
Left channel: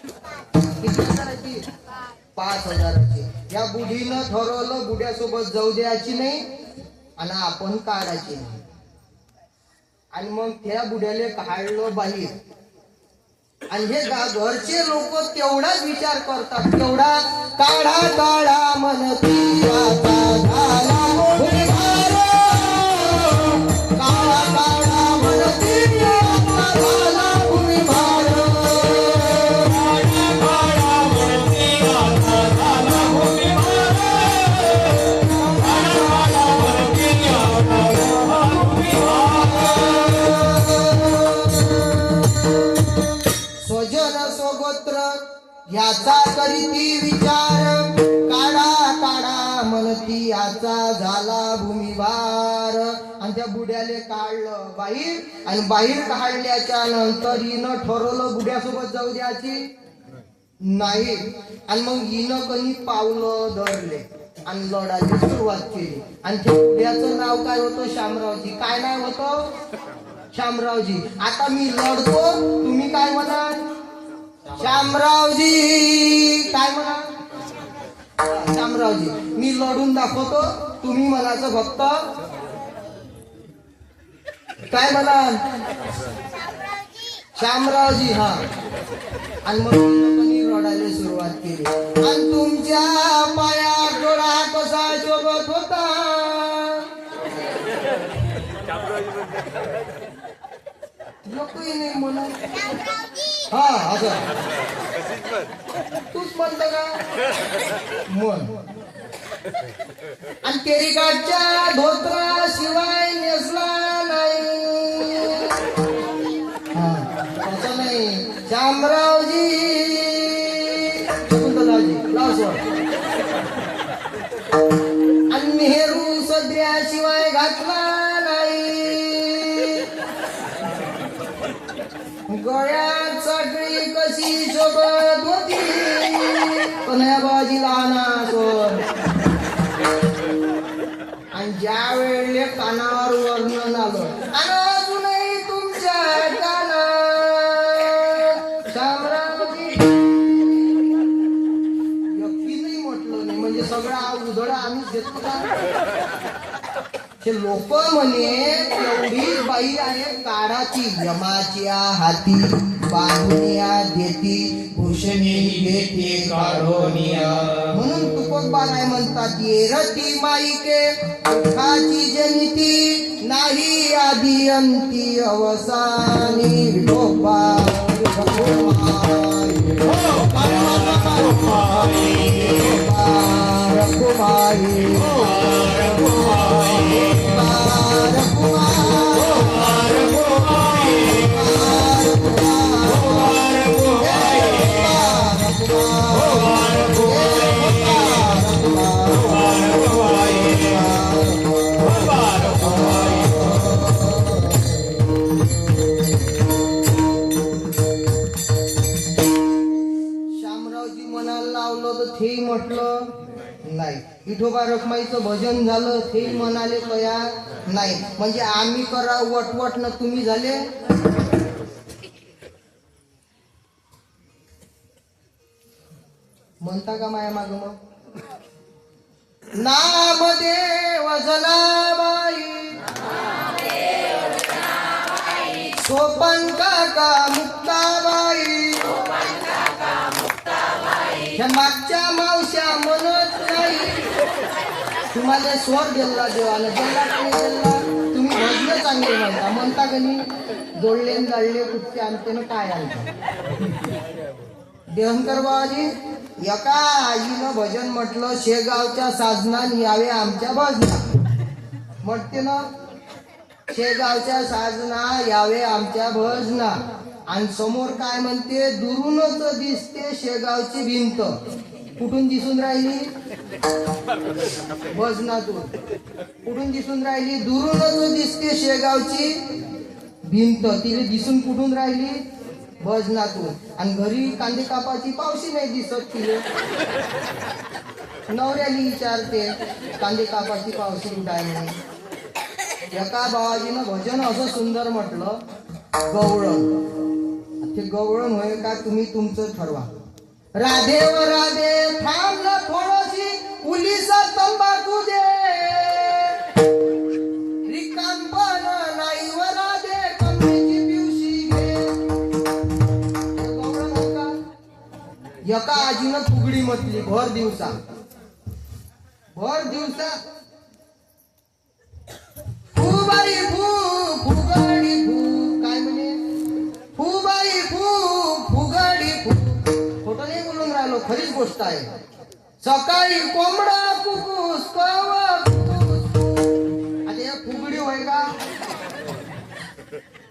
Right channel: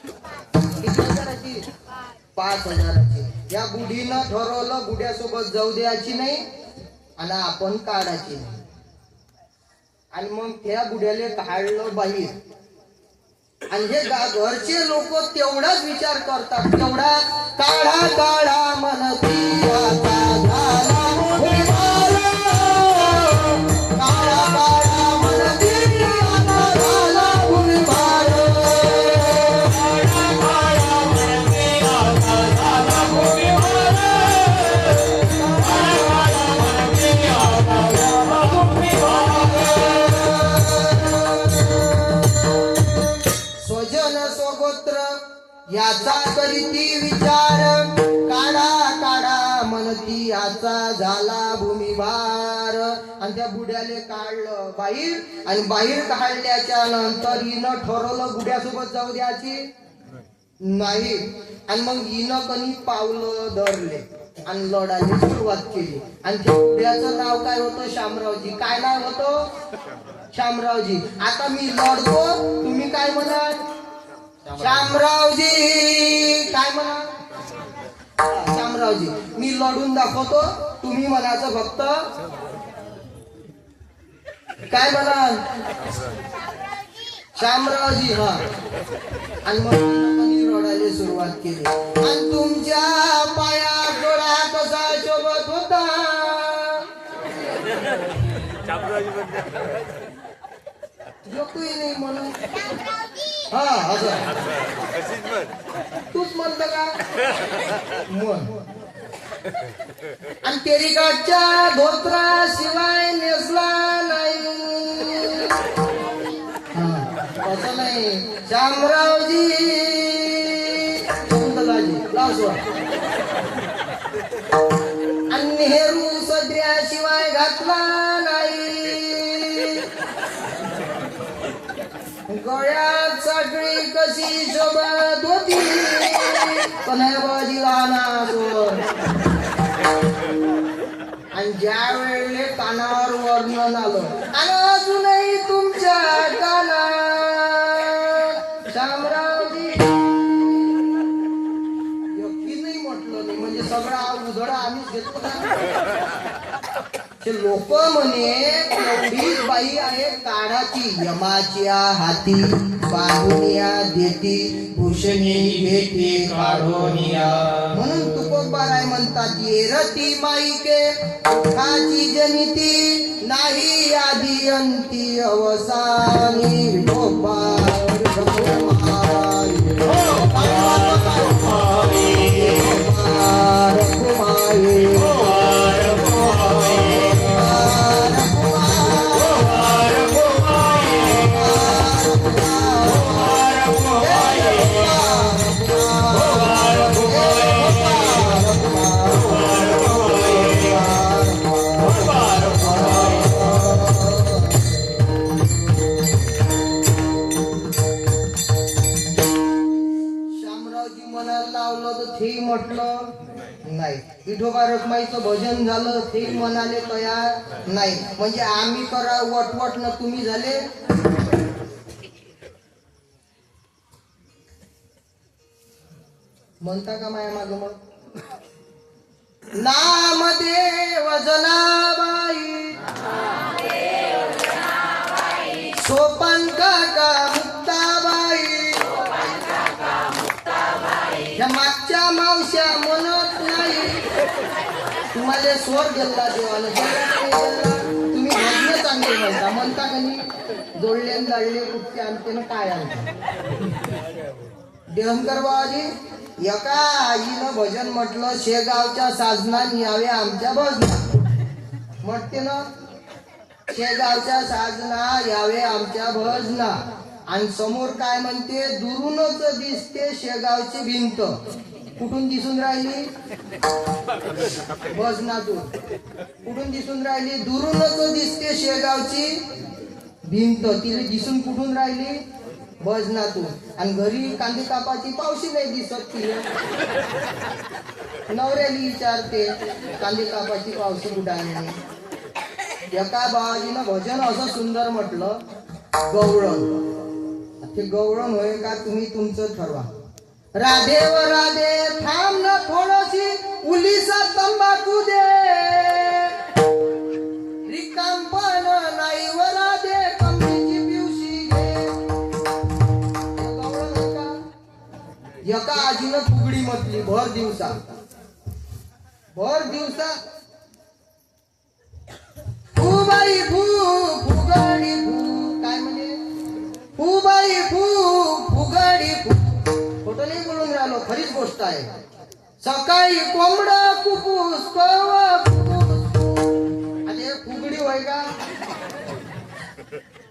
किती हजाराची? 5,000ची. या बुढीनं ठरवलं बुड्यासोबत जाऊ द्यायची नाही आणि आपण काढायची नाही. आणि मग त्या बुड्याले काढलं बाहेर. आणि हे घरचे लोक तेवढाच विचार करतात. तेवढा काढा काढा म्हणती याचा करीती विचार काढा होती आचा झाला भूमिभार. आणि त्या बुड्याले काढलं बाहेर, आणि बाहेर काढल्याच्या नंतर हिनं ठरवलं बुड्यासोबत जाऊ द्यायची नाही. आणि मग हिनं कणी पावलं धरले आणि लढायला सुरुवात केली. आणि त्या बुड्याचं नाव काय होतं? शामरावजी. काय नाव होतं? शामरावजी. आता मी लढतो, तुम्ही काय म्हणाल? शामरावजी. काय म्हणा? शामरावजी. मी लढून दाखवतो, तुम्ही म्हणायचं फक्त काय म्हणाल? शामरावजी. हा. आणि मग मी रडायला सुरुवात केली. आणि तुमच्या पायात डोळा कसा शोभत होता? एकही नाही म्हणून. हा असं तूच म्हणत का? म्हण. आणि तेरीकाठच्या धोत्रा शिवाय नेसला नाही. असं नाही. शामरावजी. शकुंतलाजी लाव सोड. आणि नेहरू सदऱ्याशिवाय घातला नाही. गळ्यात साखळी कशी शोभत होती. कन्हैयाबाजीला ना सोड. आणि ज्या वेळेला कानावर वर्णन आलं, आणि अजूनही तुमच्या कानात शामरावजी व्यक्ती नाही म्हटलं नाही, म्हणजे सगळा उधळा आम्हीच घेतो का? हे लोक म्हणे एवढीच बाई आहे काळाची, यमाच्या हाती बांधुनिया देती, भूषणी घेते काढोनिया. म्हणून तुकोबाराय म्हणतात, येरती माईके दुःखाची जनिती, नाही आधी अंती अवसानी. विठोबा तेही म्हटलं नाही. विठोबा रखमाईचं भजन झालं, तेही म्हणाले तयार नाही. म्हणजे आम्ही करा वटवट न तुम्ही झाले. म्हणता का माया माग? मग नामदेव जनाबाई, सोपन काका मुक्ताबाई, ह्या मागच्या मावश्या म्हणत नाही. तुम्हाला स्वर दिला देवाला, दिला नाही दिला. तुम्ही भजन चांगले म्हणता. म्हणता का नाही? जोडले जाळले कुठचे आणते ना काय आणते. देहंकर बाबाजी, एका आईनं भजन म्हटलं, शेगावच्या साजनात यावे आमच्या भजनात. म्हटते ना, शेगावच्या साजना यावे आमच्या भजना. आणि समोर काय म्हणते? दुरूनच दिसते शेगावची भिंत. कुठून दिसून राहिली? भजनातून. कुठून दिसून राहिली? दुरूनच दिसते शेगावची भिंत. तिला दिसून कुठून राहिली? भजनातून. आणि घरी कांदे कापाची पावशी नाही दिसत तिले. नवऱ्याला विचारते, कांदे कापाची पावशी कुठं आहे म्हणून. एका बाबाजीनं भजन असं सुंदर म्हटलं, गवळण. ते गवळण होय का? तुम्ही तुमचं ठरवा. राधे व राधे थांब न थोडीशी, उलीसा तंबाखू दे. रिकामपण नाही व राधे, कमळीची पिवशी घे. गवळण होय का? एका आजीनं फुगडी म्हटली भर दिवसा. फुबाई फू फुगडी फू. काय म्हणे? फुबाई फू फुगडी फू. खोटं नाही बोलून राहिलो, खरीच गोष्ट आहे. सकाळी कोंबडा कुकूस कवा कुकूस. आता हे फुगडी होय का?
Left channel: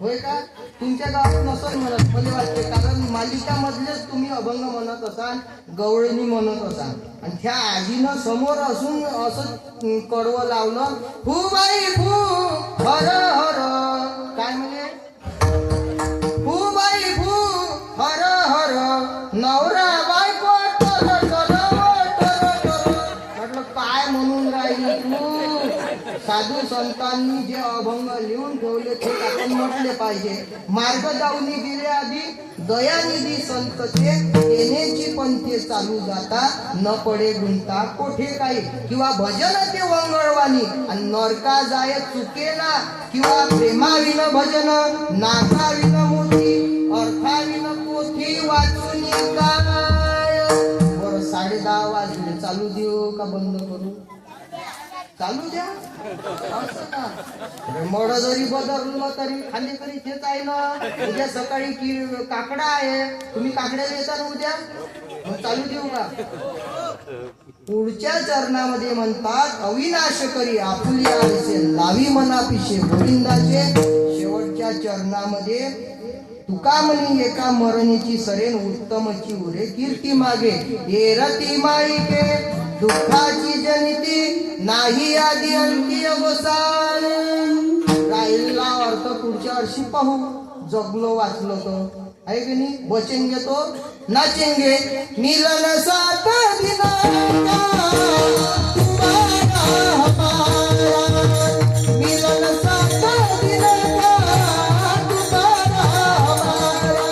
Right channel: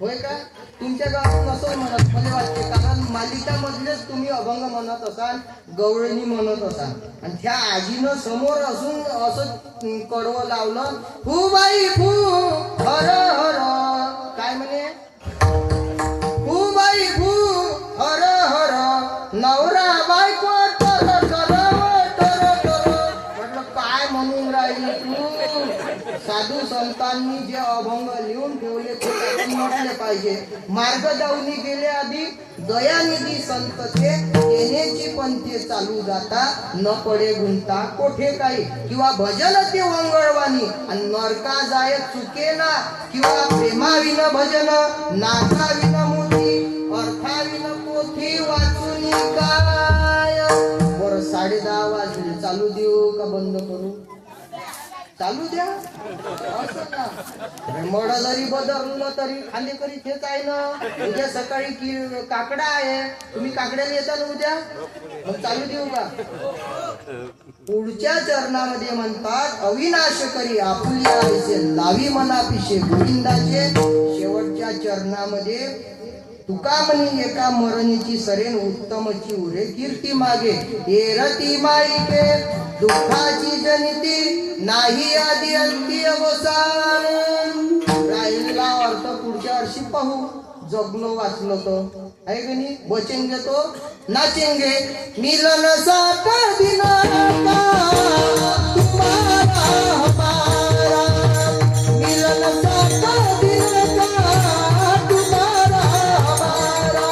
होय का? तुमच्या गावात नसं म्हणत मला वाटते, कारण मालिकामधलेच तुम्ही अभंग म्हणत असाल, गवळणी म्हणत असाल. आणि त्या आजीनं समोर असून असं कडवं लावलं, फू बाई फू हर हर, काय म्हणे, फू बाई फू हर हर, नवरा बायको टर टर टर टर. म्हटलं काय म्हणून राहिली तू? साधू संतांनी जे अभंग लिहून ठेवले ते आपण म्हटले पाहिजे. मार्ग जाऊनी गेले आधी दयानिधी संत ते, येण्याची पंथे चालू जाता, न पडे गुंता कोठे काही. किंवा भजन ते वंगळवाणी, आणि नरका जाय चुके ना, किंवा प्रेमाविन भजन, नाथाविन मोती, अर्थाविन पोथी वाचून काय. बरं 10:30 वाजले, चालू देऊ का बंद करू? चालू द्या. असं ना, मड जरी बदललं तरी खांदेकरी तेच आहे ना. उद्या सकाळी काकडा आहे, तुम्ही काकड्याला येता ना उद्या, मग चालू देऊ का? पुढच्या चरणामध्ये म्हणतात, अविनाश करी आपुलिया आईचे, लावी मनापिशे गोविंदाचे. शेवटच्या चरणामध्ये तुका म्हणी एका मरणीची सरेन, उत्तमची उरे कीर्ती मागे. येरती माईके दुःखाची जनिती, नाही आधी अंती अवसान. राहिला अर्थ पुढच्या वर्षी पाहू, जगलो वाचलो तो आहे की नाही. बचेंगे तो नाचेंगे, मिलन साथ दिना का तुम्हारा हमारा, मिलन साथ दिना का तुम्हारा हमारा.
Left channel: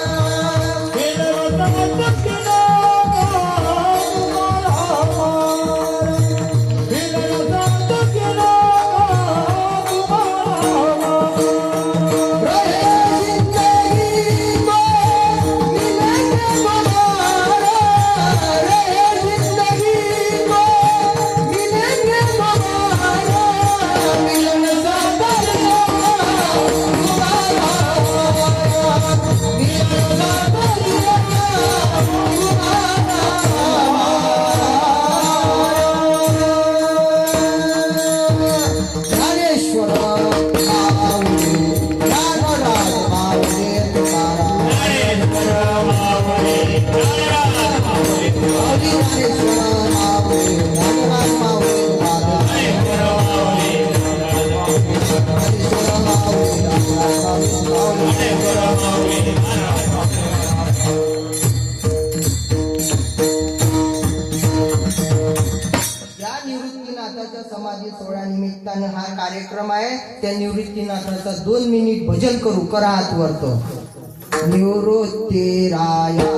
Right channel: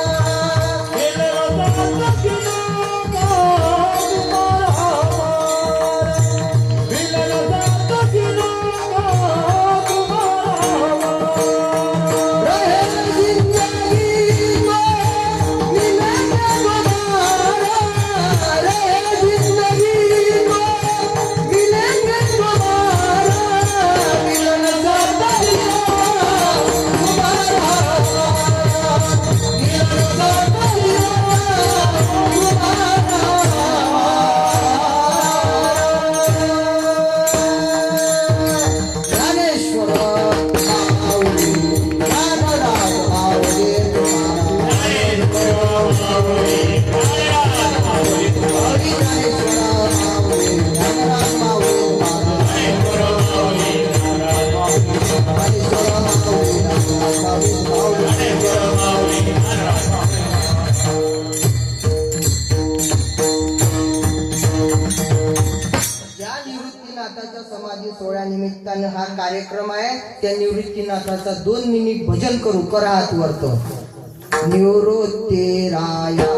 समाधी सोहळ्यानिमित्तानं हा कार्यक्रम आहे. त्या निवृत्तीनाथाचा 2 मिनिट भजन करू. करा हात वरतो. निवृत्ती राया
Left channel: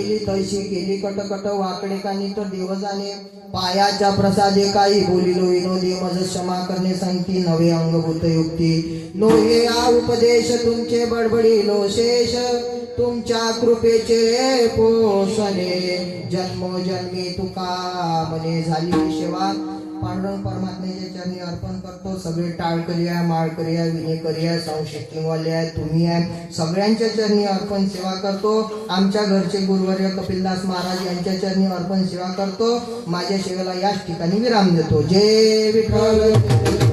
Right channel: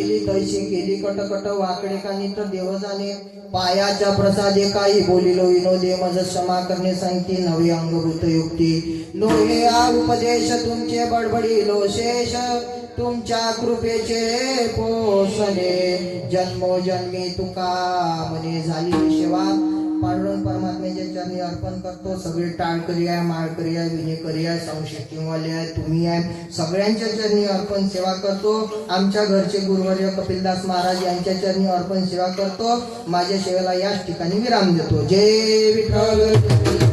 केली तैशी केली कटकट वाकडे कानी तर देव जाणे पायाच्या प्रसादे काही बोलिलो विनोदे मज क्षमा करणे सांगती नवे अंगभूत युक्ती लोहे हा उपदेश तुमचे बडबडिलो शेष तुमच्या कृपेचे पोषणे जन्मोजन्मी तुका म्हणे झाली सेवा पांडुरंग परमात्म्याच्या चरणी अर्पण करतो सगळे टाळकरी आहे माळकरी आहे विनेकरी आहे संशक्तीवाले आहे तुम्ही आहे सगळ्यांच्या चरणी अर्पण सेवा करतो आमच्या घरचे गुरुवर्य कपिलदास महाराज यांच्या चरणी अर्पण सेवा करतो माझ्या सेवेला याच ठिकाणी विराम देतो जय विठ्ठल